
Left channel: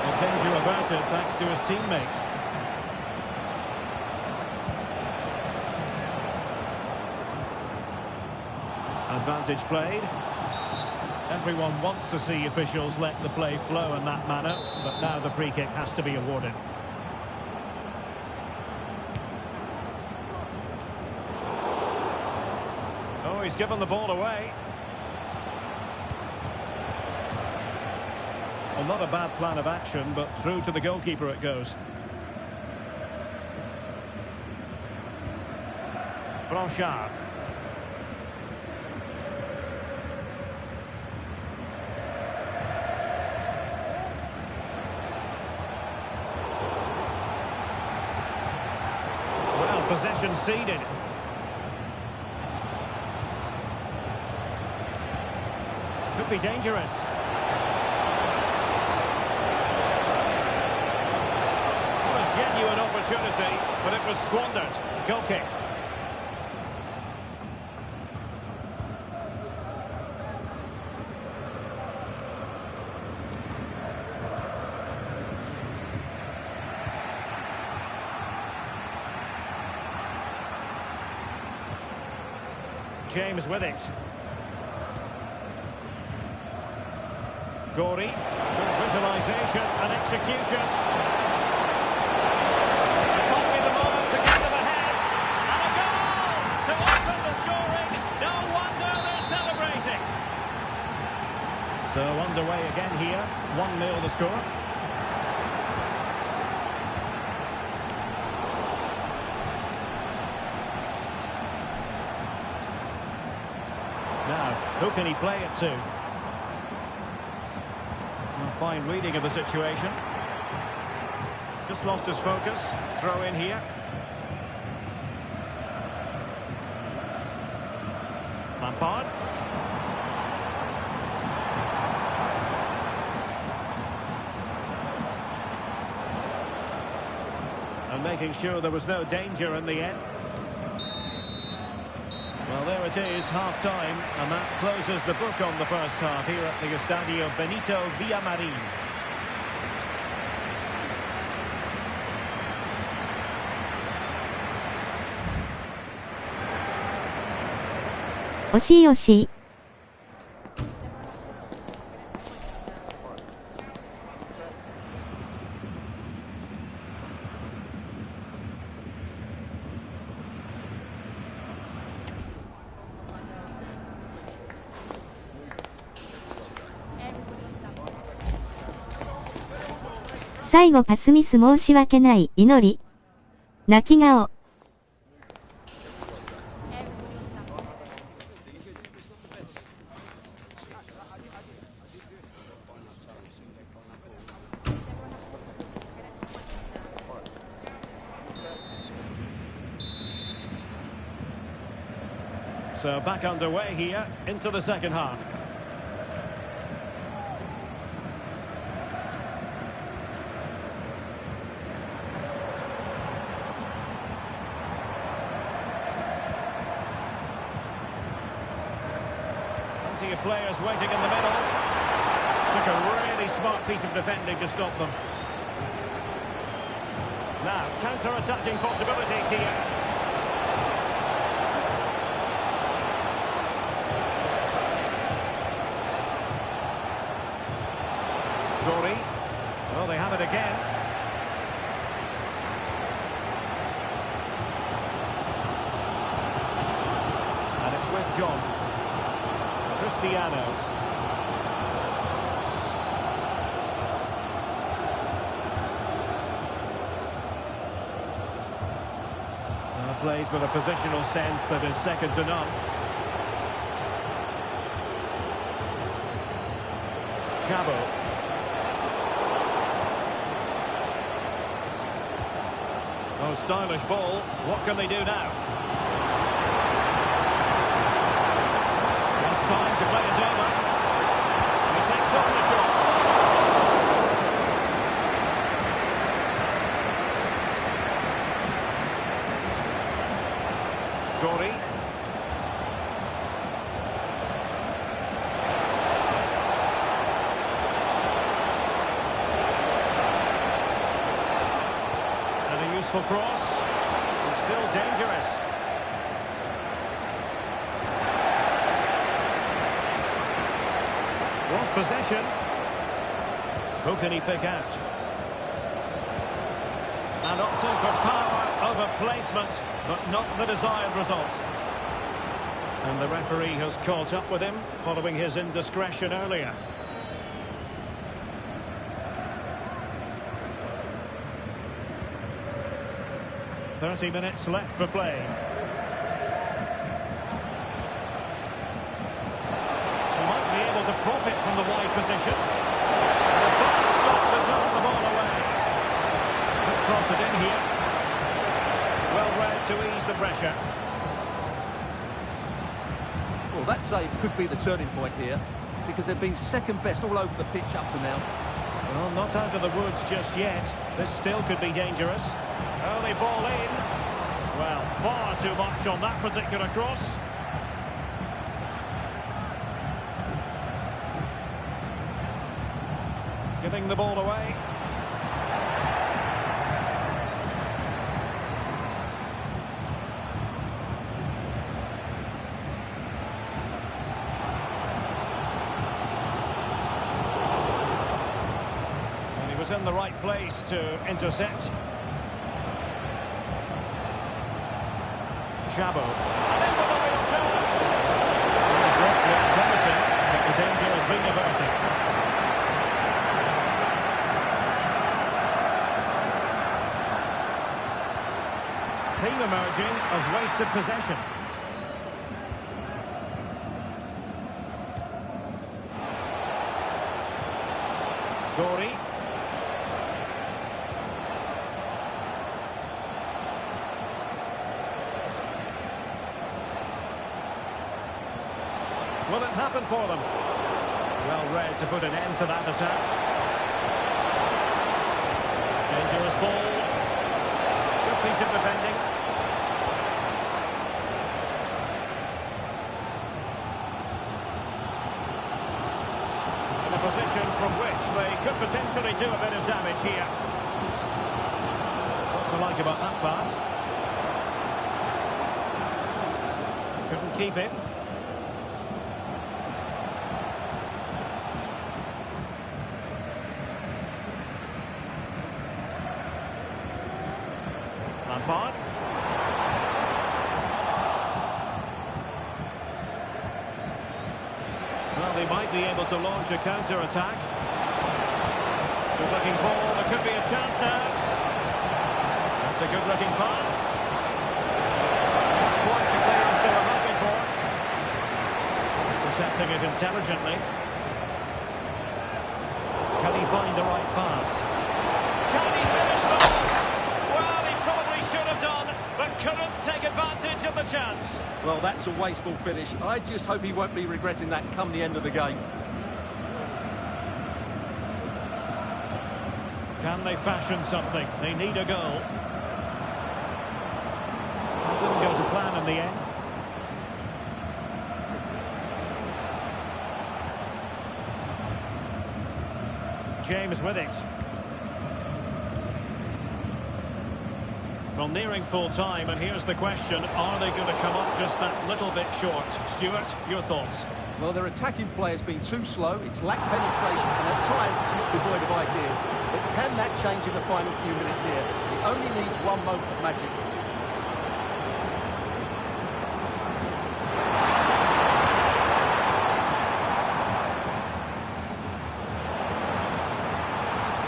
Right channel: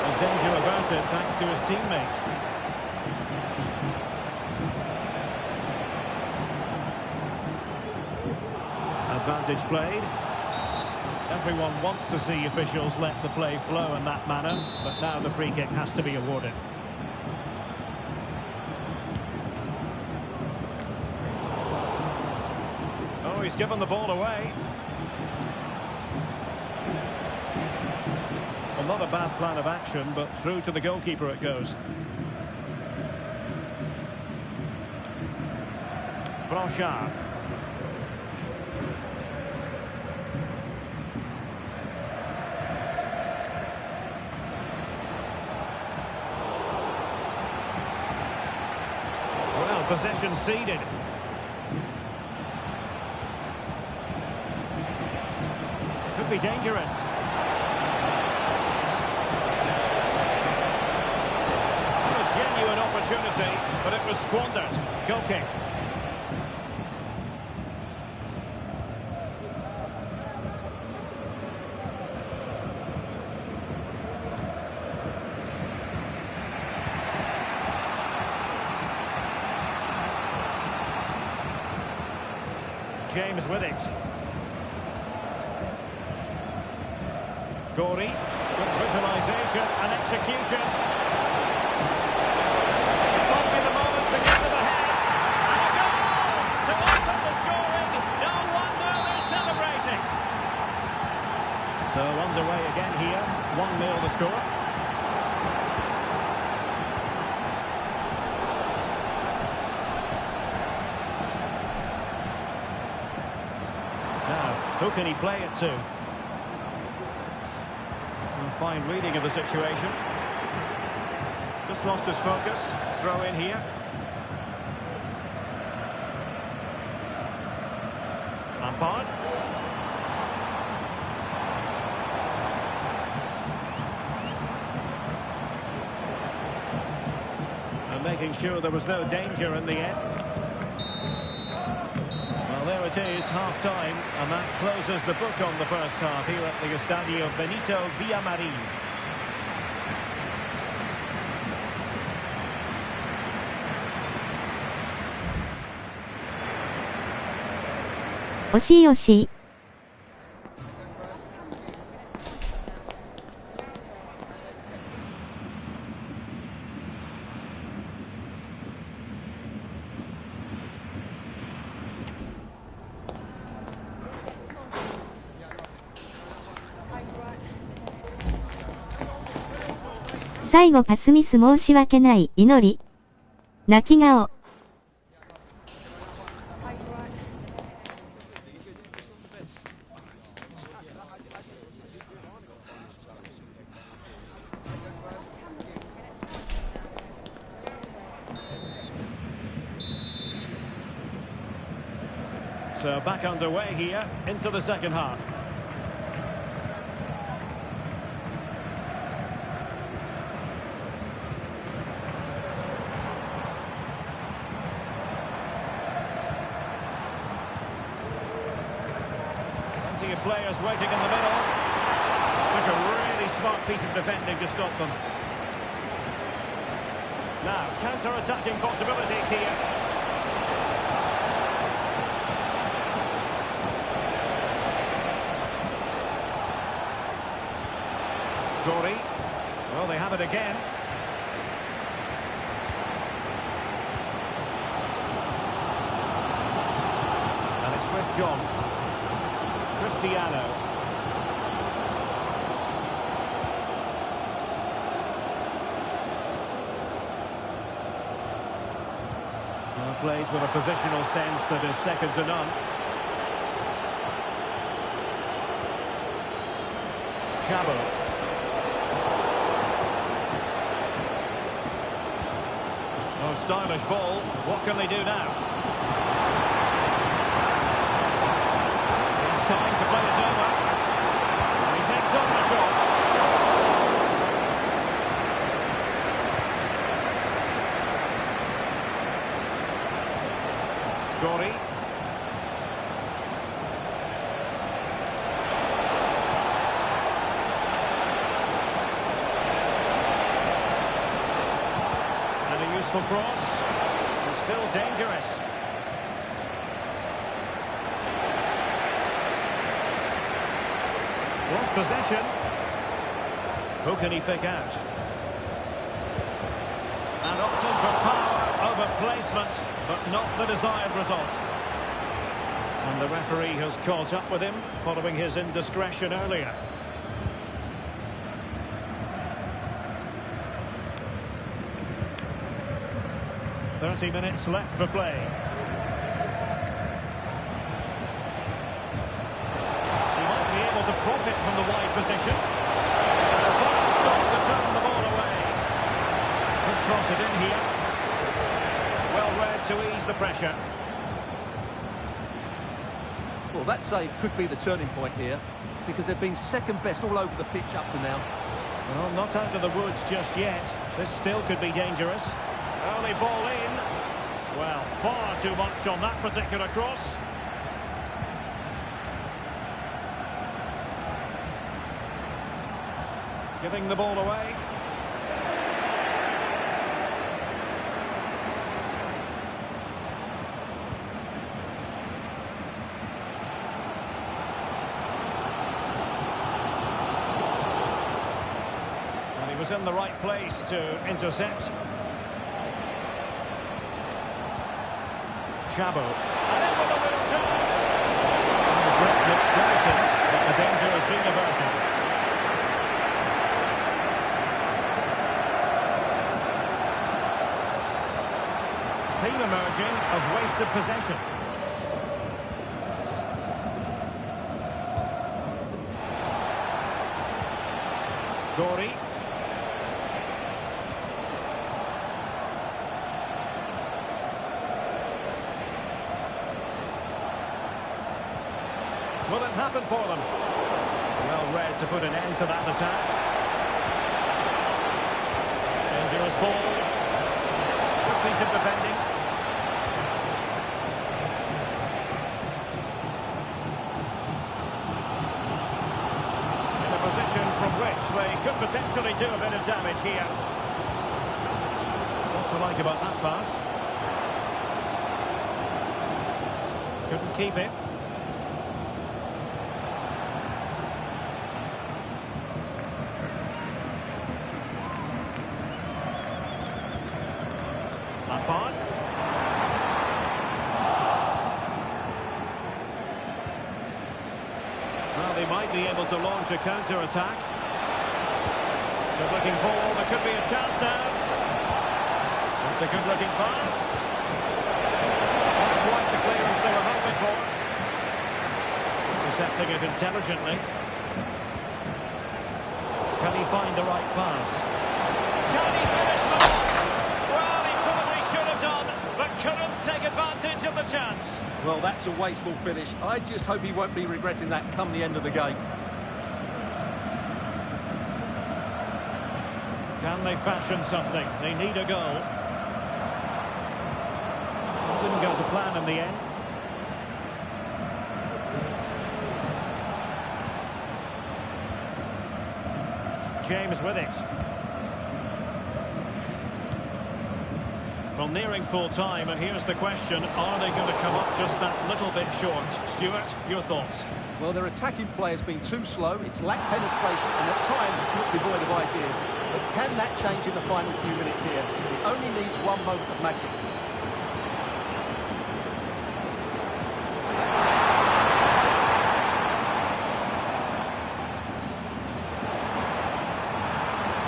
Well, danger averted thanks to his teammates. Advantage played. Everyone wants to see officials let the play flow in that manner, but now the free kick has to be awarded. Oh, he's given the ball away. Well, not a bad plan of action, but through to the goalkeeper it goes. Blanchard. Well, possession ceded. Could be dangerous. What a genuine opportunity, but it was squandered. Goal kick. James with it. Gorey, good visualisation and execution. It might be the moment to get them ahead. And a goal to open the scoring. No wonder they're celebrating. So underway again here. 1-0 the score. Now, who can he play it to? A fine reading of the situation. Just lost his focus. Throw in here. Lampard. And making sure there was no danger in the end. Well, there it is, half-time, and that closes the book on the first half here at the Estadio Benito Villamarín. Oshi. 最後パスミス申し訳ない祈り。泣き顔。So back underway here into the second half. Plenty of players waiting in the middle. Took a really smart piece of defending to stop them. Now, counter-attacking possibilities here. Dory. Well, they have it again. And it's with John. Cristiano. Now plays with a positional sense that is second to none. Chabo. Oh, stylish ball. What can they do now? There's time to play it over. And he takes on the shot. Dory. And a useful cross. It's still dangerous. Lost possession. Who can he pick out? And opting for power over placement, but not the desired result. And the referee has caught up with him following his indiscretion earlier. "30 minutes left for play. He might be able to profit from the wide position. And a fine stop to turn the ball away. Could cross it in here. Well read to ease the pressure. Well, that save could be the turning point here, because they've been second best all over the pitch up to now. Well, not out of the woods just yet. This still could be dangerous. Early ball in. Well, far too much on that particular cross. Giving the ball away. And he was in the right place to intercept. Chabo. And in with a real chance. And the grip looked promising, but the danger has been averted. Theme emerging of wasted possession. Dory. Will it happen for them? Well read to put an end to that attack. Dangerous ball. Good piece of defending. In a position from which they could potentially do a bit of damage here. What to like about that pass? Couldn't keep it. Lampard. Well, they might be able to launch a counter-attack. Good-looking ball. There could be a chance now. That's a good-looking pass. Not quite the clearance they were hoping for. Intercepting it intelligently. Can he find the right pass? Can he finish the ball? Well, he probably should have done, but couldn't take advantage of the chance. Well, that's a wasteful finish. I just hope he won't be regretting that come the end of the game. Can they fashion something? They need a goal. It didn't go to plan in the end. James with it. Well, nearing full time, and here's the question, are they going to come up just that little bit short? Stuart, your thoughts? Well, their attacking play has been too slow, it's lacked penetration, and at times it's looked devoid of ideas. But can that change in the final few minutes here? It only needs one moment of magic.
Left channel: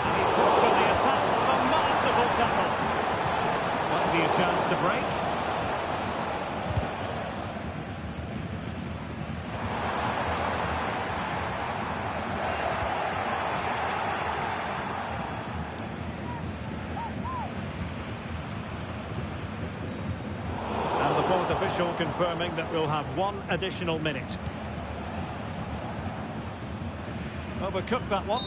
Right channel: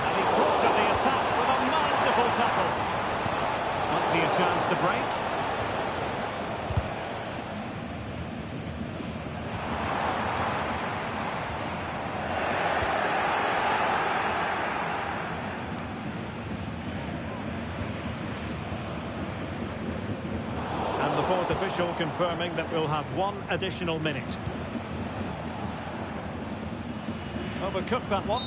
And he thought of the attack with a masterful tackle. Might be a chance to break. And the fourth official confirming that we'll have one additional minute. Overcooked that one.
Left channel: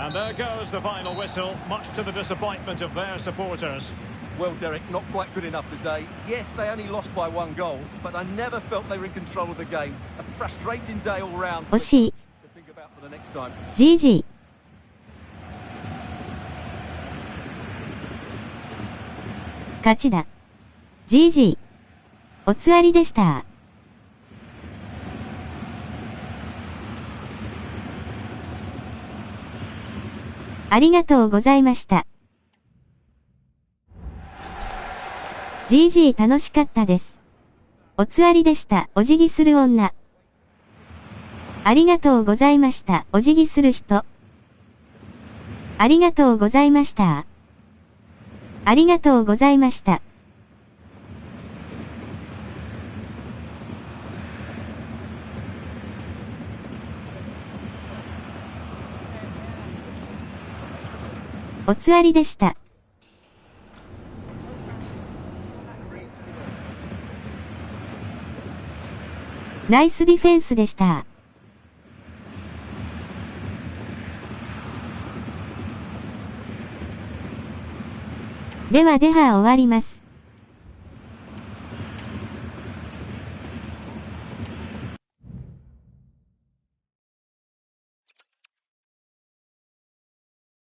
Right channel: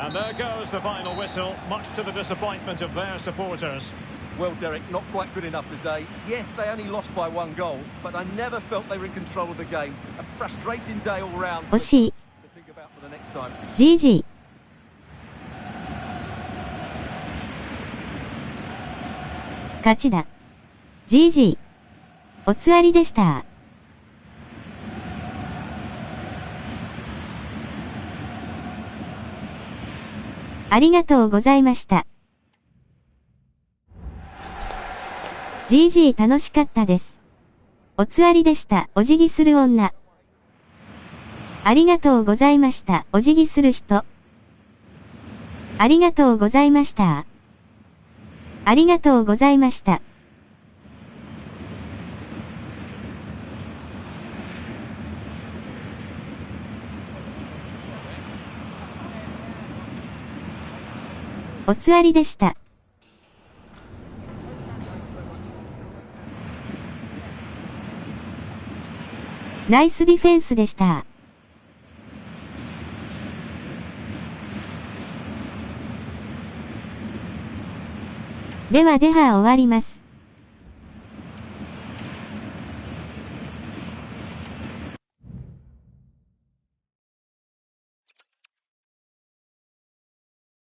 And there goes the final whistle, much to the disappointment of their supporters. Well, Derek, not quite good enough today. Yes, they only lost by 1 goal, but I never felt they were in control of the game. A frustrating day all round. 惜しい。 To think about for the next time. GG。勝ちだ。GG。おつわりでした。ありがとうございました。GG 楽しかったです。おつわりでした。お辞儀する女。ありがとうございました。お辞儀する人。ありがとうございました。ありがとうございました。おつわりでした。ナイスディフェンスでした。では終わります。